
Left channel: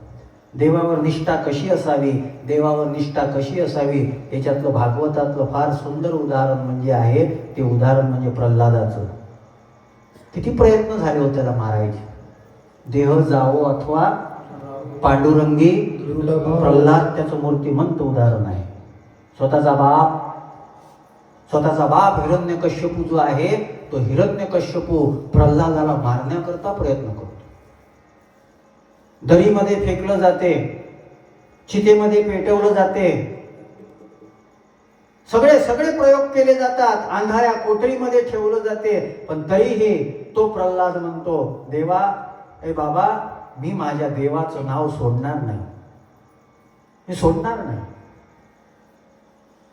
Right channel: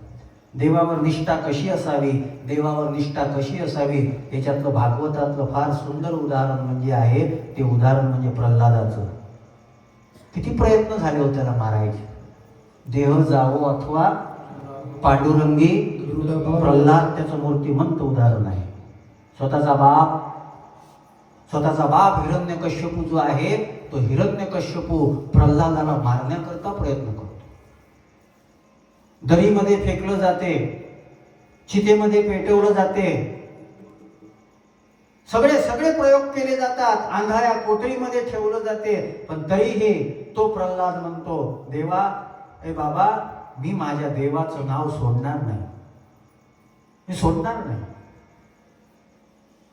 देवावर निष्ठा कशी असावी, देवावर निष्ठा कशी असावी, याच्यातलं भागवतातलं फार सुंदर उदाहरण म्हणजे आहे ते उदाहरण म्हणजे प्रल्हादाचं. किती प्रयत्न झाले होते त्याला मारायचे. देह जावो अथवा पांडुरंगी प्रल्हाद त्याचं मूर्तिमंत उदाहरण आहे. स्वतःचा बाप हिरण्यकश्यपू जो आहे, तो हिरण्यकश्यपू प्रल्हादाला मारण्याकरता प्रयत्न करतो. दरीमध्ये फेकलं जाते, चितेमध्ये पेटवलं जाते, सगळे प्रयोग केले जातात, अंधाऱ्या कोठडीमध्ये ठेवलं जाते. पण तरीही तो प्रल्हाद म्हणतो, देवा, ए बाबा, मी माझ्या देवाचं नाव सोडणार नाही, मी सोडणार नाही.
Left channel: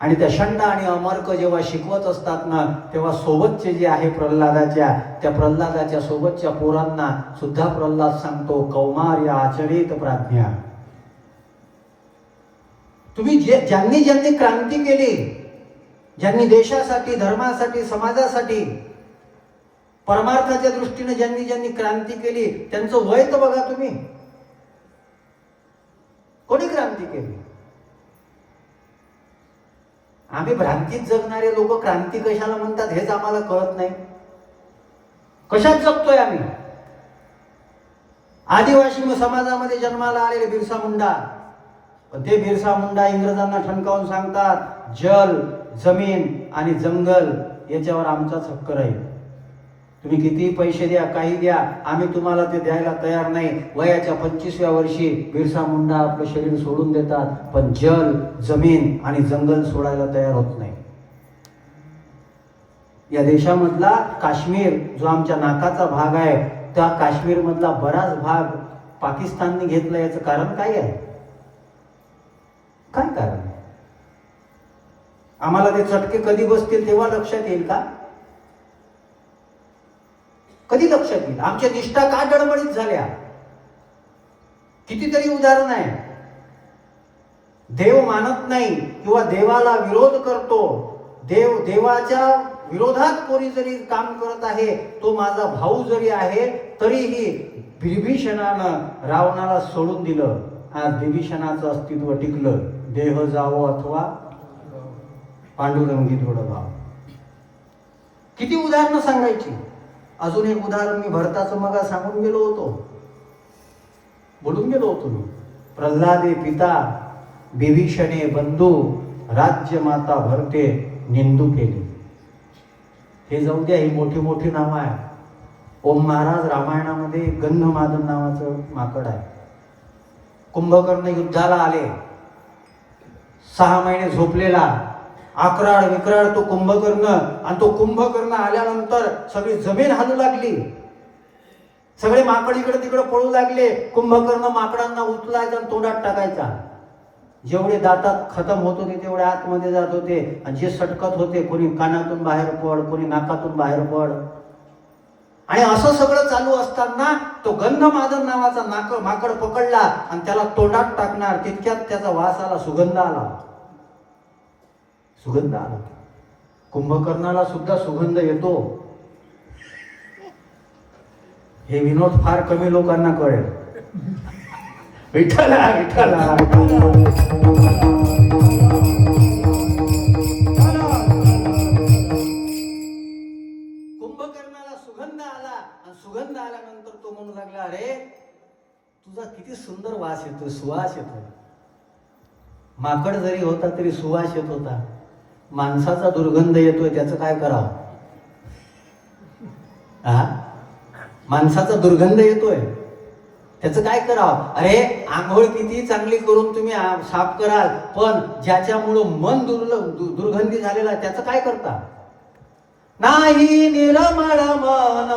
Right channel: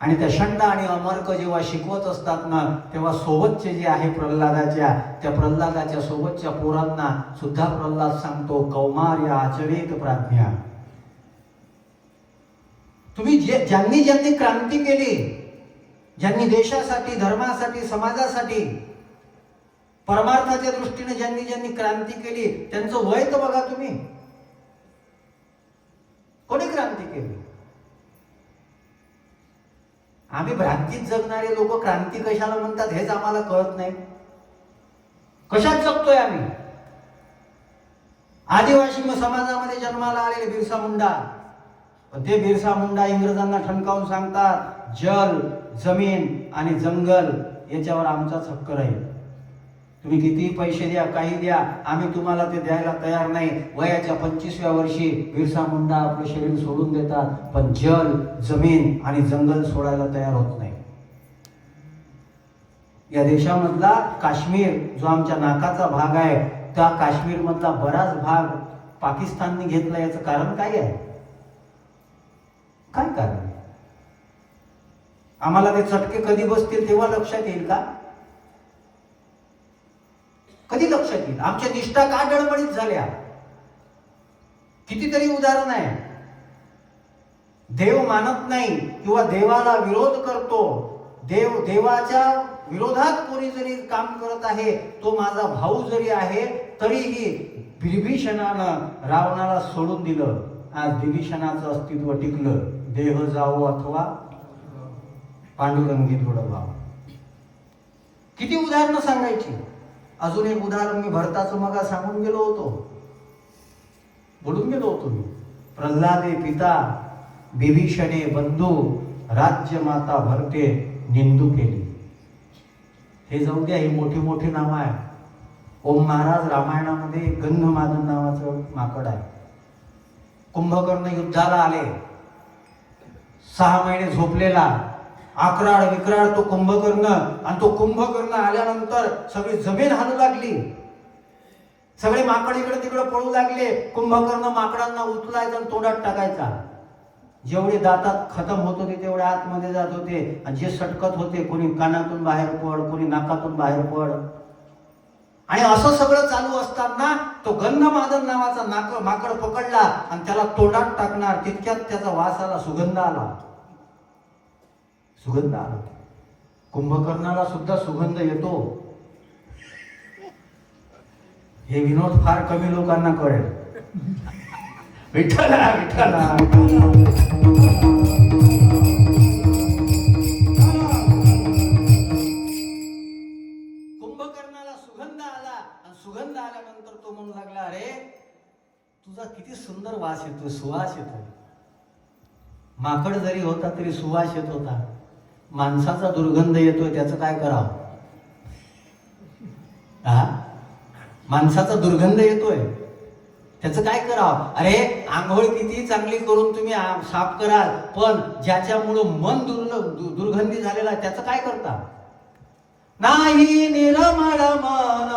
आणि त्या षंड आणि अमर्क जेव्हा शिकवत असतात ना, तेव्हा सोबतचे जे आहे त्या प्रल्हादाच्या सोबतच्या पोरांना सुद्धा प्रल्हाद सांगतो, कौमार्य आचरित प्राज्ञा. तुम्ही ज्यांनी क्रांती केली, ज्यांनी देशासाठी, धर्मासाठी, समाजासाठी, परमार्थाच्या दृष्टीने ज्यांनी क्रांती केली, त्यांचं वय तर बघा तुम्ही. कोणी क्रांती केली? आम्ही भ्रांतीत जगणारे लोक क्रांती कशाला म्हणतात हेच आम्हाला कळत नाही. कशात जगतोय आम्ही? आदिवासी समाजामध्ये जन्माला आलेले बिरसा मुंडा, ते बिरसा मुंडा इंग्रजांना ठणकावून सांगतात, जल, जमीन आणि जंगल याच्यावर आमचाच हक्क राहील. तुम्ही कितीही पैसे द्या, काही द्या, आम्ही तुम्हाला ते द्यायला तयार नाही. वयाच्या 25व्या वर्षी बिरसा मुंडा आपलं शरीर सोडून देतात, पण जल, जमीन आणि जंगल सोडायला तयार होत नाही. या देशामधला काश्मीर जो आमच्या नाकाचा भाग आहे, त्या काश्मीर मधला बराच भाग पाकिस्तानने घेतला. याचं कारण काय आहे? काय कारण आहे? आम्हाला ते चटके कधी बसतील तेव्हा लक्षात येईल का? कधी लक्षात येईल? आमच्या निष्ठा का डळमळीत झाल्या? कितीतरी उदाहरण आहे. देव मानत नाही किंवा देवाला विरोध करतो, देवाच्या विरोधात कोणी जरी काम करत आहे, तो माझा भाऊ जरी आहे, तरीही विभीषणानं रावणाला सोडून दिलं. आज विभीषणाचं अस्तित्व टिकलं. देह जावो अथवा पांडुरंगी थोडं भाव. किती उदाहरणं सांगायची. अजून एक उदाहरण मी भरताचं मग सांगून गेलो होतो, बोलून गेलो होतो मी. प्रल्हादे पिता, विभीषणे बंधू, राज्य माता भरते निंदू केली. हे जाऊ द्या, ही मोठी मोठी नावं आहे. ओम महाराज रामायणामध्ये गंधमादन नावाचं माकड आहे. कुंभकर्ण युद्धाला आले, 6 महिने झोपलेला, आकराळ विक्राळ तो कुंभकर्ण. आणि तो कुंभकर्ण आल्यानंतर सगळी जमीन हालू लागली, सगळे माकड इकडे तिकडे पळू लागले. कुंभकर्ण माकडांना उचलायचा आणि तोंडात टाकायचा. जेवढे दातात खतम होत होते तेवढे आतमध्ये जात होते, आणि जे सटकत होते, कोणी कानातून बाहेर पड, कोणी नाकातून बाहेर पड. आणि असं सगळं चालू असताना तो गंधमादन नावाचा माकड पकडला आणि त्याला तोंडात टाकणार, तितक्यात त्याचा वास आला, सुगंध आला. सुगंध आला. कुंभकर्णाला सुद्धा सुगंध येतो. हे विनोद फार कमी लोकांना कळेल. विठ्ठला विठ्ठला. कुंभकर्णाला सुगंध आला, आणि सुगंध आल्यानंतर तो म्हणू लागला, अरे तुझा किती सुंदर वास येतोय, सुवास येतोय. माकड जरी होता तरी सुवास येत होता. माणसाचा दुर्गंध येतोय, त्याचं काय करावं? माणसाचा दुर्गंध येतोय, त्याचं काय करावं? अरे आंघोळ किती चांगली करून तुम्ही साफ कराल, पण ज्याच्यामुळं मन दुर्गंधी झालेला आहे त्याचं काय करता? नाही निर्मळ मन,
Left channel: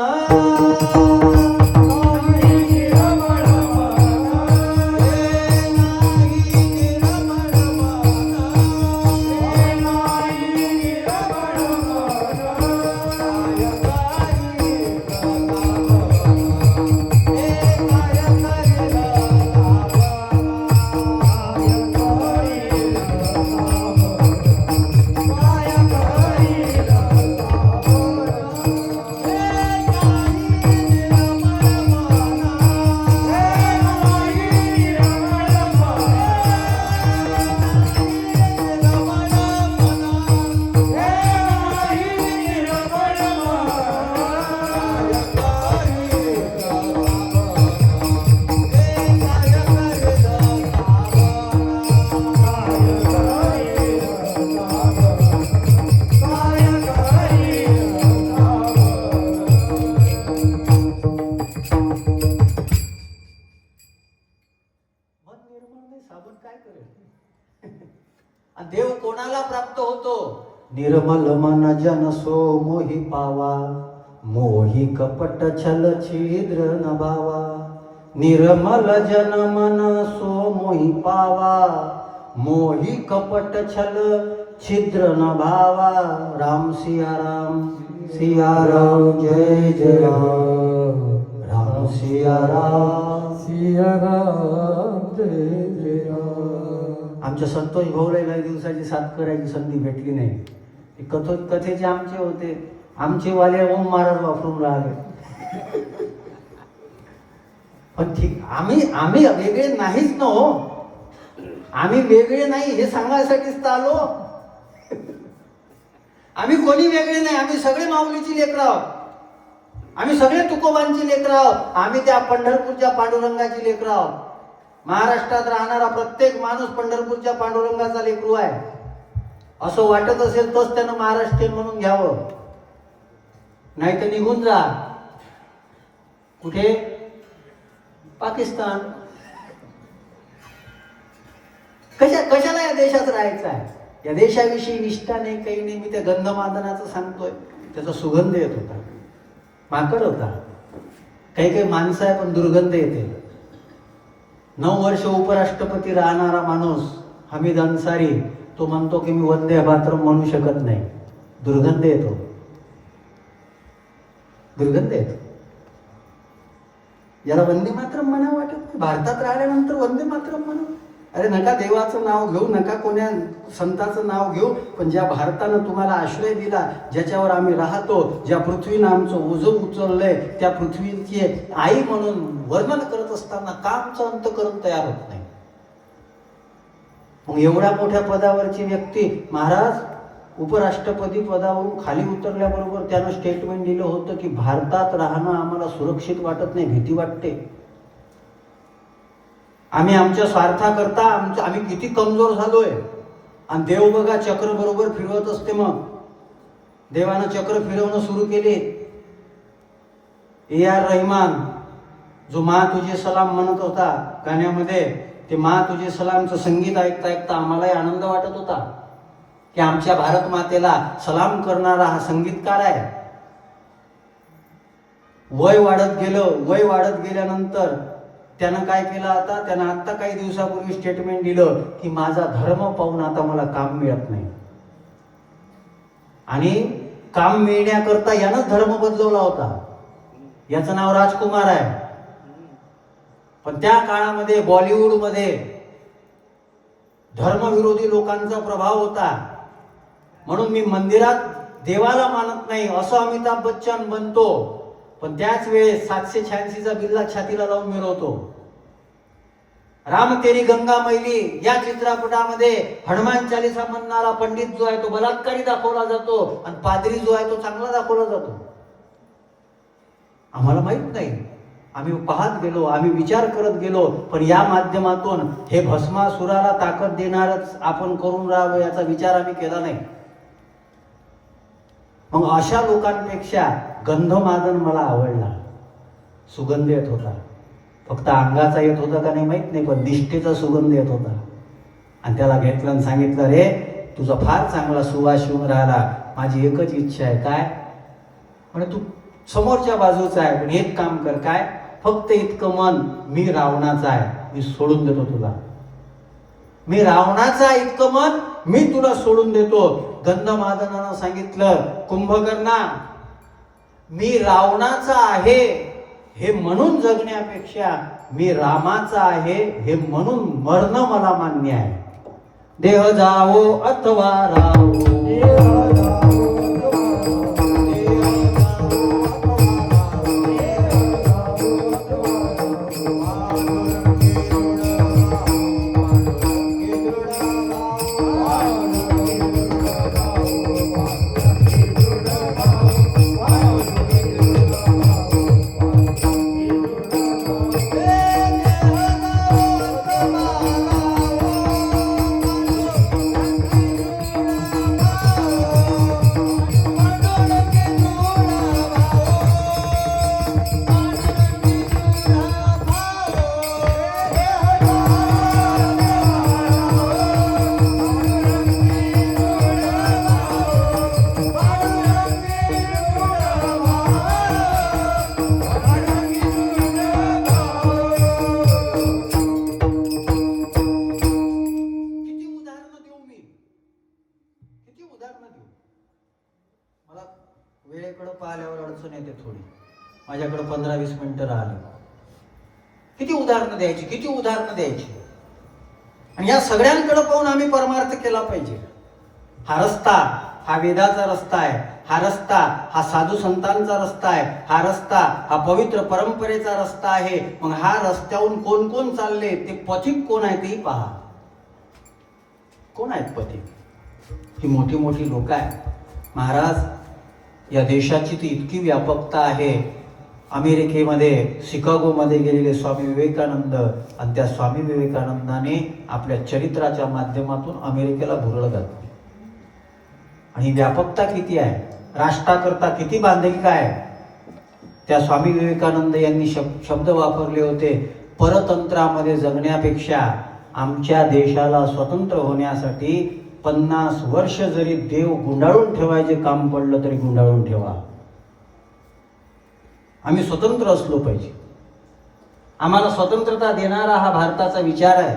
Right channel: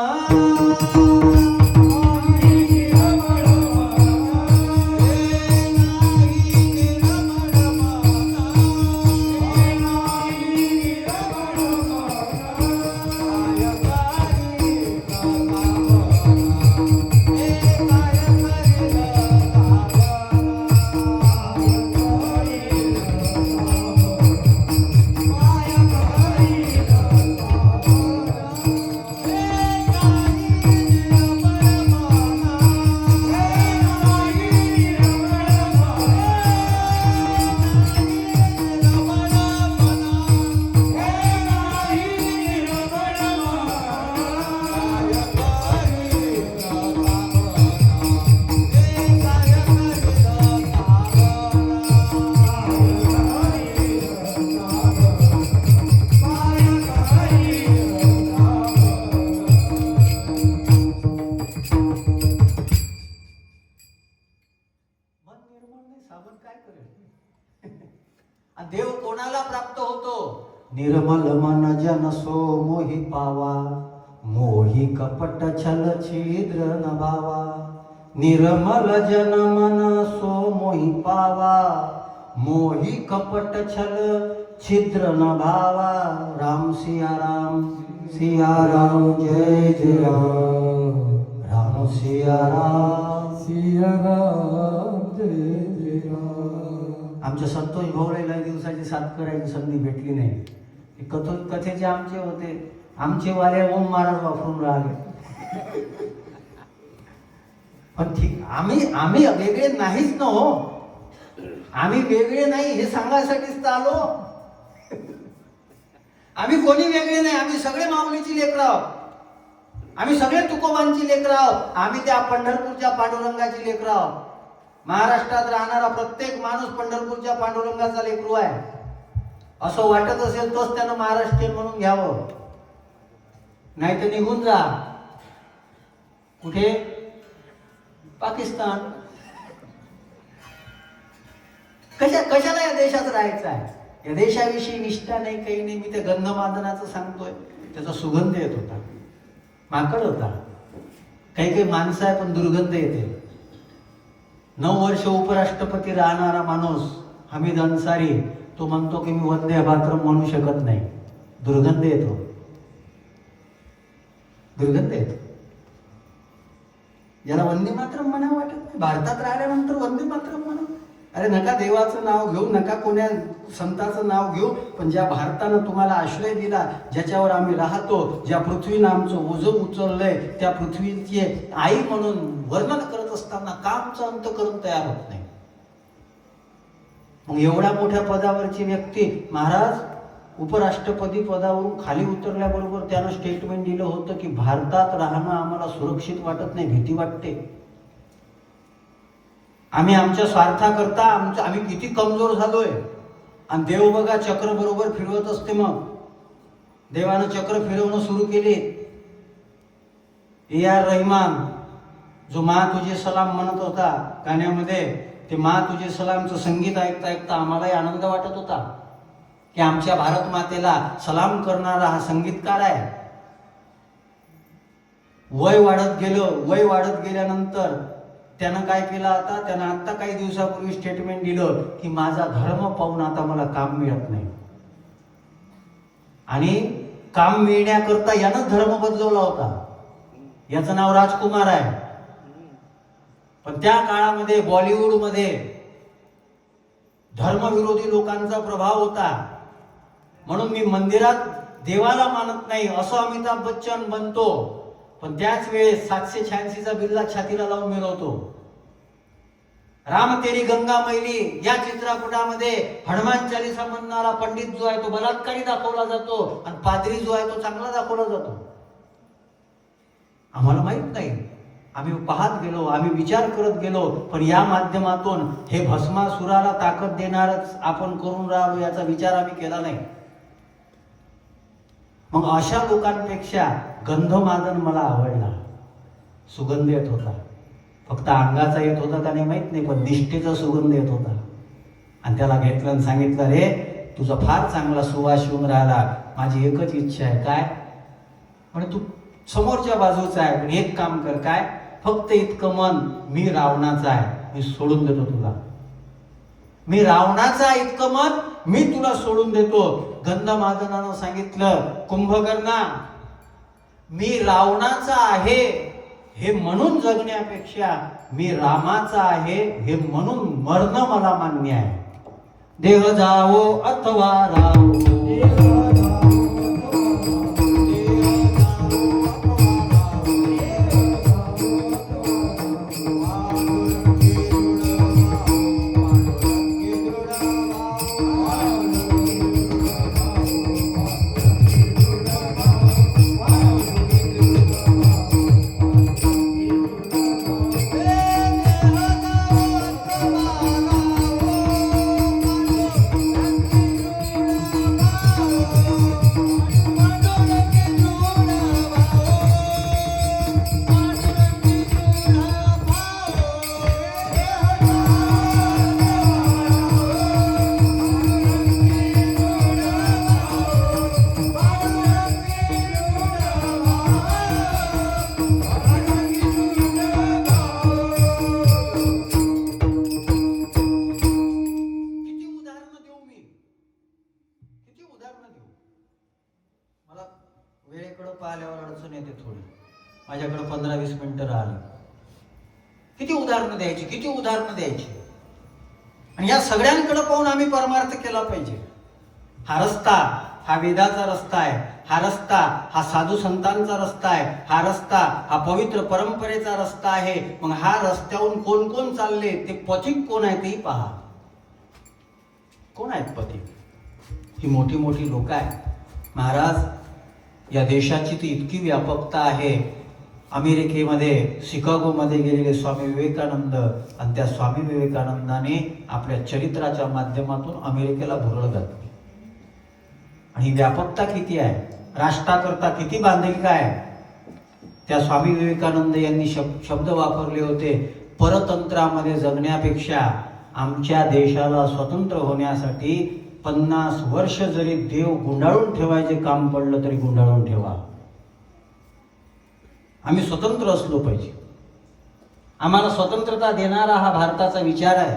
देव कोणाला प्राप्त होतो? निर्मल मन जन सो मोहि पावा, मोहि कपट छल छिद्र न भावा. निर्मल जन मन सो मोहि पावा, मोहि कपट छल छिद्र न भावा. राम सिया राम, जय जय राम. राम सिया राम, जय जय राम. आमच्या संतोष भाऊला लय दिवसाची साथ करायची संधी भेटली नाही. कथेचे आमचे होते, आमचे वाले ओम महाराज वापरून राहिले. पण ठीक, आम्ही वेगळे नाहीच ना हो. आम्ही वेगळे नाही हे सांगायसाठीच तर आलो. आम्ही कोणी वेगळे नाही, आम्ही सगळे माऊलीची लेकरं आहोत. आम्ही सगळे तुकोबांची लेकरं आहोत. आम्ही त्या पंढरपूरच्या पांडुरंगाची लेकरं आहोत. महाराष्ट्रात राहणारा प्रत्येक माणूस पंढरपूरच्या पांडुरंगाचा लेकरू आहे. असं वाटत असेल तरच त्यानं महाराष्ट्रीयन म्हणून घ्यावं, नाही तर निघून जा. कुठे? पाकिस्तान. कशाला या देशात राहायचं आहे? या देशाविषयी निष्ठा नाही, काही नाही. मी त्या गंधमादनाचं सांगतोय, त्याचा सुगंध येत होता. माकड होता, काही माणसं आहे पण दुर्गंध येते. 9 वर्ष उपराष्ट्रपती राहणारा माणूस हमीद अन्सारी, तो म्हणतो की मी वंदे मातरम म्हणू शकत नाही, दुर्गंध येतो, दुर्गंध येतो. याला वंदे मातरम म्हणावं वाटत नाही. भारतात राहिल्यानंतर वंदे मातरम म्हणू. अरे नका देवाचं नाव घेऊ, नका कोण्या संताचं नाव घेऊ, पण ज्या भारतानं तुम्हाला आश्रय दिला, ज्याच्यावर आम्ही राहतो, ज्या पृथ्वीनं आमचं ओझं उचललंय, त्या पृथ्वीची आई म्हणून वर्णन करत असताना का आमचं अंतःकरण तयार होत नाही? मग एवढ्या मोठ्या पदावरची व्यक्ती, महाराज उपराष्ट्रपती पदावरून खाली उतरल्याबरोबर त्यानं स्टेटमेंट दिलं होतं की भारतात राहणं आम्हाला सुरक्षित वाटत नाही, भीती वाटते. आम्ही आमच्या स्वार्थाकरता आम्ही किती कमजोर झालोय. आणि देव बघा चक्र बरोबर फिरवत असते. मग देवानं चक्र फिरवणं सुरू केले. A.R. रहमान जो मा तुझे सलाम म्हणत होता गाण्यामध्ये, ते मा तुझे सलामचं संगीत ऐकता ऐकता आम्हालाही आनंद वाटत होता की आमच्या भारत मातेला सलाम करणारा हा संगीतकार आहे. वय वाढत गेलं, वय वाढत गेल्यानंतर त्यानं काय केलं? आता त्यानं आता काही दिवसापूर्वी स्टेटमेंट दिलं की माझा धर्म पाहून आता मला काम मिळत नाही. आणि काम मिळण्याकरता यानं धर्म बदलवला होता. याचं नाव राजकुमार आहे. पण त्या काळामध्ये बॉलिवूडमध्ये धर्मविरोधी लोकांचा प्रभाव होता. म्हणून मी मंदिरात देवाला मानत नाही असं अमिताभ बच्चन बनतो, पण त्याच वेळेस 786चा बिल्ला छातीला लावून मिरवतो. राम तेरी गंगा मैली या चित्रपटामध्ये हनुमान चालीसा म्हणणारा पंडित जो आहे तो बलात्कारी दाखवला जातो आणि पादरी जो आहे तो चांगला दाखवला जातो. आम्हाला माहित नाही, आम्ही पाहत गेलो, आम्ही विचार करत गेलो, पण या माध्यमातून हे भस्मासुराला ताकद देणारच आपण करून राहिलो याचा विचार आम्ही केला नाही. मग अशा लोकांपेक्षा गंधमादन मला आवडला. सुगंध येत होता, फक्त अंगाचा येत होता का नाही माहित नाही, पण निष्ठेचा सुगंध येत होता. आणि त्याला घेतलं आणि सांगितलं, रे तुझा फार चांगला सुवास येऊन राहिला, माझी एकच इच्छा आहे. काय म्हणजे? तू समोरच्या बाजूचा आहे, पण एक काम कर. काय? फक्त इतकं मन, मी रावणाचा आहे, मी सोडून देतो तुला. मी रावणाचा इतकं मन मी तुला सोडून देतो. गंधमादनानं सांगितलं, कुंभकर्णा मी रावणाचा आहे हे म्हणून जगण्यापेक्षा मी रामाचा आहे हे म्हणून मरणं मला मान्य आहे. देह जावो अथवा रावो, वेळेकडे पाहिल्यावर अडचण येते थोडी. माझ्याकडे 15-20 मिनिटं राहिली. किती उदाहरणं द्यायची, किती उदाहरणं द्यायची. आणि या सगळ्यांकडे पाहून आम्ही परमार्थ केला पाहिजे. हा रस्ता हा वेदाचा रस्ता आहे. हा रस्ता हा साधू संतांचा रस्ता आहे. हा रस्ता हा पवित्र परंपरेचा रस्ता आहे. मग हा रस्त्यावरून कोण कोण चालले, ते पथिक कोण आहे तेही पहा. कोण आहेत पथिक? ही मोठी मोठी लोक आहेत. महाराज, या देशाची ती इतकी व्यापकता आहे. अमेरिकेमध्ये शिकागोमध्ये गेलेले स्वामी विवेकानंद, आणि त्या स्वामी विवेकानंदाने आपल्या चरित्राच्या माध्यमातून अमेरिकेला भुरळ घातली. आणि व्यापकता किती आहे, राष्ट्राकरता किती बांधिलकी आहे. त्या स्वामी विवेकानंद यांनी शब्द वापरले होते, परतंत्रामध्ये जगण्यापेक्षा आमच्या देशाला स्वतंत्र होण्यासाठी 50 वर्ष जरी देव गुंडाळून ठेवायचे काम पडलं तरी गुंडाळून ठेवा. आम्ही स्वतंत्र असलो पाहिजे. आम्हाला स्वतंत्रता देणारा हा भारताचा विचार आहे.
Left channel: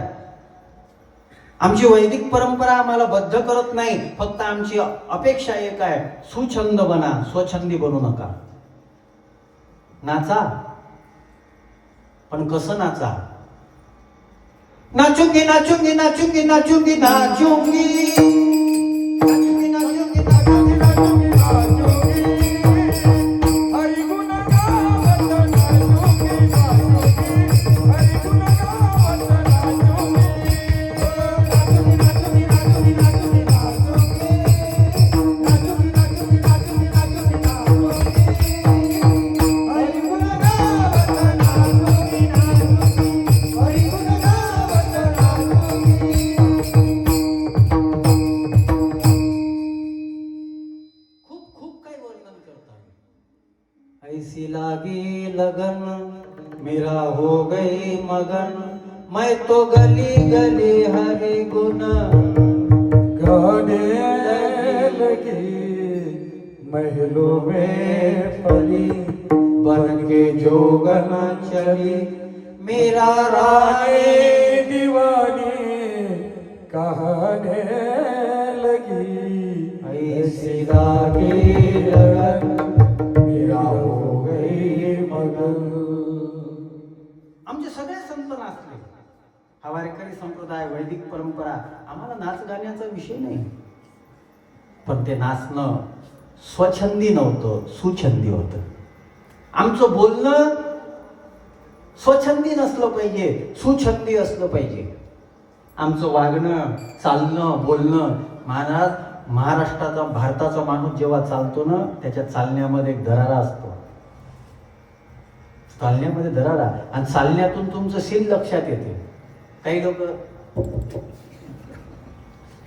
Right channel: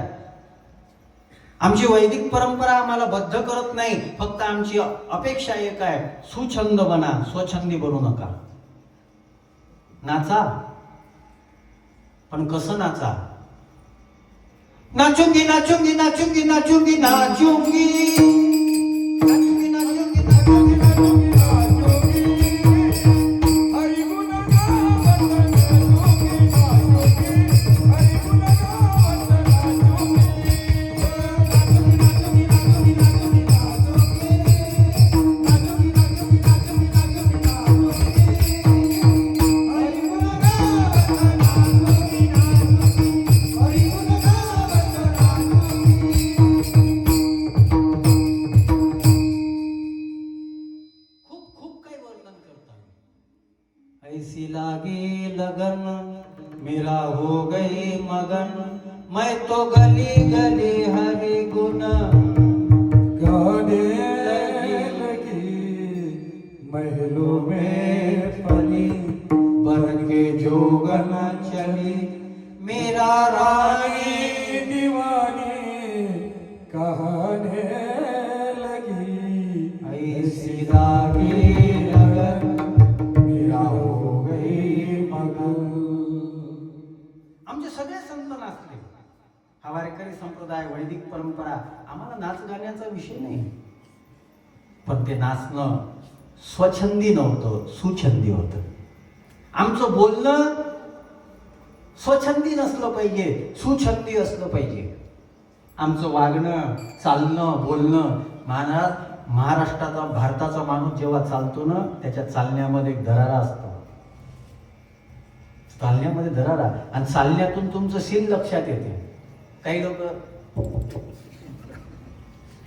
आमची वैदिक परंपरा आम्हाला बद्ध करत नाही. फक्त आमची अपेक्षा एक आहे, सुछंद बना, स्वछंदी बनू नका. नाचा, पण कसं नाचा? नाचूंगी नाचूंगी नाचूंगी नाचूंगी नाचूंगी ऐसी लागी लगन मेरा हो गई मगन, मैं तो गली गली हरि गुण गाने लगी, महलों में पली बन के जोगन चली, मेरा रानी दीवानी कहने लगी. ऐसी लागी लगन आमचे सगळे संत नाचले. हा वारकरी संप्रदाय, वैदिक परंपरा, आम्हाला नाच गाण्याचा विषय नाही. पण ते नाचणं स्वछंदी नव्हतं, सुछंदी होतं. आमचं बोलणं स्वछंदी नसलं पाहिजे, सुछंदी असलं पाहिजे. आमचं वागणं, चालणं, बोलणं. महाराष्ट्राचा, भारताचा माणूस जेव्हा चालतो ना, त्याच्या चालण्यामध्ये एक दरारा असतो. चालण्यामध्ये दरारा, आणि चालण्यातून तुमचं शील लक्षात येते. काही लोक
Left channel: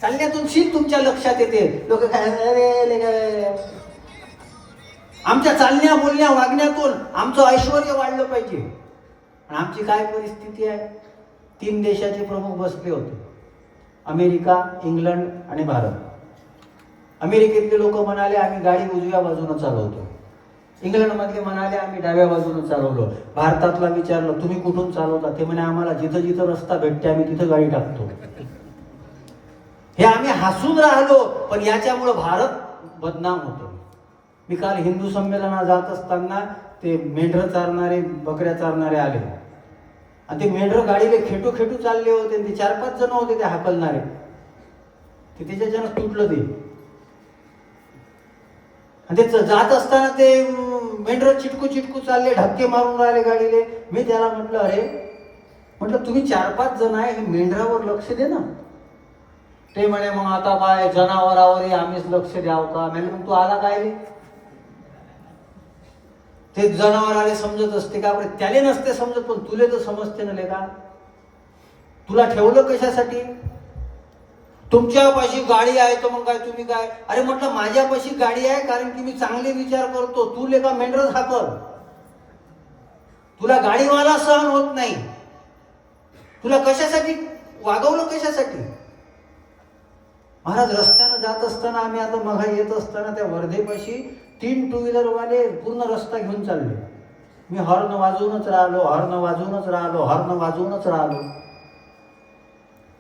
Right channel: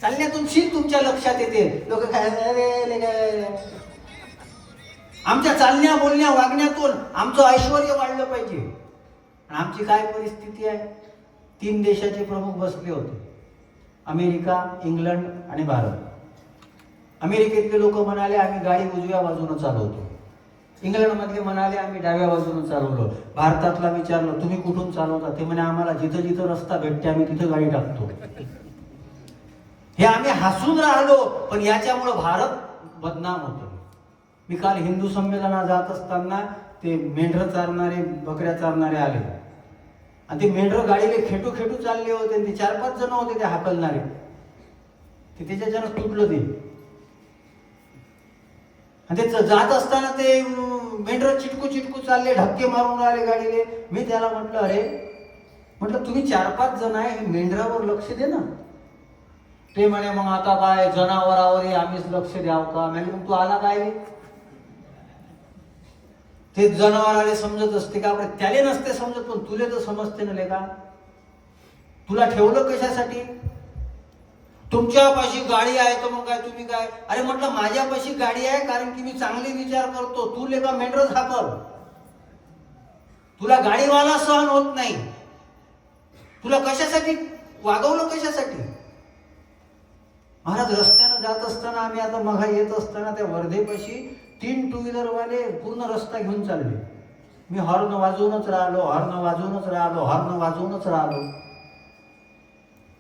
चालण्यातून शील तुमच्या लक्षात येते. लोक काय, आमच्या चालण्या, बोलण्या, वागण्यातून आमचं ऐश्वर्य वाढलं पाहिजे. आणि आमची काय परिस्थिती आहे? 3 देशाचे प्रमुख बसले होते, अमेरिका, इंग्लंड आणि भारत. अमेरिकेतले लोक म्हणाले आम्ही गाडी उजव्या बाजूने चालवतो. इंग्लंडमधले म्हणाले आम्ही डाव्या बाजूने चालवलो. भारतातला विचारलं तुम्ही कुठून चालवता? ते म्हणे आम्हाला जिथं जिथं रस्ता भेटते आम्ही तिथं गाडी टाकतो. हे आम्ही हसून राहिलो, पण याच्यामुळे भारत बदनाम होतो. मी काल हिंदू संमेलनात जात असताना ते मेंढर चारणारे, बकऱ्या चारणारे आले, आणि ते मेंढर गाडीला खेटू खेटू चालले होते. ते 4-5 जण होते ते हाकलणारे. ते त्याच्यानं तुटलं ते. ते जात असताना ते मेंढर चिटकू चिटकू चालले, धक्के मारून राहिले गाडीले. मी त्याला म्हटलं, अरे म्हटलं तुम्ही 4-5 जण आहे, हे मेंढरावर लक्ष दे ना. ते म्हणे मग आता काय जनावरावर आम्हीच लक्ष द्यावं का? म्हणजे मग तू आला काय? ते जनावराले समजत असते का? त्याले नसते समजत, पण तुले तर समजते ना लेका. तुला ठेवलं कशासाठी? तुमच्यापाशी गाडी आहे तर मग काय तुम्ही काय? अरे म्हटलं माझ्यापाशी गाडी आहे कारण की मी चांगले विचार करतो. तू लेका मेंढरच हाकर. तुला गाडीवाला सहन होत नाही. तुला कशासाठी वागवलं? कशासाठी? महाराज, रस्त्यानं जात असताना आम्ही आता मघा येत असताना त्या वर्धेपाशी 3 टू व्हीलर वाले पूर्ण रस्ता घेऊन चालले. मी हॉर्न वाजवूनच राहिलो, हॉर्न वाजवूनच राहिलो, हॉर्न वाजवूनच राहिलो.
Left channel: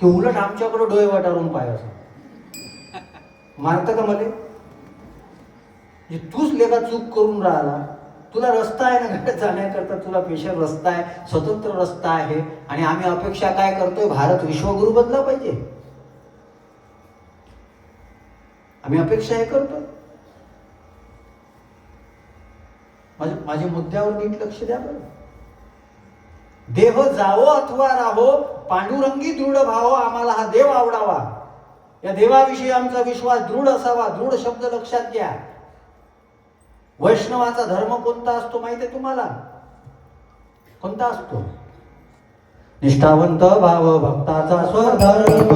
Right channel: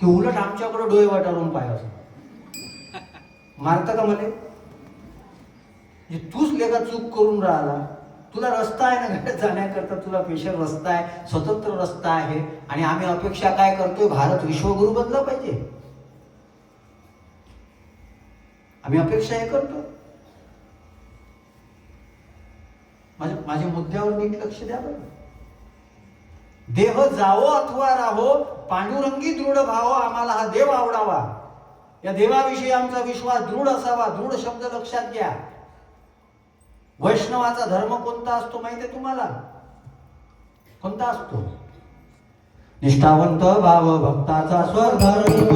ते उलट आमच्याकडे डोळे वाटारून पाहायचं. मारतं का मले? तूच लेखा चूक करून राहिला. तुला रस्ता आहे ना जाण्याकरता, तुला स्पेशल रस्ता आहे, स्वतंत्र रस्ता आहे. आणि आम्ही अपेक्षा काय करतोय? भारत विश्वगुरु बनला पाहिजे. आम्ही अपेक्षा हे करतो. माझ्या मुद्द्यावर नीट लक्ष द्या बरं. देह जावो अथवा राहो, पांडुरंगी दृढ भाव, आम्हाला हा देव आवडावा. या देवाविषयी आमचा विश्वास दृढ असावा. दृढ शब्द लक्षात घ्या. वैष्णवाचा धर्म कोणता असतो माहिती आहे तुम्हाला? कोणता असतो? निष्ठावंत भाव भक्ताचा स्वधर्म.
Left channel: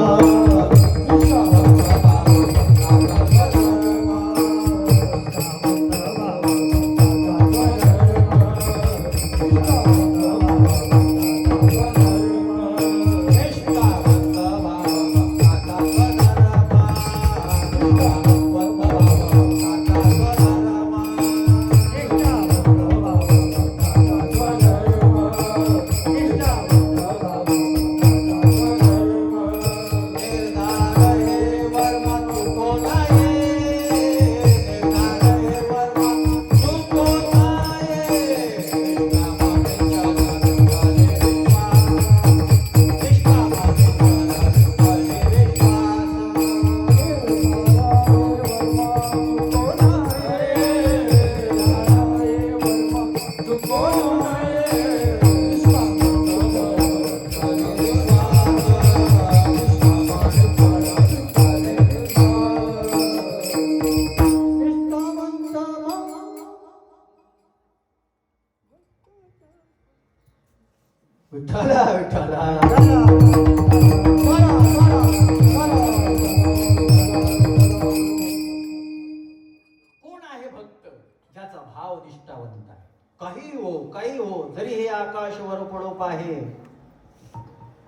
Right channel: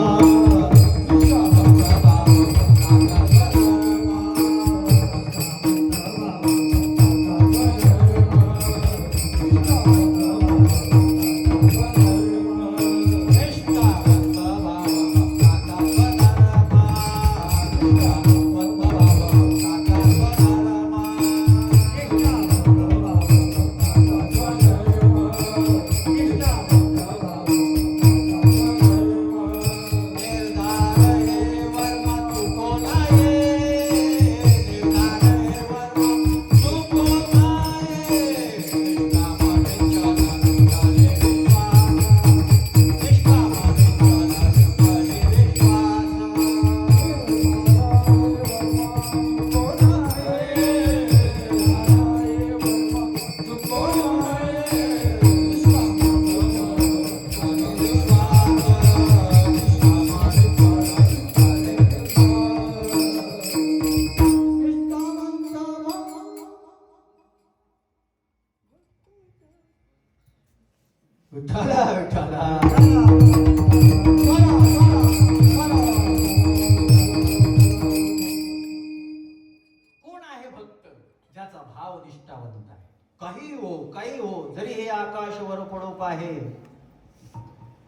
काही हो, जरी हे आकाश वर पडो पाहे,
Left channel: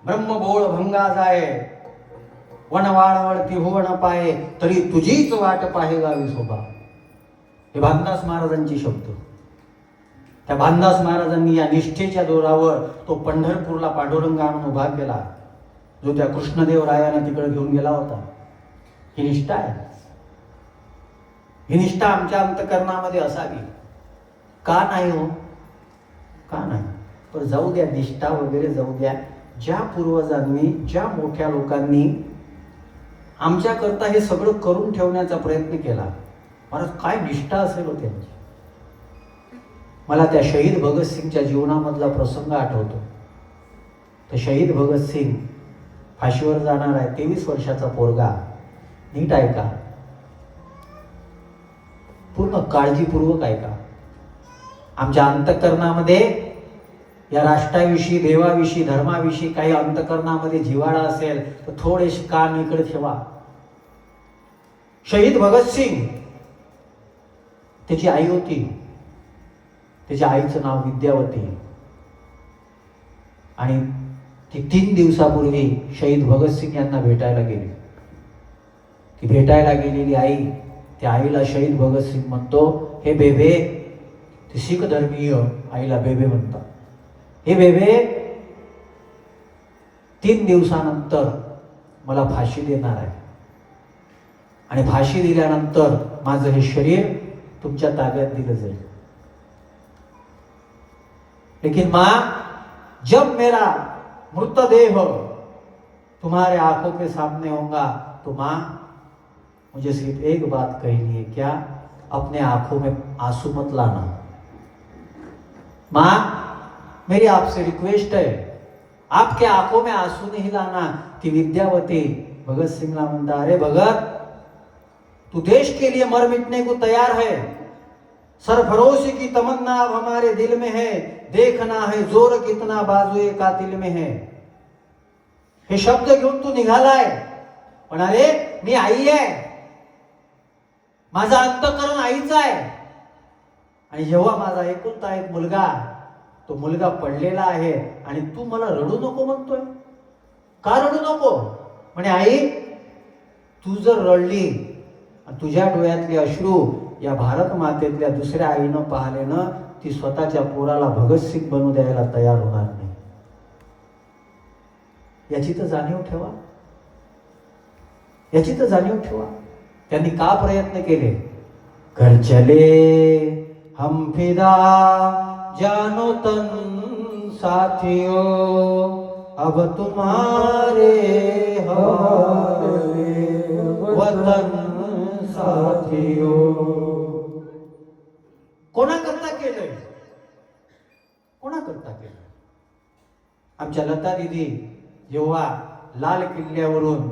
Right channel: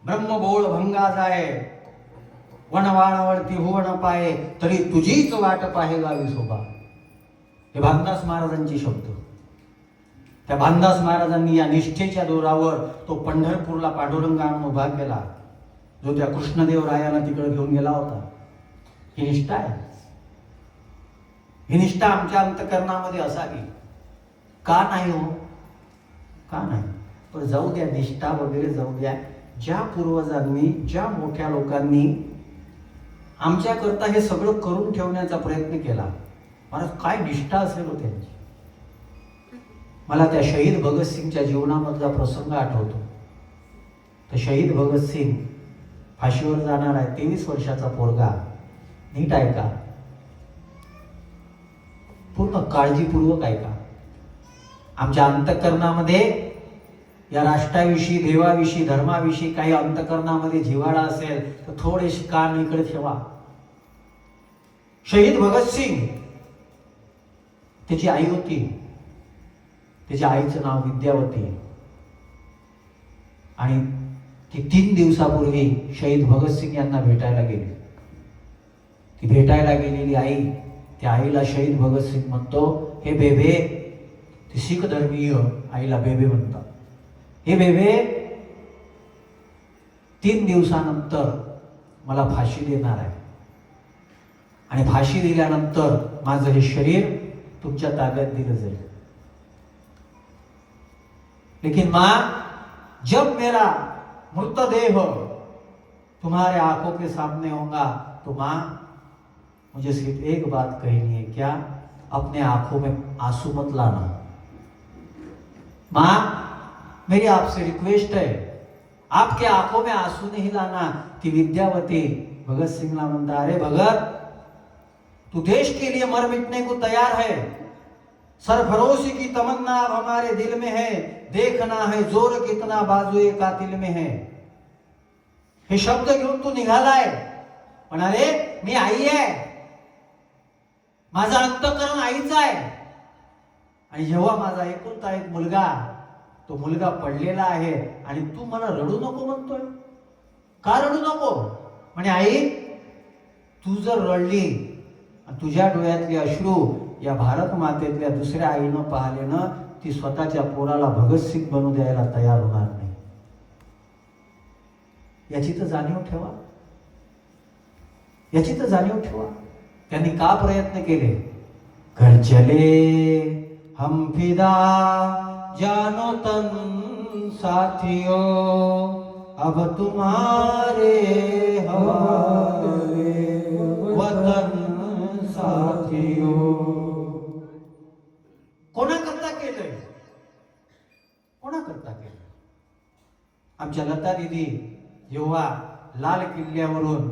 ब्रह्मबोळ भंगा जाय, वनवाळावरती हो न पाये, तरी तुझीच वाट पाहे गावी शोभा. हे भानदास महाराजांची शब्द. त्या भानदास महाराजांनी या निष्ठेच्या जोरावर तो पंढरपूरला पांडुरंग आणून उभा केला, जो त्या कृष्णदेवरायाला तिकडे घेऊन गेला होता. ही निष्ठा आहे. ही निष्ठा आमच्या अंतकरणामध्ये असावी. का नाही हो? का नाही? पण जाऊ द्या, निष्ठा वगैरे जाऊ द्या. ज्या पूर्वजांनी, ज्या मोठ्या लोकांनी आमच्याकरता हे सगळं करून ठेवण्याचा प्रयत्न केला, मला काय निष्ठा असेल हो त्यांची. मला त्या शहीद भगतसिंगच्या जीवनामधला प्रसंग आठवतो. तर शहीद भगतसिंग फाशीवर जाणार आहे, 23 वर्षाचा पोरगा. नीट ऐका, पूर्ण काळजीपूर्वक ऐका. आमच्या अंतःकरणामध्ये या राष्ट्राविषयी, देवाविषयी, धर्माविषयी काही अंतःकरणामध्ये जिव्हाळा असेल तर थोडेसे कान इकडे ठेवा. शहीद भगतसिंग, त्याची आई होती. त्याच्या आईचं नाव विद्यावती. आणि ती 3 दिवसापूर्वी शहीद भगतसिंग यांना भेटायला गेली. ती भेटायला गेलेली आई, त्या आईला शहीद भगतसिंग म्हणतो, हे बेबे. ती शीख धर्मीय आईला बेबे म्हणतात. हे बेबे, 3 दिवसानंतर मला फाशी देणार आहे, आणि फाशी दिल्यानंतर माझं हे शरीर तुमच्या ताब्यात दिलं जाईल. लेकिन मां, जब मेरा मृतदेह तुम्हारे आंखों के सामने होगा तो मां, मुझे सिर्फ एक बात कहनी है, क्या? अपने आंखों में आंसू मत लाना. मां, मेरी आपसे रिक्वेस्ट है, आपके आंखों में आंसू नहीं लाना. ती विद्यावती भगत सिंगला म्हणता, अरे भगत, तू देश के लिए मर मिटने को तैयार है. सरफरोशी की तमन्ना अब हमारे दिल में है. देखना है जोर कितना बाजुए कातिल में है. हे शब्द घेऊन तू निघालाय. पण अरे, मी आई आहे. माझा अंतःकरण आईचा आहे. आणि जेव्हा माझा एकुलता एक मुलगा, तो मुलगा पडलेला आहे, आणि तू मला रडू नको म्हणतोय. का रडू नको? म्हणे आई, तू जर रडली, तुझ्या डोळ्यातले अश्रू या भारत मातेतल्या दुसऱ्या आईनं पाहिले ना, ती स्वतःच्या पोराला भगतसिंग बनू द्यायला तयार होणार नाही. याची तर जाणीव ठेवा. याची तर जाणीव ठेवा. त्यांनी का प्रयत्न केले? घर चले हम फिदा जानो तन साथियों, अब तुम्हारे हवाले वतन साथियों. कोणाकरता केलंय? कोणाकरता केलं? आमच्या लता दिदी जेव्हा लाल किल्ल्यावरून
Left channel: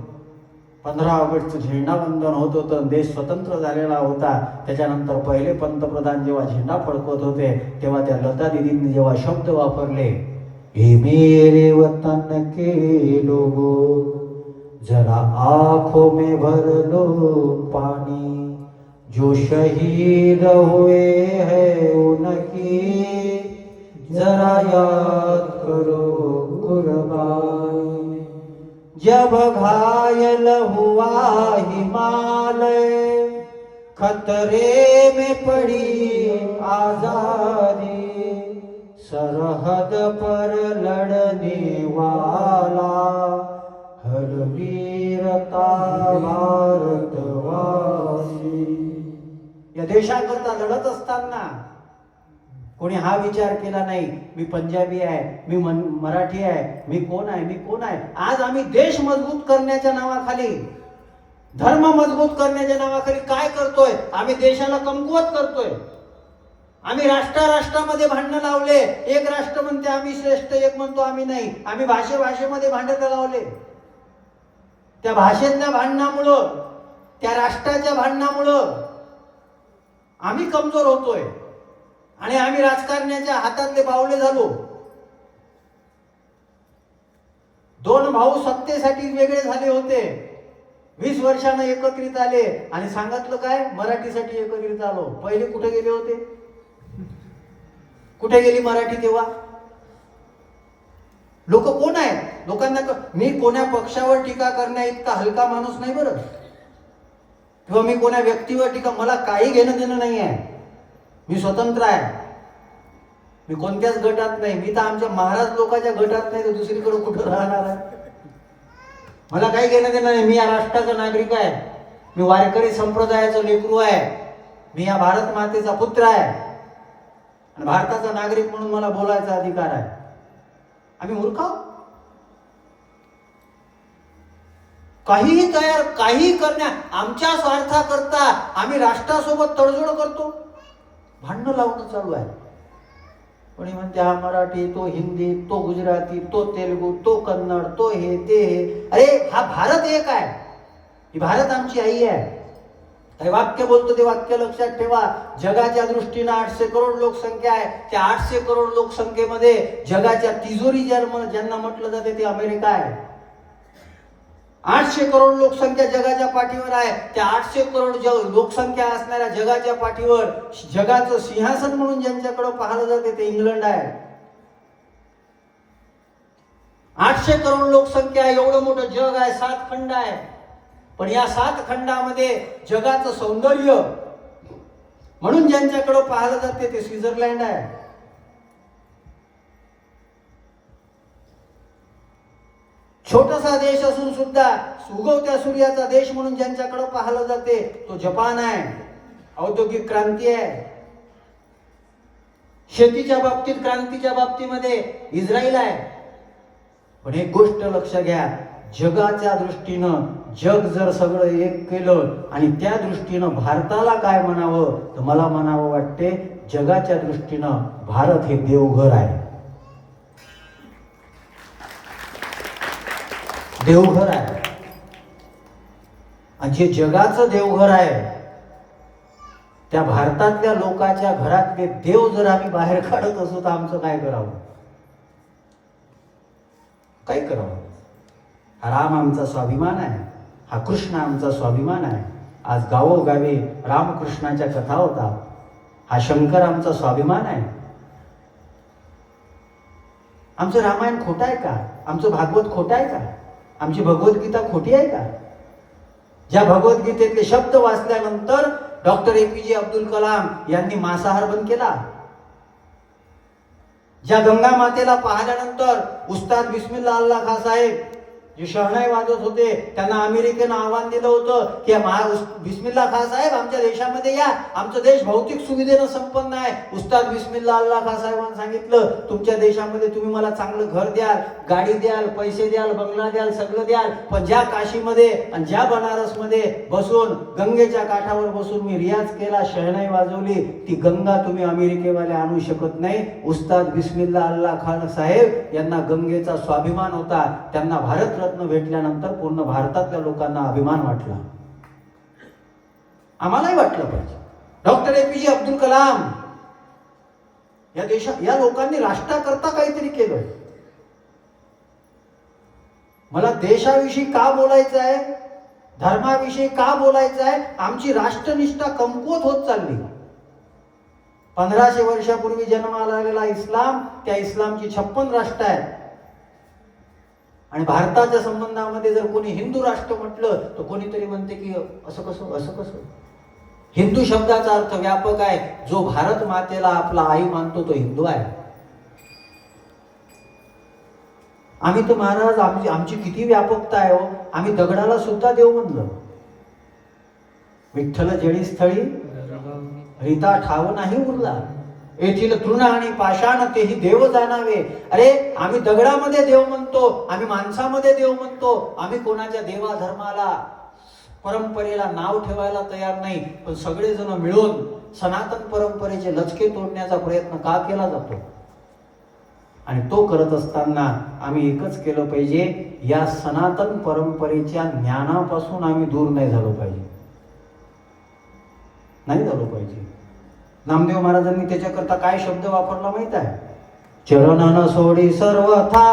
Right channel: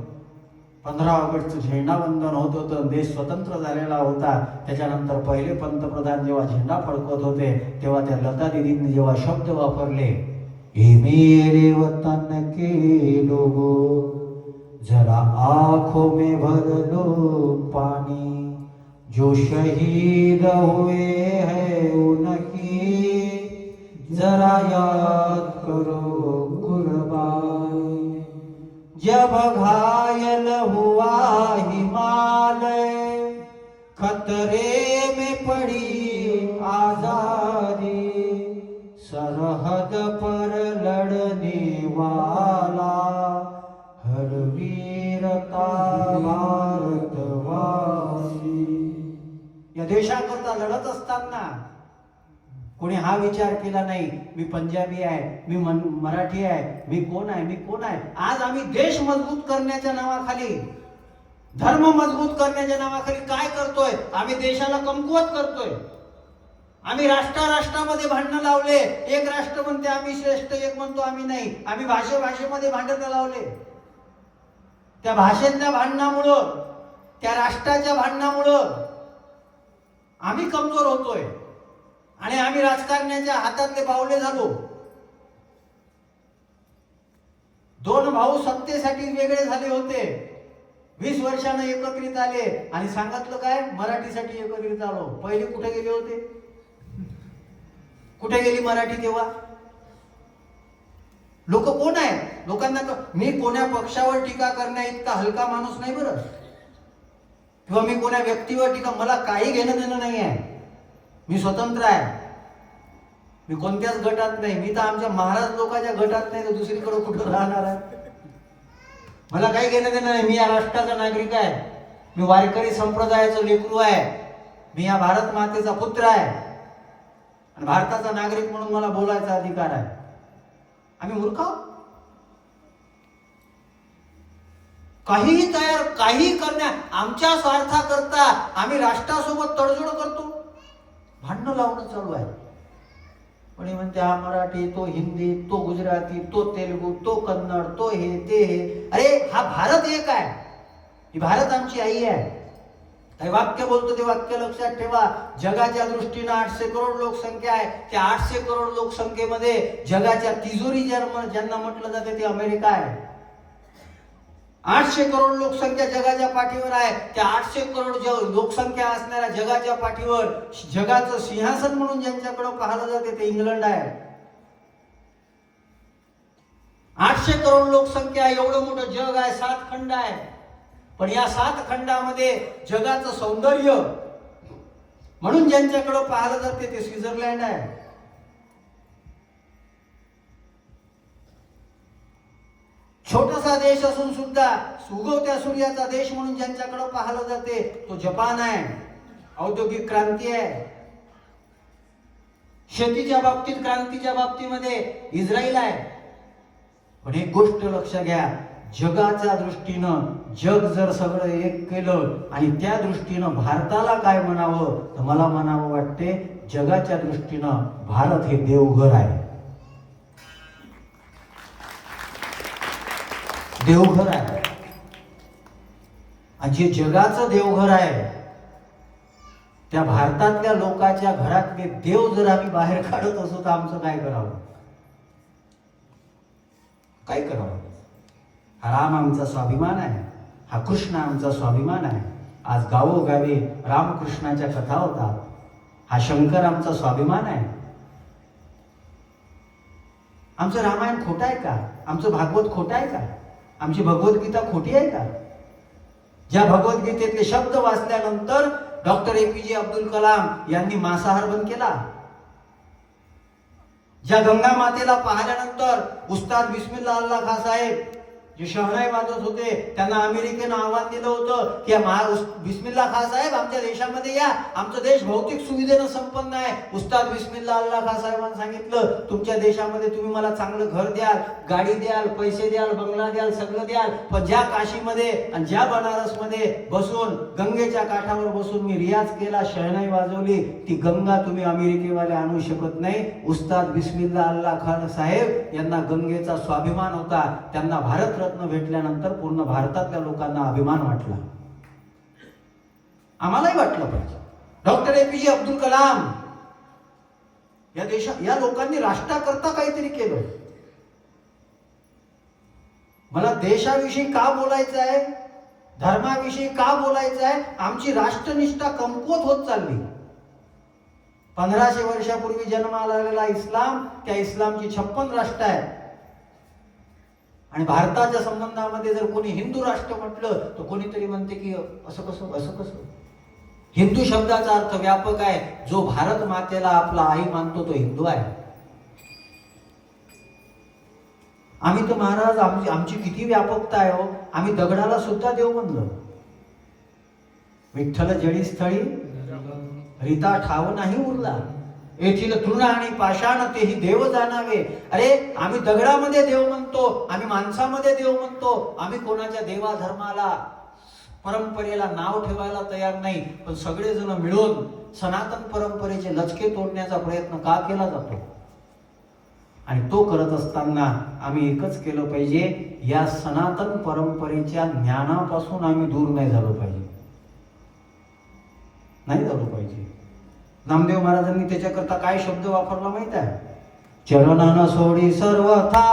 15 ऑगस्टचं झेंडावंदन होत होतं, देश स्वतंत्र झालेला होता, त्याच्यानंतर पहिले पंतप्रधान जेव्हा झेंडा फडकवत होते, तेव्हा त्या लता दिदींनी जेव्हा शब्द वापरले, हे मेरे वतन के लोगों, जरा आंखों में भर लो पानी, जो शहीद हुए हैं उनकी जरा याद करो कुर्बानी. जब घायल हुआ हिमालय, खतरे में पड़ी आजादी, सरहद पर लड़ने वाला हर वीरता भारतवासी. या देशाकरता लढत असताना कोणी हा विचार केला नाही, मी पंजाबी आहे, मी मराठी आहे, मी कोण आहे, मी कोण आहे. आज आम्ही देश मजबूत करण्याच्या नावाखाली, धर्म मजबूत करण्याच्या नावाखाली काय करतोय? आम्ही देशाला कमकुवत करतोय. आम्ही राष्ट्रामध्ये भांडणं लावले. एक राष्ट्र म्हणते आम्ही श्रेष्ठ, एक म्हणतो आम्ही नाही. आम्ही भाषेमध्ये भांडणं लावले. त्या भाषेतल्या भांडणामुळं, त्या राष्ट्राच्या भांडणामुळं आम्ही कमजोर होतोय, आणि आम्ही राजकारण्याच्या हातातले बावले झालो. 2 भाऊ सत्तेसाठी वेगळे झाले होते, 20 वर्षानं एकत्रित आले, आणि सांगितलं काय? मराठीसाठी एकत्रित आलो. पहिले कुठे गेले होते? कुठे गेली मराठी तेव्हा? लोक कोण आहेत? लोकांना मी कोण्या पक्षावर टीका करण्या इतका हलका माणूस नाही बरं, किंवा मी कोण्या व्यक्तीवर टीका, मला काही घेणं देणं नाही आहे. मी स्वतंत्र आहे. मी कोणत्याच गटात नाही. मी तर आमच्या महाराज लोकांच्या गटात नाही, तर दुसरीकडे कुठं राहणार आहे? मला काही घेणं देणं नाही. मी या राष्ट्राचा नागरिक आहे. मी वारकरी संप्रदायाचं लेकरू आहे. मी या भारत मातेचा पुत्र आहे आणि भारताचा नागरिक म्हणून मला बोलायचा अधिकार आहे. आम्ही मूर्ख आहोत? काहीही तयार, काही करण्या आमच्या स्वार्थाकरता आम्ही राष्ट्रासोबत तडजोड करतो. भांडणं लावणं चालू आहे. कोणी म्हणते हा मराठी, तो हिंदी, तो गुजराती, तो तेलुगू, तो कन्नड, तो हे ते हे. अरे हा भारत एक आहे. ही भारत आमची आई आहे. काही वाक्य बोलतो ते वाक्य लक्षात ठेवा. जगाच्या दृष्टीनं 800 करोड लोकसंख्या आहे. त्या 800 करोड लोकसंख्येमध्ये जगाच्या तिजोरी ज्यांना म्हटलं जाते ते अमेरिका आहे. 800 करोड लोकसंख्या जगाच्या पाठीवर आहे. त्या 800 करोड लोकसंख्या असणाऱ्या जगाच्या पाठीवर जगाचं सिंहासन म्हणून ज्यांच्याकडे पाहिलं जाते ते इंग्लंड आहे. 800 करोड लोकसंख्या, एवढं मोठं जग आहे, 7 खंड आहे. पण या 7 खंडामध्ये जगाचं सौंदर्य म्हणून ज्यांच्याकडे पाहिलं जाते ते स्वित्झर्लंड आहे. छोटासा देश असून सुद्धा उगवत्या सूर्याचा देश म्हणून ज्यांच्याकडे पाहिलं जाते तो जपान आहे. औद्योगिक क्रांती आहे. शेतीच्या बाबतीत, क्रांतीच्या बाबतीमध्ये इस्रायल आहे. पण एक गोष्ट लक्ष घ्या, जगाच्या दृष्टीनं जग जर सगळं एक केलं आणि त्या दृष्टीनं भारताला काय म्हणावं, तर मला म्हणावं वाटते जगाच्या दृष्टीनं भारत हे देवघर आहे. देवघर आहे. आणि जे जगाचं देवघर आहे त्या भारतातल्या लोकांच्या घरातले देव जर आम्ही बाहेर काढत असू तर आमचं काय करावं? काय करावं? हा राम आमचा स्वाभिमान आहे. हा कृष्ण आमचा स्वाभिमान आहे. आज गावोगावी रामकृष्णाच्या कथा होतात. हा शंकर आमचा स्वाभिमान आहे. आमचं रामायण खोटं आहे का? आमचं भागवत खोटं आहे का? आमची भगवद्गीता खोटी आहे का? ज्या भगवद्गीतेतले शब्द वाचल्यानंतर डॉक्टर APJ अब्दुल कलाम यांनी मांसाहार बंद केला. ज्या गंगा मातेला पाहिल्यानंतर उस्ताद बिस्मिल्ला अल्लाह खान साहेब जे शहनाई वाजत होते त्यांना अमेरिकेनं आव्हान दिलं होतं की बिस्मिल्ला खान साहेब आमच्या देशामध्ये या, आमचा देश भौतिक सुविधेनं संपन्न आहे. उस्ताद बिस्मिल्ला अल्लाह खान साहेबांनी सांगितलं तुमच्या देशामध्ये तुम्ही मला चांगलं घर द्याल, गाडी द्याल, पैसे द्याल, बंगला द्याल, सगळं द्याल, पण ज्या काशीमध्ये आणि ज्या बनारसमध्ये बसून गंगेच्या काठावर बसून मी रियाज केला, शहनाई वाजवली, ती गंगा तुम्ही अमेरिकेवाले आणू शकत नाही. उस्ताद बिस्मिल्ला अल्लाह खान साहेब यांना गंगेचा स्वाभिमान होता. त्यांना भारत भेटल्यानंतर पूर्ण भारतातल्या लोकांना अभिमान वाटला. आम्हालाही वाटलं पाहिजे. डॉक्टर APJ अब्दुल कलाम या लोकांनी राष्ट्राकरता काहीतरी केलं. मला देशाविषयी का बोलायचं आहे, धर्माविषयी का बोलायचं आहे? आमची राष्ट्रनिष्ठा कमकुवत होत चालली. 1500 वर्षापूर्वी जन्माला आलेला इस्लाम, त्या इस्लामची 56 राष्ट्र आहेत. आणि भारताच्या संबंधामध्ये जर कोणी हिंदू राष्ट्र म्हटलं तर कोणीतरी म्हणते की असं कसं, असं कसं. हिंदू शब्दाचा अर्थ व्यापक आहे. जो भारत मातेला आपला आई मानतो तो हिंदू आहे. आम्ही तर महाराज आमची किती व्यापकता आहे हो. आम्ही दगडाला सुद्धा देव म्हणलं. विठ्ठल जळी स्थळी रीता ठाव नाही उरला, येथील तृण आणि पाषाण तेही देव जाणावे. अरे आम्ही दगडामध्ये देव म्हणतो, आम्ही माणसामध्ये देव म्हणतो. आम्ही कोणाच्या देवा धर्माला, परंपरेला नाव ठेवायला तयार नाही. पण सगळेजण मिळून सनातन परंपरेचे लचके तोडण्याचा प्रयत्न का केला जातो? आणि तो करत असताना आम्ही एकच केलं पाहिजे, या सनातन परंपरेच्या ज्ञानापासून आम्ही दूर नाही झालो पाहिजे. नाही झालो पाहिजे. नामदेव महाराजांनी त्याच्याकरता काय शब्द वापरला माहित आहे? चरणन सोडी सर्वथा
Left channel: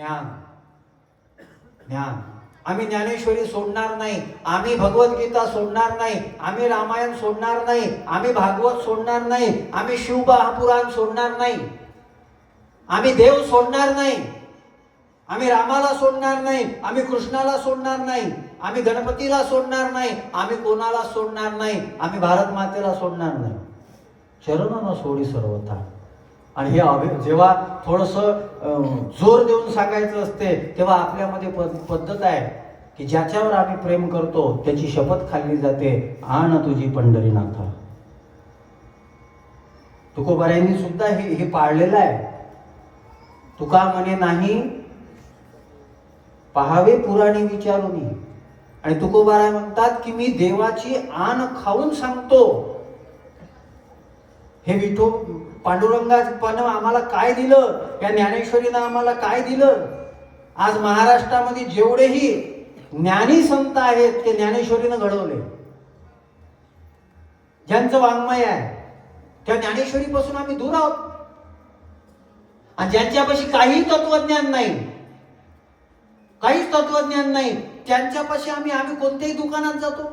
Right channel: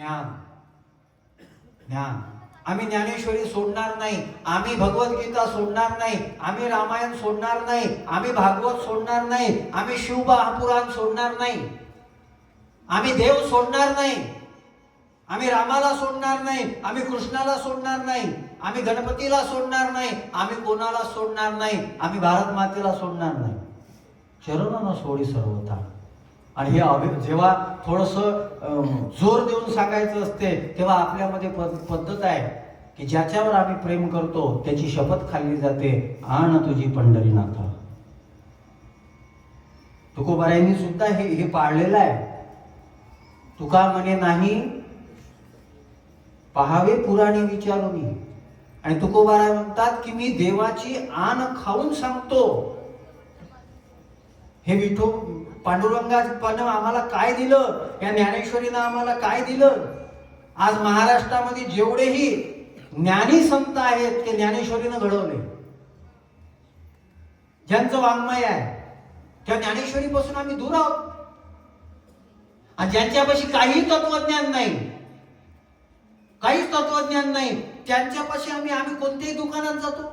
ज्ञान ज्ञान. आम्ही ज्ञानेश्वरी सोडणार नाही, आम्ही भगवद्गीता सोडणार नाही, आम्ही रामायण सोडणार नाही, आम्ही भागवत सोडणार नाही, आम्ही शिवपुराण सोडणार नाही, आम्ही देव सोडणार नाही, आम्ही रामाला सोडणार नाही, आम्ही कृष्णाला सोडणार नाही, आम्ही गणपतीला सोडणार नाही, आम्ही कोणाला सोडणार नाही, आम्ही भारत मातेला सोडणार नाही. चरण सोडी सर्वथा. आणि हे जेव्हा थोडंसं जोर देऊन सांगायचं असते तेव्हा आपल्यामध्ये पद्धत आहे की ज्याच्यावर आम्ही प्रेम करतो त्याची शपथ खाल्ली जाते, आण तुझी पंढरीनाथ. तुकोबारायांनी सुद्धा हे पाळलेलं आहे. तुका म्हणे नाही पाहावे पुराणे विचारून. आणि तुकोबाराय म्हणतात की मी देवाची आण खाऊन सांगतो. हे विठो पांडुरंगानं आम्हाला काय दिलं, या ज्ञानेश्वरीनं आम्हाला काय दिलं. आज महाराष्ट्रामध्ये जेवढेही ज्ञानी संत आहेत ते ज्ञानेश्वरीनं घडवले. ज्यांचं वाङ्मय आहे त्या ज्ञानेश्वरीपासून आम्ही दूर आहोत. आणि ज्यांच्यापाशी काही तत्वज्ञान नाही, काहीच तत्वज्ञान नाही, त्यांच्यापाशी आम्ही कोणत्याही दुकानात जातो.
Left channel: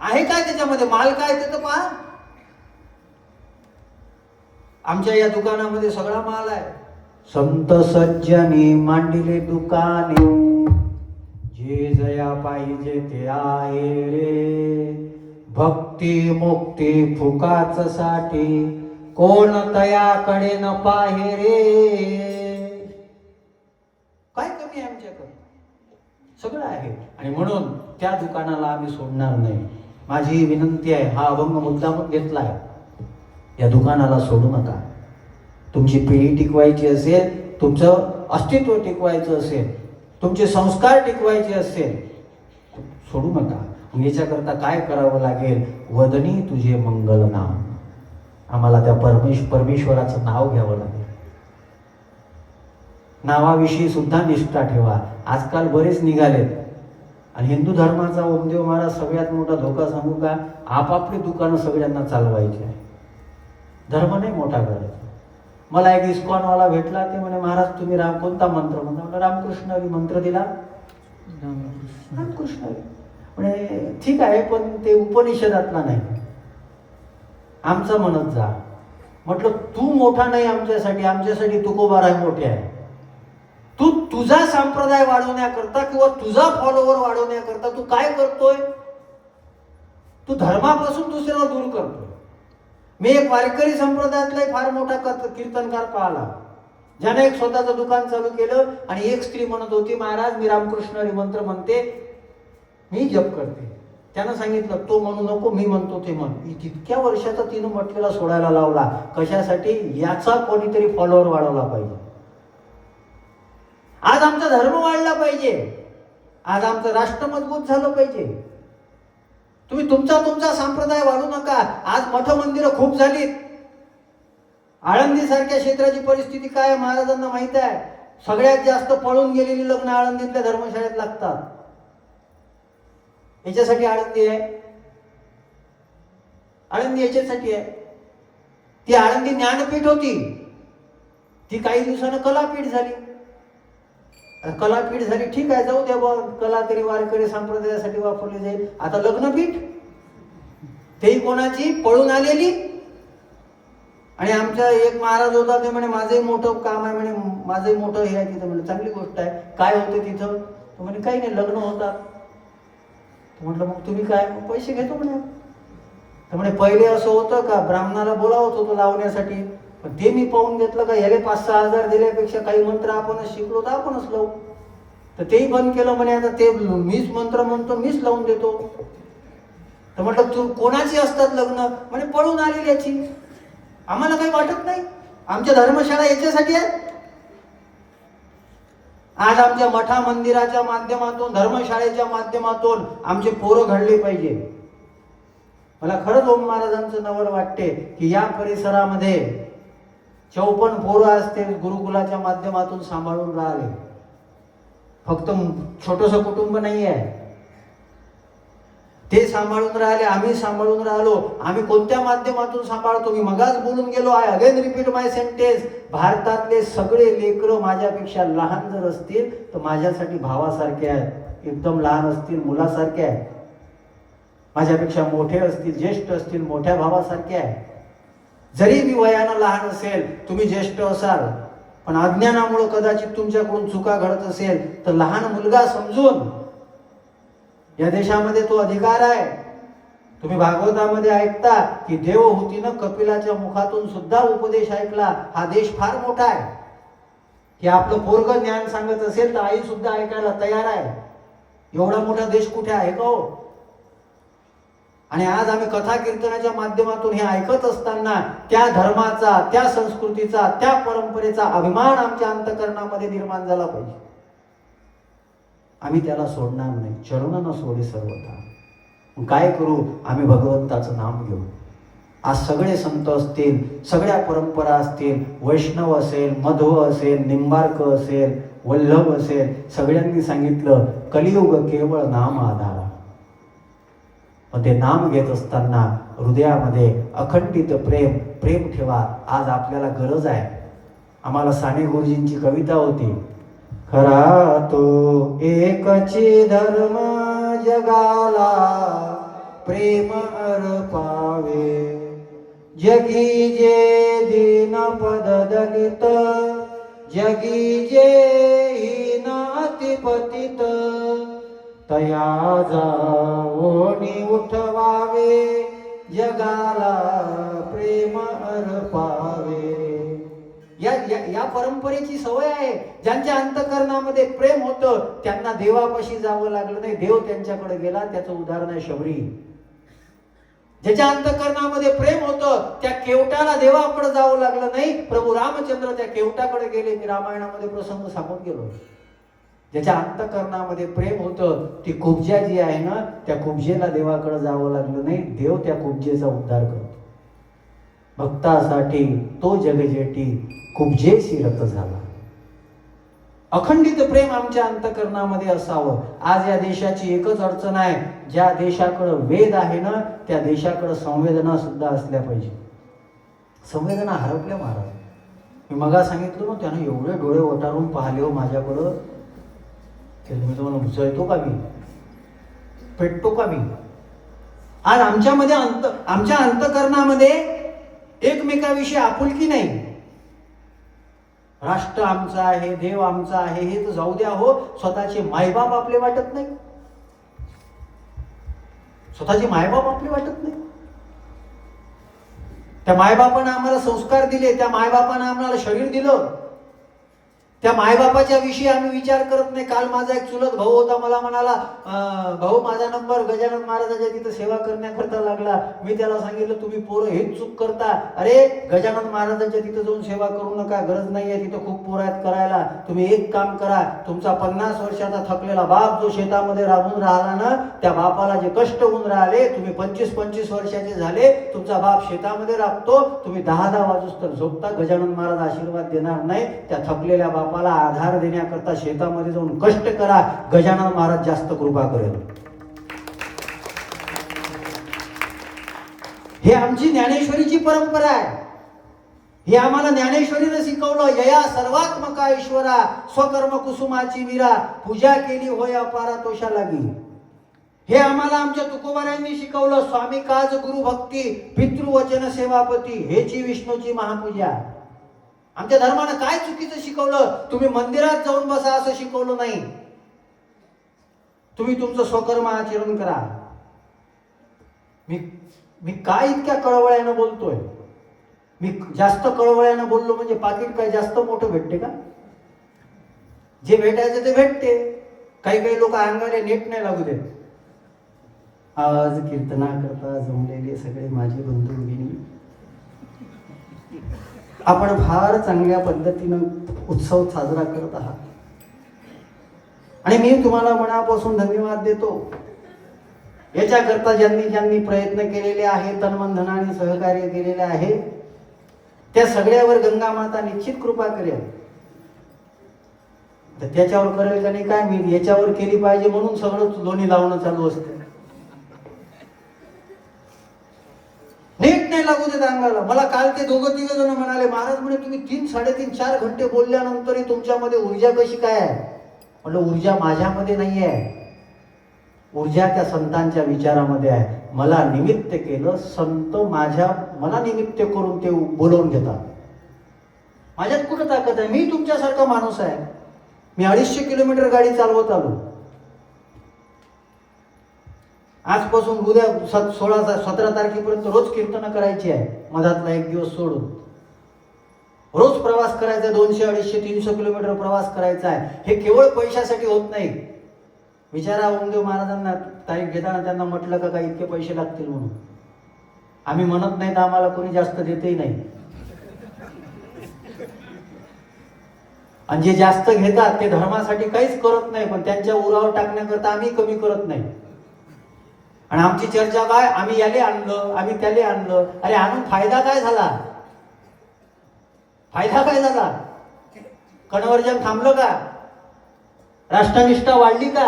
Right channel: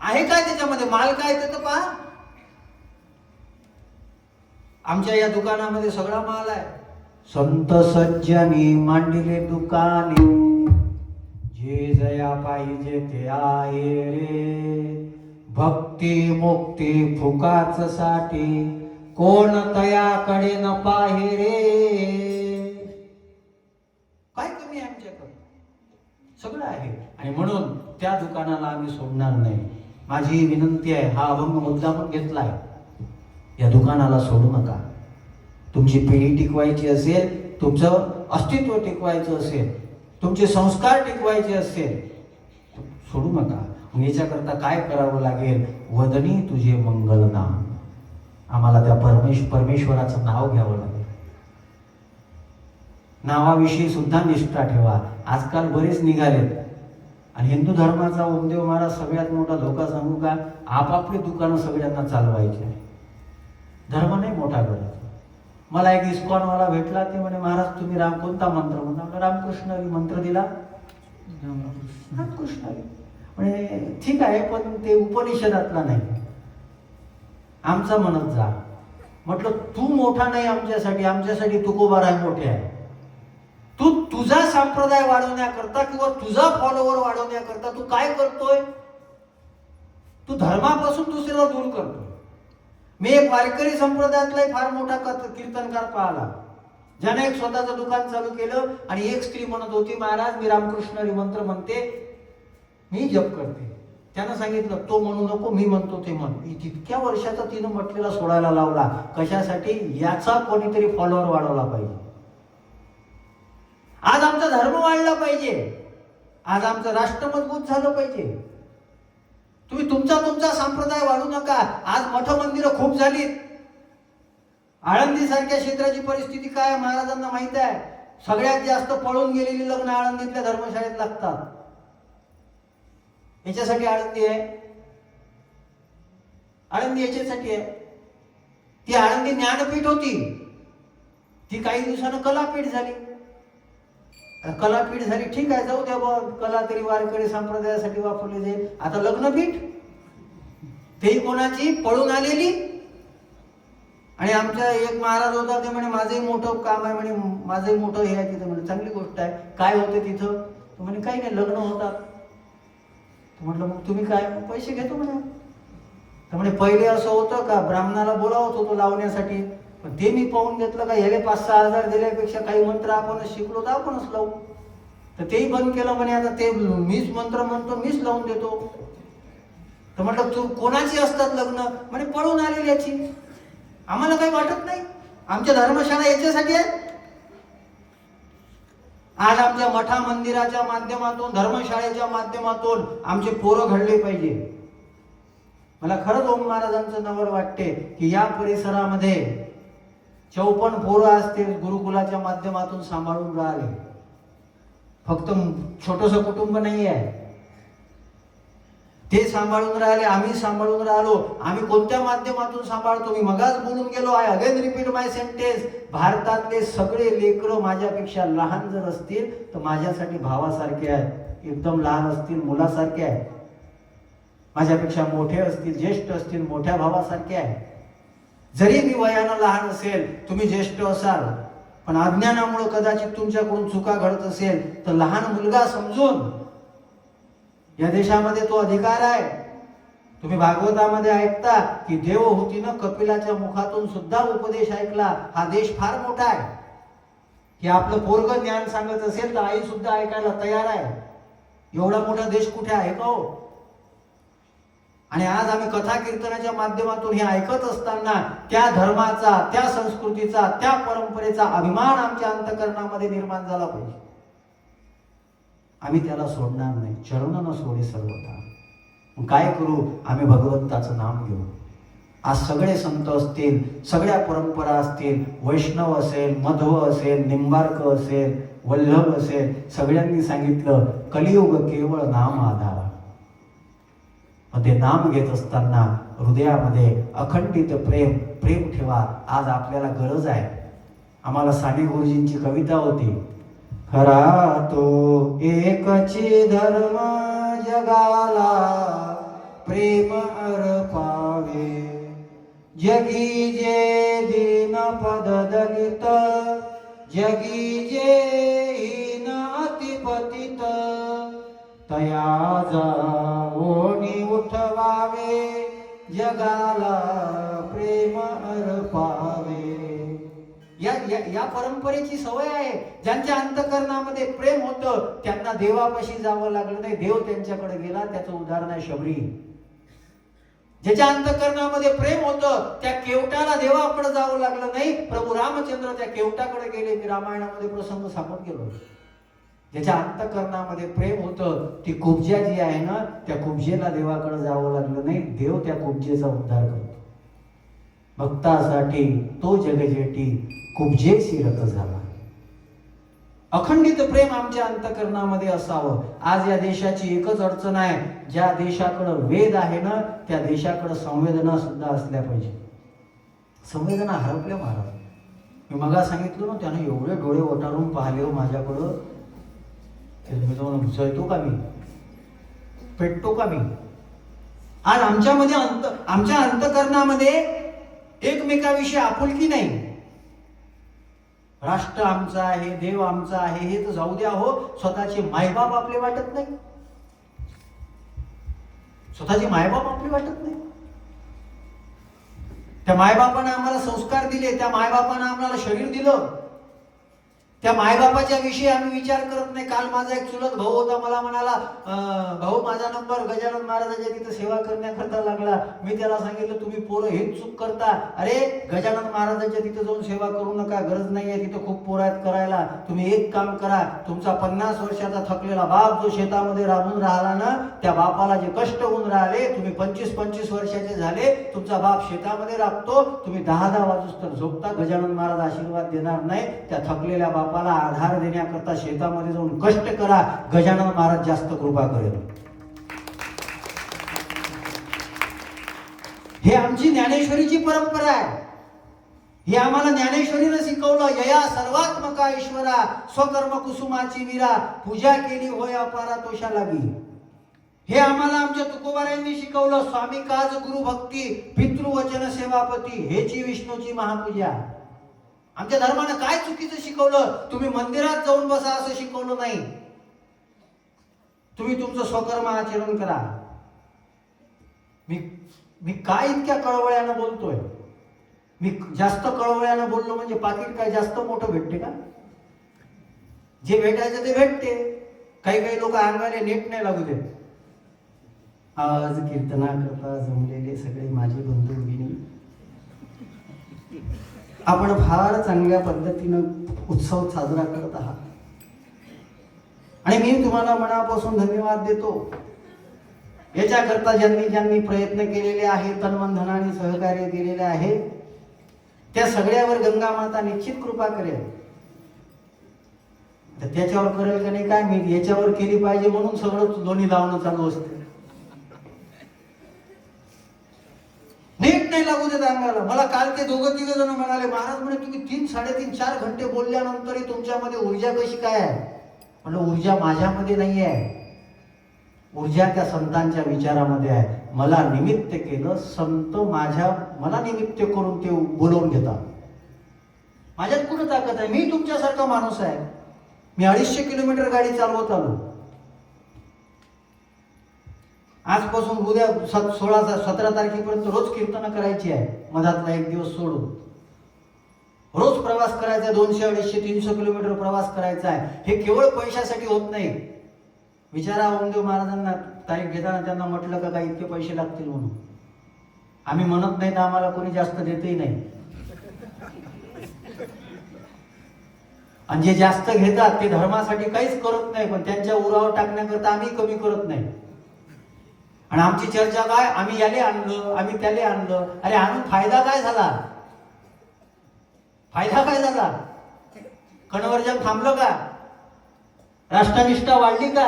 आहे काय त्याच्यामध्ये, माल काय ते तर पहा. आमच्या या दुकानामध्ये सगळा माल आहे. संत सज्जनी मांडिले दुकाने, जे जया पाहिजे ते आहे रे. भक्ती मुक्ती फुकाच साठी, कोण तयाकडे न पाहे रे. काय कमी आहे आमच्याकडे, सगळं आहे. आणि म्हणून त्या दुकानाला आम्ही सोडणार नाही. माझी विनंती आहे, हा अभंग मुद्दामून घेतलाय, या दुकानाला सोडू नका. तुमची पिढी टिकवायची असेल, तुमचं अस्तित्व टिकवायचं असेल, तुमचे संस्कार टिकवायचे असेल, सोडू नका. मग याच्याकरता काय करावं लागेल, वदनी तुझे मंगल नाम. आम्हाला त्या परमेश्वराचं नाव घ्यावं लागेल. नावाविषयी सुद्धा निष्ठा ठेवा. आजकाल बरेच निघालेत. आणि हिंदू धर्माचा ओमदेव महाराज सगळ्यात मोठा धोका सांगू का, आपापली दुकानं सगळ्यांना चालवायची आहे. धर्म नाही मोठा करायचा. मला एक इस्कॉनवाला भेटला, ते म्हणे महाराज तुम्ही कोणता मंत्र म्हणता. रामकृष्ण हरी मंत्र दिला. रामकृष्ण हरी म्हणजे ठीक आहे, पण ते उपनिषदातला नाही, आमचं म्हणत जा. म्हटलं तू मोठा नाही आमच्यासाठी, आमच्यासाठी तुकोबाराय मोठे आहे. तू तुझा संप्रदाय वाढवण्याकरता किंवा तुझा फॉलोवर वाढवण्याकरता तू काय करतोय, तू धर्मापासून दुसऱ्याला दूर करतोय. मी एक वारकरी संप्रदायातला फार मोठा कीर्तनकार पाहिला, ज्याने एक स्वतःचं दुकान चालू केलं. आणि एक स्त्री म्हणत होती, महाराज मी रामकृष्ण हरी मंत्र म्हणते, मी जप करते. त्यानं सांगितलं तो म्हणू नको, मी म्हणतो ते म्हण. तितक्या वर्षाचा तिनं म्हटलेला सोडायला लावला. कशासाठी, याचा कोणीतरी फॉलोअर वाढवला पाहिजे. आज आमचा धर्म वाढला पाहिजे, आज आमचं राष्ट्र मजबूत झालं पाहिजे. तुम्ही तुमचा संप्रदाय वाढू नका. आज मठ मंदिरं खूप झालीत. आळंदी सारख्या क्षेत्राची परिस्थिती काय महाराजांना माहित आहे. सगळ्यात जास्त पळून गेलेली लग्न आळंदीतल्या धर्मशाळेत लागतात. याच्यासाठी आळंदी आहे, आळंदी याच्यासाठी आहे. ती आळंदी ज्ञानपीठ होती, ती काही दिवसानं कलापीठ झाली. कलापीठ झाली, ठीक आहे, जाऊ द्या बघ, कला तरी वारकरी संप्रदायासाठी वापरली जाईल. आता लग्नपीठ, तेही कोणाची, पळून आलेली. आणि आमचा एक महाराज होता, ते म्हणे माझंही मोठं काम आहे, म्हणे माझंही मोठं हे आहे तिथं. म्हणजे चांगली गोष्ट आहे. काय होतं तिथं, तो म्हणे काही नाही, लग्न होतात. म्हटलं मग तुम्ही काय, पैसे घेतो म्हणे. तर म्हणे पहिले असं होतं का, ब्राह्मणाला बोलावत होतो लावण्यासाठी, पण ते मी पाहून घेतलं का याले 5-6 हजार दिल्यापेक्षा काही मंत्र आपणच शिकलो तर आपणच लावू. तर तेही बंद केलं म्हणे. आता ते मीच मंत्र म्हणतो, मीच लावून देतो. तर म्हटलं तू कोणाची असतात लग्न, म्हणे पळून आलेली याची. आम्हाला काही वाटत नाही, आमच्या धर्मशाळा याच्यासाठी आहेत. आज आमच्या मठा मंदिराच्या माध्यमातून, धर्मशाळेच्या माध्यमातून आमचे पोरं घडले पाहिजे. मला खरंच ओम महाराजांचं नवल वाटते की या परिसरामध्ये 54 पोरं असते गुरुकुलाच्या माध्यमातून सांभाळून राहिले. फक्त छोटंसं कुटुंब नाही आहे. ते सांभाळून राहिले, आम्ही सांभाळून राहिलो. आम्ही कोणत्या माध्यमातून सांभाळतो? मी मगाच बोलून गेलो, I again repeat my sentence. भारतातले सगळे लेकरं माझ्यापेक्षा लहान जर असतील तर माझ्यासाठी भावासारखे आहेत. एकदम लहान असतील मुलासारखे आहेत, माझ्यापेक्षा मोठे असतील ज्येष्ठ असतील मोठ्या भावासारखे आहे. जरी मी वयानं लहान असेल, तुम्ही ज्येष्ठ असाल, पण अज्ञानामुळे कदाचित तुमच्याकडून चुका घडत असेल तर लहान मुलगा समजून, या देशामध्ये तो अधिकार आहे. तुम्ही भागवतामध्ये ऐकता की देवहूतीनं कपिलाच्या मुखातून सुद्धा उपदेश ऐकला. हा देश फार मोठा आहे की आपलं पोरग ज्ञान सांगत असेल तर आई सुद्धा ऐकायला तयार आहे. एवढा मोठा देश कुठे आहे का हो? आणि आज आम्ही कथा कीर्तनाच्या माध्यमातून हे ऐकत असताना त्या धर्माचा, त्या संस्कृतीचा, त्या परंपरेचा अभिमान आमच्या अंतःकरणामध्ये निर्माण झाला पाहिजे. आम्ही त्याला सोडणार नाही. चरण न सोडे सर्वथा. काय करू? आम्ही भगवंताचं नाम घेऊ. आज सगळे संत असतील, सगळ्या परंपरा असतील, वैष्णव असेल, मध्व असेल, निंबार्क असेल, वल्लभ असेल, सगळ्यांनी सांगितलं कलियुग केवळ नाम आधार. पण ते नाम घेत असताना हृदयामध्ये अखंडित प्रेम ठेवा. आज आपल्याला गरज आहे. आम्हाला साने गुरुजींची कविता होती, खरा तो एकची धर्म जगाला प्रेम अर्पावे. जगी जे दीन पद दलित, जगी जे हीन अतिपतित, तया जाऊनी उठवावे. जगाला प्रेम अर्पावे. या परंपरेची सवय आहे. ज्यांच्या अंतःकरणामध्ये प्रेम होतं त्यांना देवापाशी जावं लागलं नाही, देव त्यांच्याकडे गेला. त्याचं उदाहरण आहे शबरी. ज्याच्या अंतःकरणामध्ये प्रेम होतं त्या केवटाला देवाकडे जावं लागलं नाही, प्रभू रामचंद्र त्या केवटाकडे गेले. की रामायणामध्ये प्रसंग सापडून गेलो. ज्याच्या अंतःकरणामध्ये प्रेम होतं ती कुब्जा जी आहे ना, त्या कुब्जेला देवाकडे जावं लागलं नाही, देव त्या कुब्जेचा उद्धार करतो. भक्तासाठी तो जगजेटी कुब्जेशी रत झाला. अखंडित प्रेम आमच्या अंतःकरणामध्ये असावं. आज या देशाची एकच अडचण आहे, ज्या देशाकडे वेद आहे ना त्या देशाकडे संवेदना सुद्धा असल्या पाहिजे. संवेदना हरपल्या महाराज. मी मगा सांगितलं ना, त्यानं एवढे डोळे ओटारून पाहिले हो माझ्याकडं की तुम्ही तुम्हाला घुसळतो का मी, पेटतो का मी. आज आमच्यामध्ये आमच्या अंतःकरणामध्ये एकमेकाविषयी आपुलकी नाही. राष्ट्र आमचं आहे, देव आमचा आहे हे तर जाऊ द्या हो, स्वतःचे मायबाप आपले वाटत नाही. स्वतःचे मायबाप आपले वाटत नाही. त्या मायबापानं आम्हाला संस्कार दिले, त्या मायबापानं आम्हाला शरीर दिलं, त्या मायबापाच्या विषयी आम्ही विचार करत नाही. काल माझा एक चुलत भाऊ होता, मला म्हणाला भाऊ माझा नंबर गजानन महाराजांच्या तिथं सेवा करण्याकरता लागला. मी त्याला सांगितलं तुम्ही पोरं हेच चूक करता. अरे गजानन महाराजांच्या तिथं जाऊन सेवा करू नका, गरज नाहीये, तिथं खूप पोरं आहेत करायला. तुम्ही एक काम करा, तुमचा 50 वर्षाचा थकलेला बाप जो शेतामध्ये राबून राहिला ना, त्या बापाला जे कष्ट होऊन राहिले, तुम्ही 25-25 वर्षाचे झाले, तुमचा बाप शेतामध्ये राबतो, तुम्ही 10-10 वाजूस्तर झोपता, गजानन महाराज आशीर्वाद देणार नाही. त्या थकलेल्या बापाला आधार देण्याकरता शेतामध्ये जाऊन कष्ट करा, गजानन महाराज जास्त कृपा करेल. हे आमची ज्ञानेश्वरीची परंपरा आहे. हे आम्हाला ज्ञानेश्वरीनं शिकवलं. यया सर्वात्मका ईश्वरा स्वकर्म कुसुमाची वीरा, पूजा केली होय अपारा तोषा लागी. हे आम्हाला आमच्या तुकोबारायांनी शिकवलं. स्वामी काज गुरु भक्ती पितृवचन सेवापती, हेची विष्णूची महापूजा. आमच्या धर्मानं काय चुकीचं शिकवलं? तुम्ही मंदिरात जाऊन बसा असं शिकवलं नाही. तुम्ही तुमचं स्वकर्म आचरण करा. मी काय इतक्या कळवळ्यानं बोलतोय? मी जास्त कळवळ्यानं बोललो म्हणजे पाकिट काय जास्त मोठं भेटते का? जे भेटायचं ते भेटते. काही लोक अंगाने नेट नाही लागू देत. आज कीर्तनाकरता जमलेले सगळे माझे बंधू भगिनी, आपण फार चांगल्या पद्धतीनं उत्सव साजरा करत आहात आणि मी तुम्हाला मनापासून धन्यवाद देतो. याच्याकरता ज्यांनी प्रयत्न केलेले आहे, तन धनाने सहकार्य केलेले आहे, त्या सगळ्यावर गंगा माता निश्चित कृपा करेल. तर त्याच्यावर करेल का नाही काय मी, याच्यावर केली पाहिजे म्हणून सगळं दोन्ही लावणं चालू असते. नाही लागू देत अंगाला. मला काल ते दोघं तिघ जण म्हणाले, महाराज म्हणे तुम्ही 3, 3.5, 4 घंटे बोलल्यानंतरही तुमच्यामध्ये ऊर्जा कशी काय आहे? म्हटलं ऊर्जा माझ्यामध्ये नाही आहे, ऊर्जा त्या संतांच्या विचारामध्ये आहे. मला निमित्त केलं, संत मला निमित्त करून ते बोलवून घेतात. माझ्यात कुठं ताकद आहे? मी तुमच्यासारखा माणूस आहे. मी 250 किलोमीटर गाडी चालवत आलो. आजपासून उद्या 17 तारखेपर्यंत रोज कीर्तन करायची आहे, मधातला एक दिवस सोडून. रोज प्रवास करायचा, 200, 250, 300 किलोमीटर प्रवास करायचा आहे. हे केवळ पैशासाठी होत नाही. विचारा ओमदेव महाराजांना तारीख घेताना त्यांना म्हटलं का काही इतके पैसे लागतील म्हणून. आम्ही म्हणत नाही तर आम्हाला कोणी जास्त देतही नाही. आणि जे जास्त घेतात ते धर्मासाठी काहीच करत नाही, पण त्यांच्या उरावर टाकण्याकरता आम्ही कमी करत नाही. आणि आमची चर्चा काय, आम्ही याले आणलं, आम्ही त्याले आणलं. अरे आणून फायदा काय झाला? फायदा काय झाला? कणवर्जन थांबलं का? राष्ट्रनिष्ठा वाढली का?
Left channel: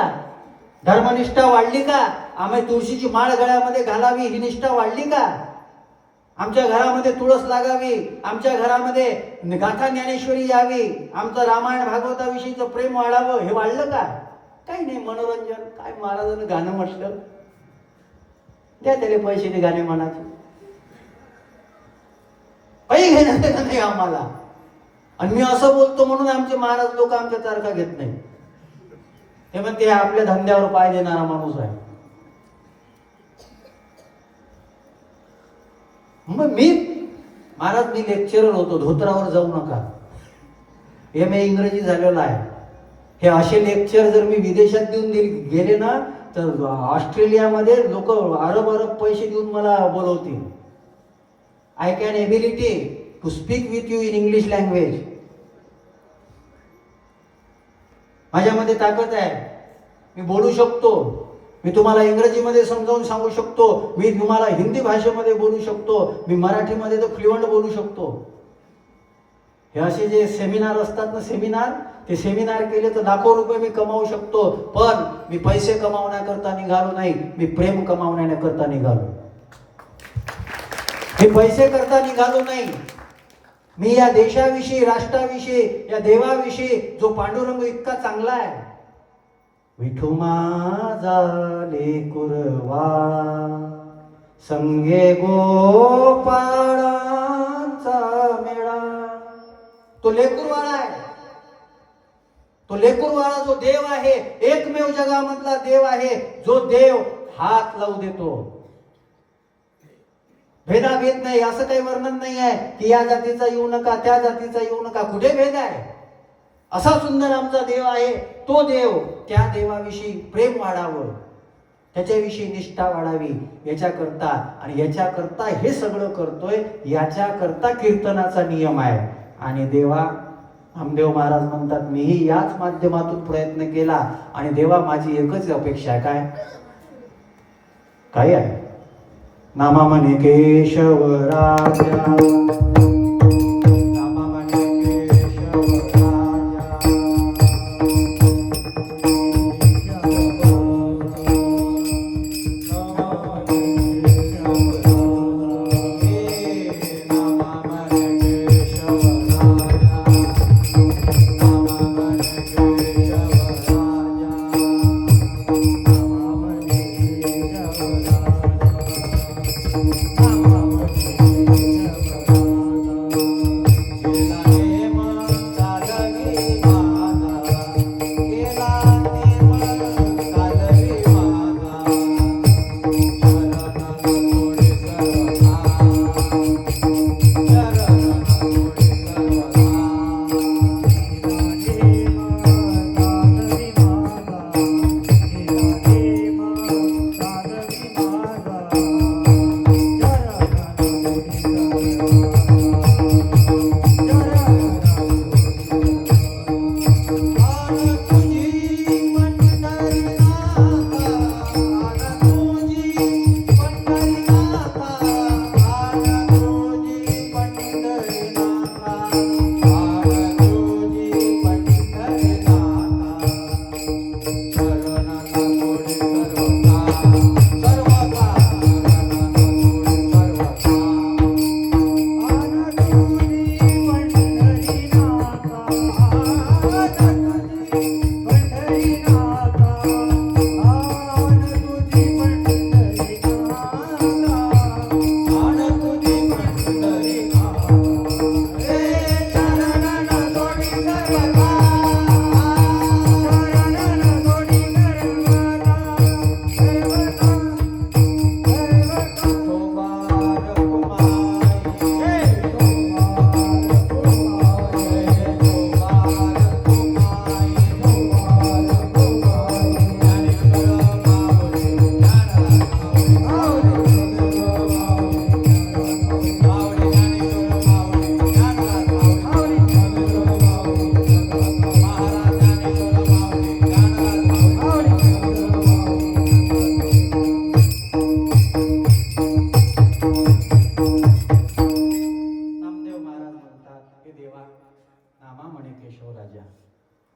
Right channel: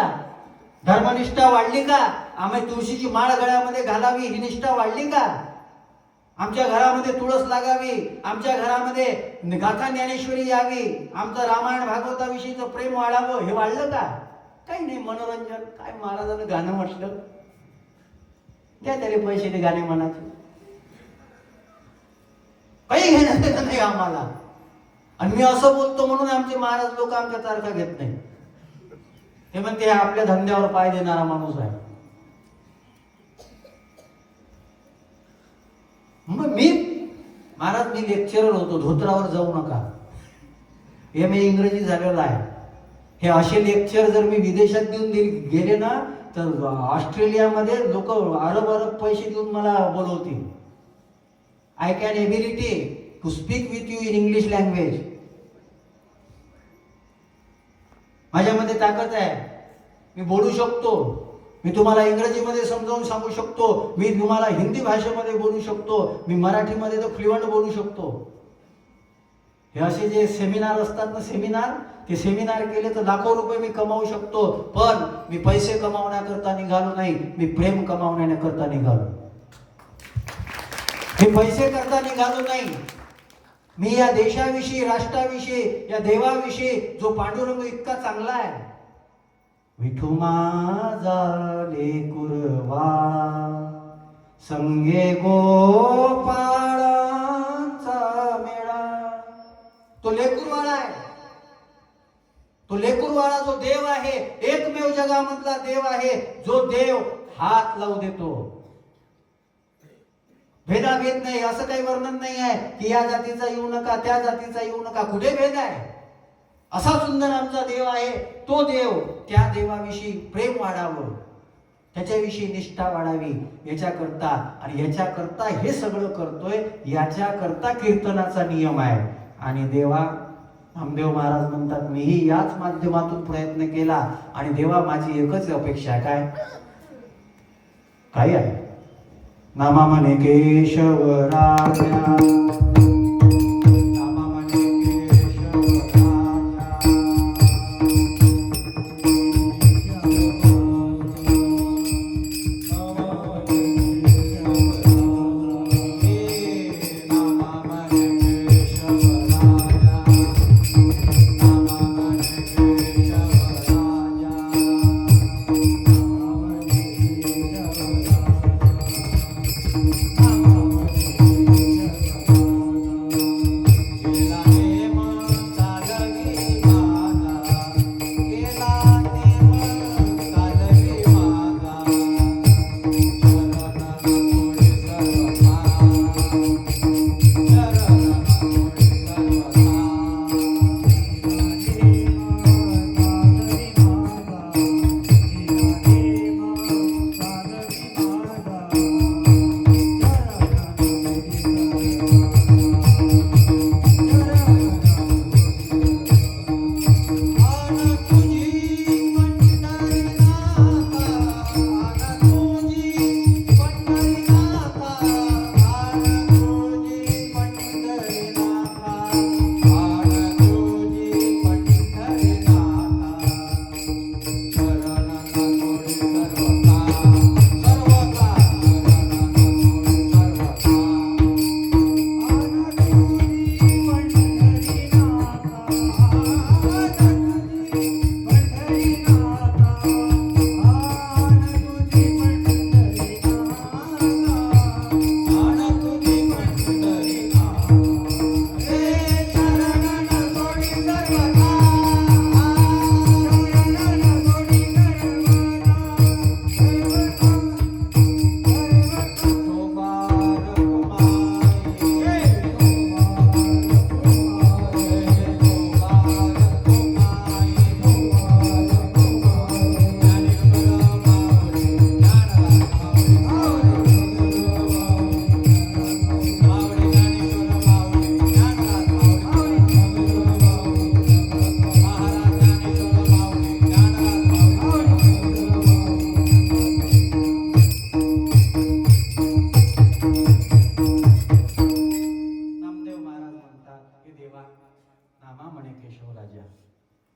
धर्मनिष्ठा वाढली का? आम्ही तुळशीची माळ गळ्यामध्ये घालावी ही निष्ठा वाढली का? आमच्या घरामध्ये तुळस लागावी, आमच्या घरामध्ये गाथा ज्ञानेश्वरी यावी, आमचं रामायण भागवताविषयीचं प्रेम वाढावं, हे वाढलं का? काही नाही. मनोरंजन काय, महाराजांनी गाणं म्हटलं, द्या त्याला पैसे, ते गाणे म्हणायचे. काही घेणं देणं नाही आम्हाला. आणि मी असं बोलतो म्हणून आमचे महाराज लोक आमच्या तारखा घेत नाही. हे म्हणते आपल्या धंद्यावर पाय देणारा माणूस आहे. मग मी लेक्चरर होतो, धोत्रावर जाऊ नका. MA इंग्रजी झालेला आहे. हे असे लेक्चर जर मी विदेशात देऊन गेले ना, तर ऑस्ट्रेलियामध्ये लोक अरब पैसे देऊन मला बोलवतील. I can ability to speak with you in English language. माझ्यामध्ये ताकद आहे. मी बोलू शकतो. मी तुम्हाला इंग्रजीमध्ये समजावून सांगू शकतो. मी तुम्हाला हिंदी भाषेमध्ये बोलू शकतो. मी मराठीमध्ये तर फ्लुएंट बोलू शकतो. हे असे जे सेमिनार असतात ना, ते सेमिनार केले तर लाखो रुपये मी कमावू शकतो. पण मी पैसे कमावण्याकरता निघालो नाही, मी प्रेम कमावण्याकरता निघालो. मी पैसे करता निघालो नाही. मी या देशाविषयी, राष्ट्राविषयी, या देवाविषयी जो पांडुरंग इतका चांगला आहे, विठू माझा लेकुरवाळा संगे गोपाळांचा मेळा, तो लेकुरवाळा आहे. तो लेकुरवाळा जो देव आहे, एकमेव जगामधला देव आहे, जो देव हात लावू देतो. भेदाभेद नाही, असं काही वर्णन नाही आहे की या जातीचा येऊ नका, त्या जातीचा येऊ नका. कुठे भेद आहे? असा सुंदर आमचा देव आहे. तो देव, त्या देवाविषयी प्रेम वाढावं, त्याच्याविषयी निष्ठा वाढावी याच्याकरता, आणि याच्याकरता हे सगळं करतोय. याच्याकरता कीर्तनाचा नियम आहे. आणि देवा, नामदेव महाराज म्हणतात, मीही याच माध्यमातून प्रयत्न केला. आणि देवा, माझी एकच अपेक्षा आहे. काय आहे? नामा म्हणे केशव राजा,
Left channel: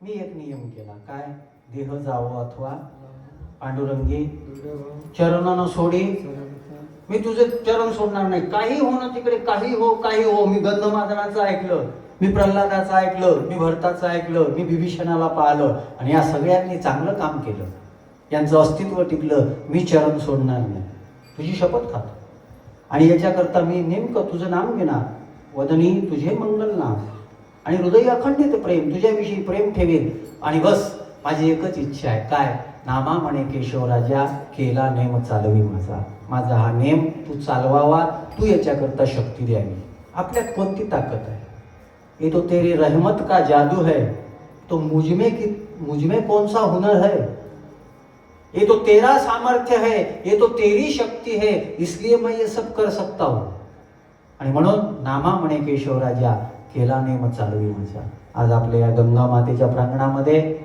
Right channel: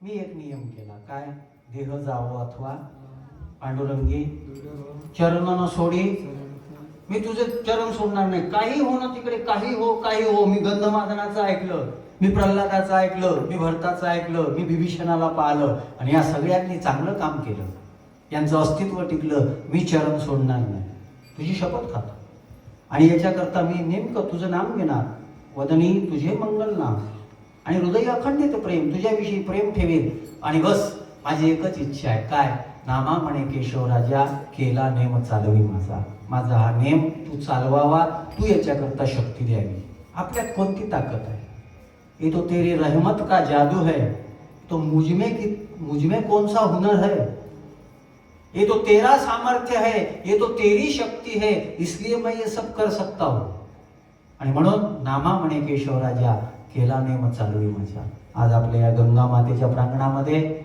मी एक नियम केला, काय? देह जावो अथवा पांडुरंगी चरण न सोडी, मी तुझे चरण सोडणार नाही. काही हो ना तिकडे, काही हो. मी गंधमादनाचं ऐकलं, मी प्रल्हादाचं ऐकलं, मी भरताचं ऐकलं, मी विभीषणाला पाहिलं आणि या सगळ्यांनी चांगलं काम केलं, यांचं अस्तित्व टिकलं. मी चरण सोडणार नाही, तुझी शपथ खातो. आणि याच्याकरता मी नेमकं तुझं नाम घेणार, वदनी तुझे मंगल नाम, आणि हृदय अखंडित प्रेम, तुझ्याविषयी प्रेम ठेवेल. आणि बस माझी एकच इच्छा आहे, काय? नामा म्हणे केशव राजा, केला नेम चालवी माझा. माझा हा नेम तू चालवावा, तू याच्याकरता शक्ती द्यावी. आपल्यात कोणती ताकद आहे? ये तो तेरी रहमत का जादू है, तो मुझमें कौन सा हुनर है? ये तो तेरा सामर्थ्य है, ये तो तेरी शक्ति है, इसलिए मैं ये सब कर सकता हूं. आणि म्हणून नामा म्हणे केशव राजा, केला नेम चालवी माझा. आज आपल्या या गंगा मातेच्या प्रांगणामध्ये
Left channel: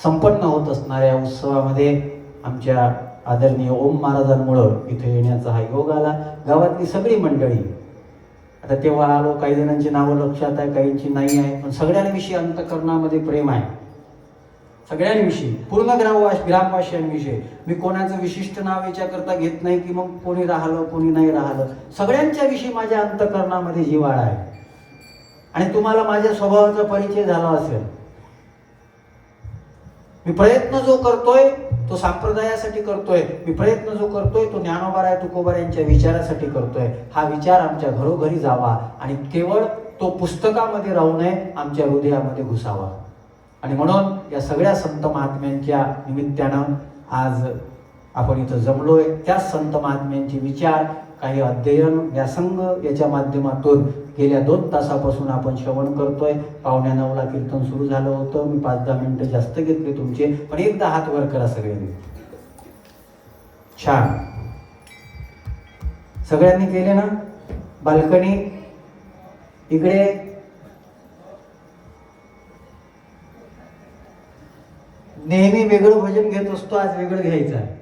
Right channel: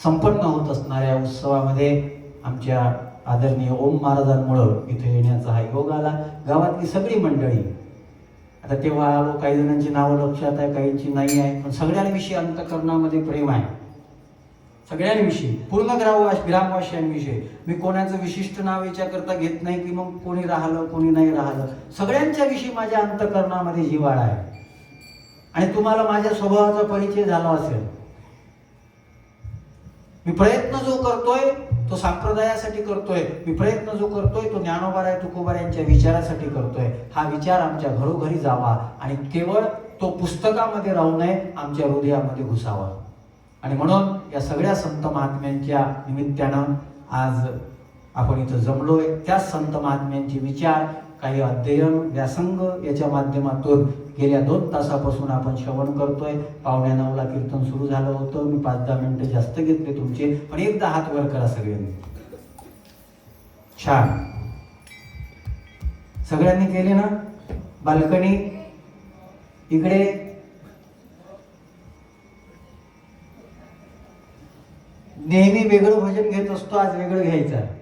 संपन्न होत असणाऱ्या उत्सवामध्ये आमच्या आदरणीय ओम महाराजांमुळं इथे येण्याचा हा योग आला. गावातली सगळी मंडळी, आता तेव्हा आलो, काही जणांची नावं लक्षात आहे, काहींची नाही आहे, पण सगळ्यांविषयी अंतःकरणामध्ये प्रेम आहे. सगळ्यांविषयी, पूर्ण ग्रामवासियांविषयी. मी कोणाचं विशिष्ट नाव याच्याकरता घेत नाही की मग कोणी राहिलं कोणी नाही राहिलं, सगळ्यांच्या विषयी माझ्या अंतःकरणामध्ये जिव्हाळा आहे. आणि तुम्हाला माझ्या स्वभावाचा परिचय झाला असेल. मी प्रयत्न जो करतोय तो संप्रदायासाठी करतोय, मी प्रयत्न जो करतोय तो ज्ञानोबाराय तुकोबार यांच्या विचारासाठी करतोय. हा विचार आमच्या घरोघरी जावा आणि केवळ तो पुस्तकामध्ये राहू नये, आमच्या हृदयामध्ये घुसावा. आणि म्हणून या सगळ्या संत महात्म्यांच्या निमित्तानं आज आपण इथं जमलोय. त्या संत महात्म्यांचे विचार, काही अध्ययन, व्यासंग याच्या माध्यमातून गेल्या 2 तासापासून आपण श्रवण करतोय. 8:45ला कीर्तन सुरू झालं होतं. मी 5-10 मिनिटं जास्त घेतले तुमचे, पण एकदा हात वर करा सगळ्यांनी. छान, सगळ्यांनी केले ना? बाल्कनी इकडे, नेहमी वेगळं भजन घेत असतो, आज वेगळं घ्यायचं आहे.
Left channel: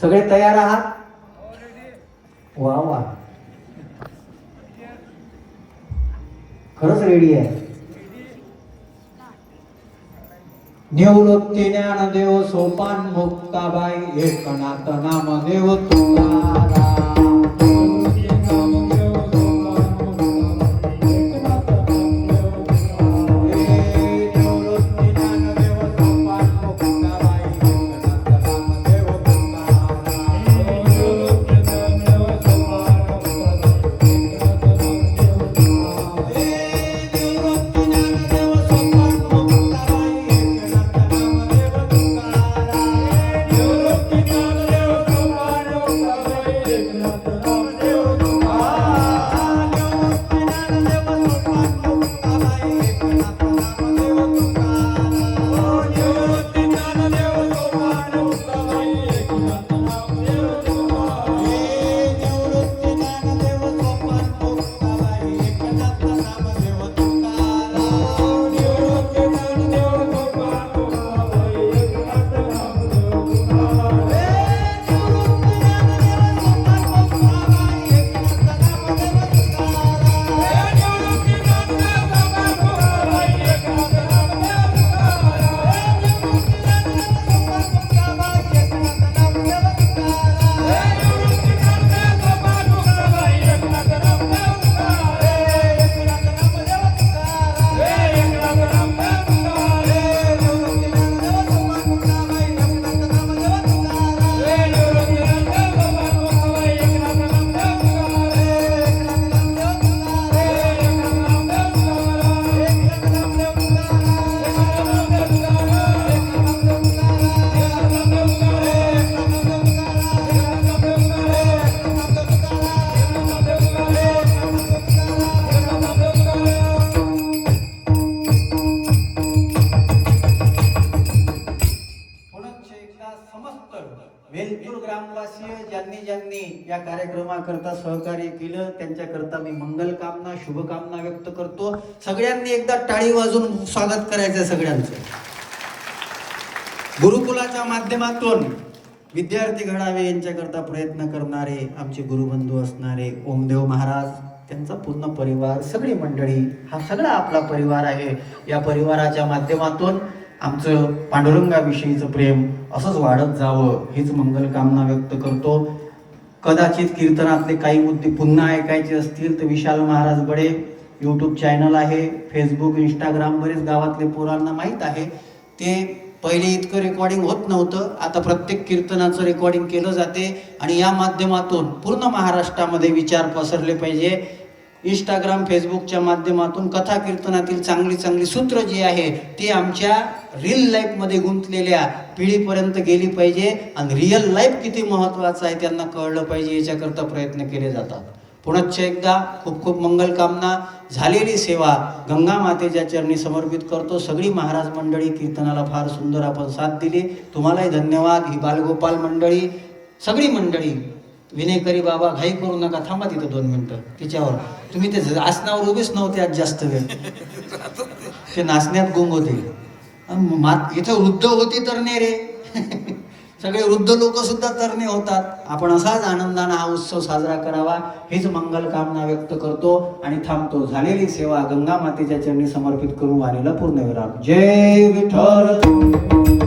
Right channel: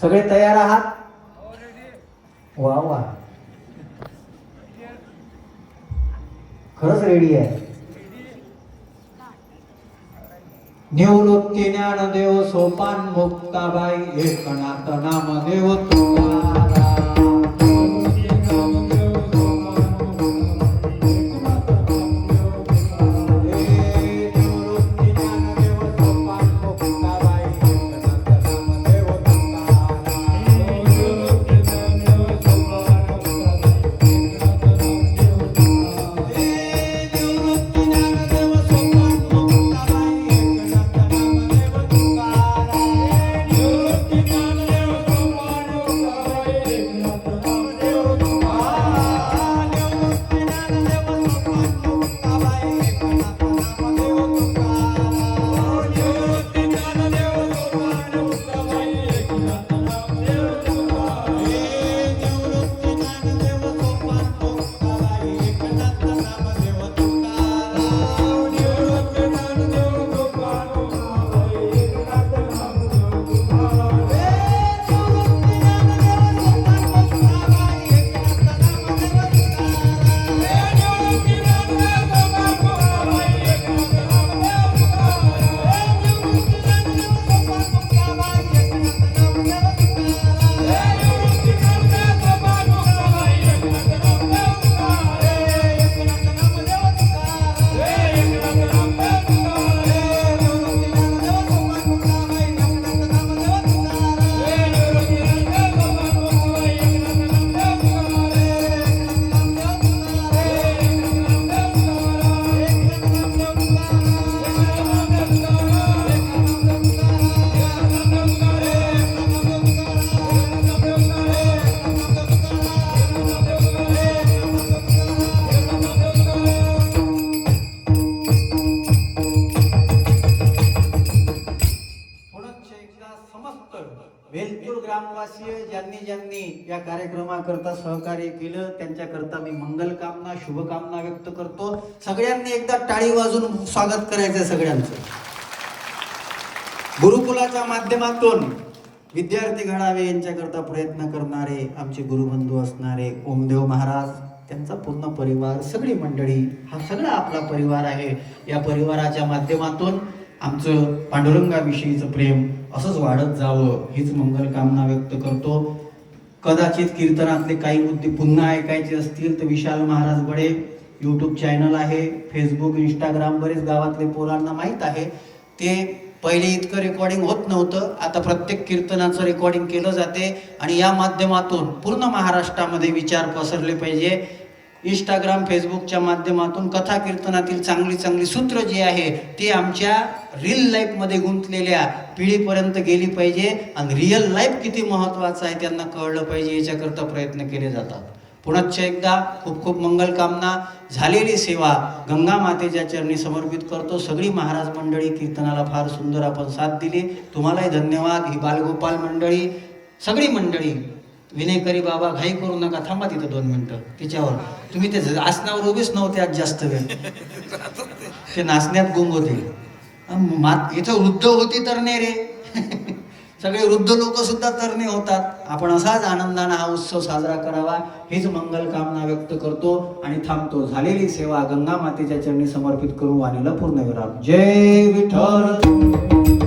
सगळे तयार आहात? वा वा, खरंच रेडी आहे. निवृत्ती ज्ञानदेव सोपान मुक्ताबाई, एकनाथ नामदेव तुकाराम. या कार्यक्रमाकरता सहकार्य केलं त्यांच्याकरता मी मंगल कामना शुभकामना व्यक्त करतो. सगळ्यांनी एकदा टाळी वाजून स्वागत करायचं सगळ्यांचं. गुरुकुलाच्या माध्यमातून विद्यार्थी घडावे यांच्याकरता प्रयत्न करणारे आमचे गुरुबंधू असणारे ओमदेव महाराज, त्यांचा पूर्ण परिवार, सगळी मंडळी, हा सगळा आपला परिवार आहे. या परिवाराच्या माध्यमातून आमचं पांडुरंगाविषयीचं प्रेम असंच वाढत जावं हीच मंगल कामना व्यक्त करतो. कदाचित कीर्तनातले काही मुद्दे पुन्हा ऐकायचे असतील तर विशाल महाराज बडे यूट्यूब चॅनल आहे, फेसबुक, इंस्टाग्राम, बरेच गावातले पोरांना माहीत आहे. ते पहिले इतकं रेकॉर्डिंग होत नव्हतं, आता प्रत्येक कीर्तनाचं रेकॉर्डिंग केलं जाते आणि या माध्यमातून पूर्ण महाराष्ट्रामध्ये विचार पसरले पाहिजे. इंस्टाग्राम, फेसबुकच्या माध्यमातून कथा कीर्तनातील चांगली चांगली सूत्र जी आहे ती आमच्या रिअल लाईफमध्ये गुंतलेल्या पिढीपर्यंत गेली पाहिजे आणि रिअल लाईफ किती महत्त्वाचं आहे त्यांना कळलं पाहिजे, याच्याकरता प्रयत्न केले जातात. पुनश्च एकदा खूप खूप मंगल कामना. झालेली सेवा गंगा मातेच्या चरणी समर्पित करतो. सगळी महाराज मंडळी कीर्तनाला फार सुंदर आपण साथ दिली, तुम्हालाही धन्यवाद. ही बालगोपाल मंडळी, सगळी मंडळी, विनयकरी बाबा घाई करू नका, थांबा तिथं 2 मिनिटं तिच्यावर. तुम्ही ते आसनावर उभेच नव्हते आज जास्त वेळ, ते नाचण्यात गुंग होते. इथं वृद्ध होती तरणे रे सगळे वृद्ध लोक सुद्धा तरणे होतात. आपण असाच आनंदाने हा उत्सव साजरा करावा हीच मंगल कामना व्यक्त करतो आणि थांबतो. झालेली सेवा गंगा मातेच्या चरणी समर्पित करू आणि पूर्ण विराम. जय विठ्ठल.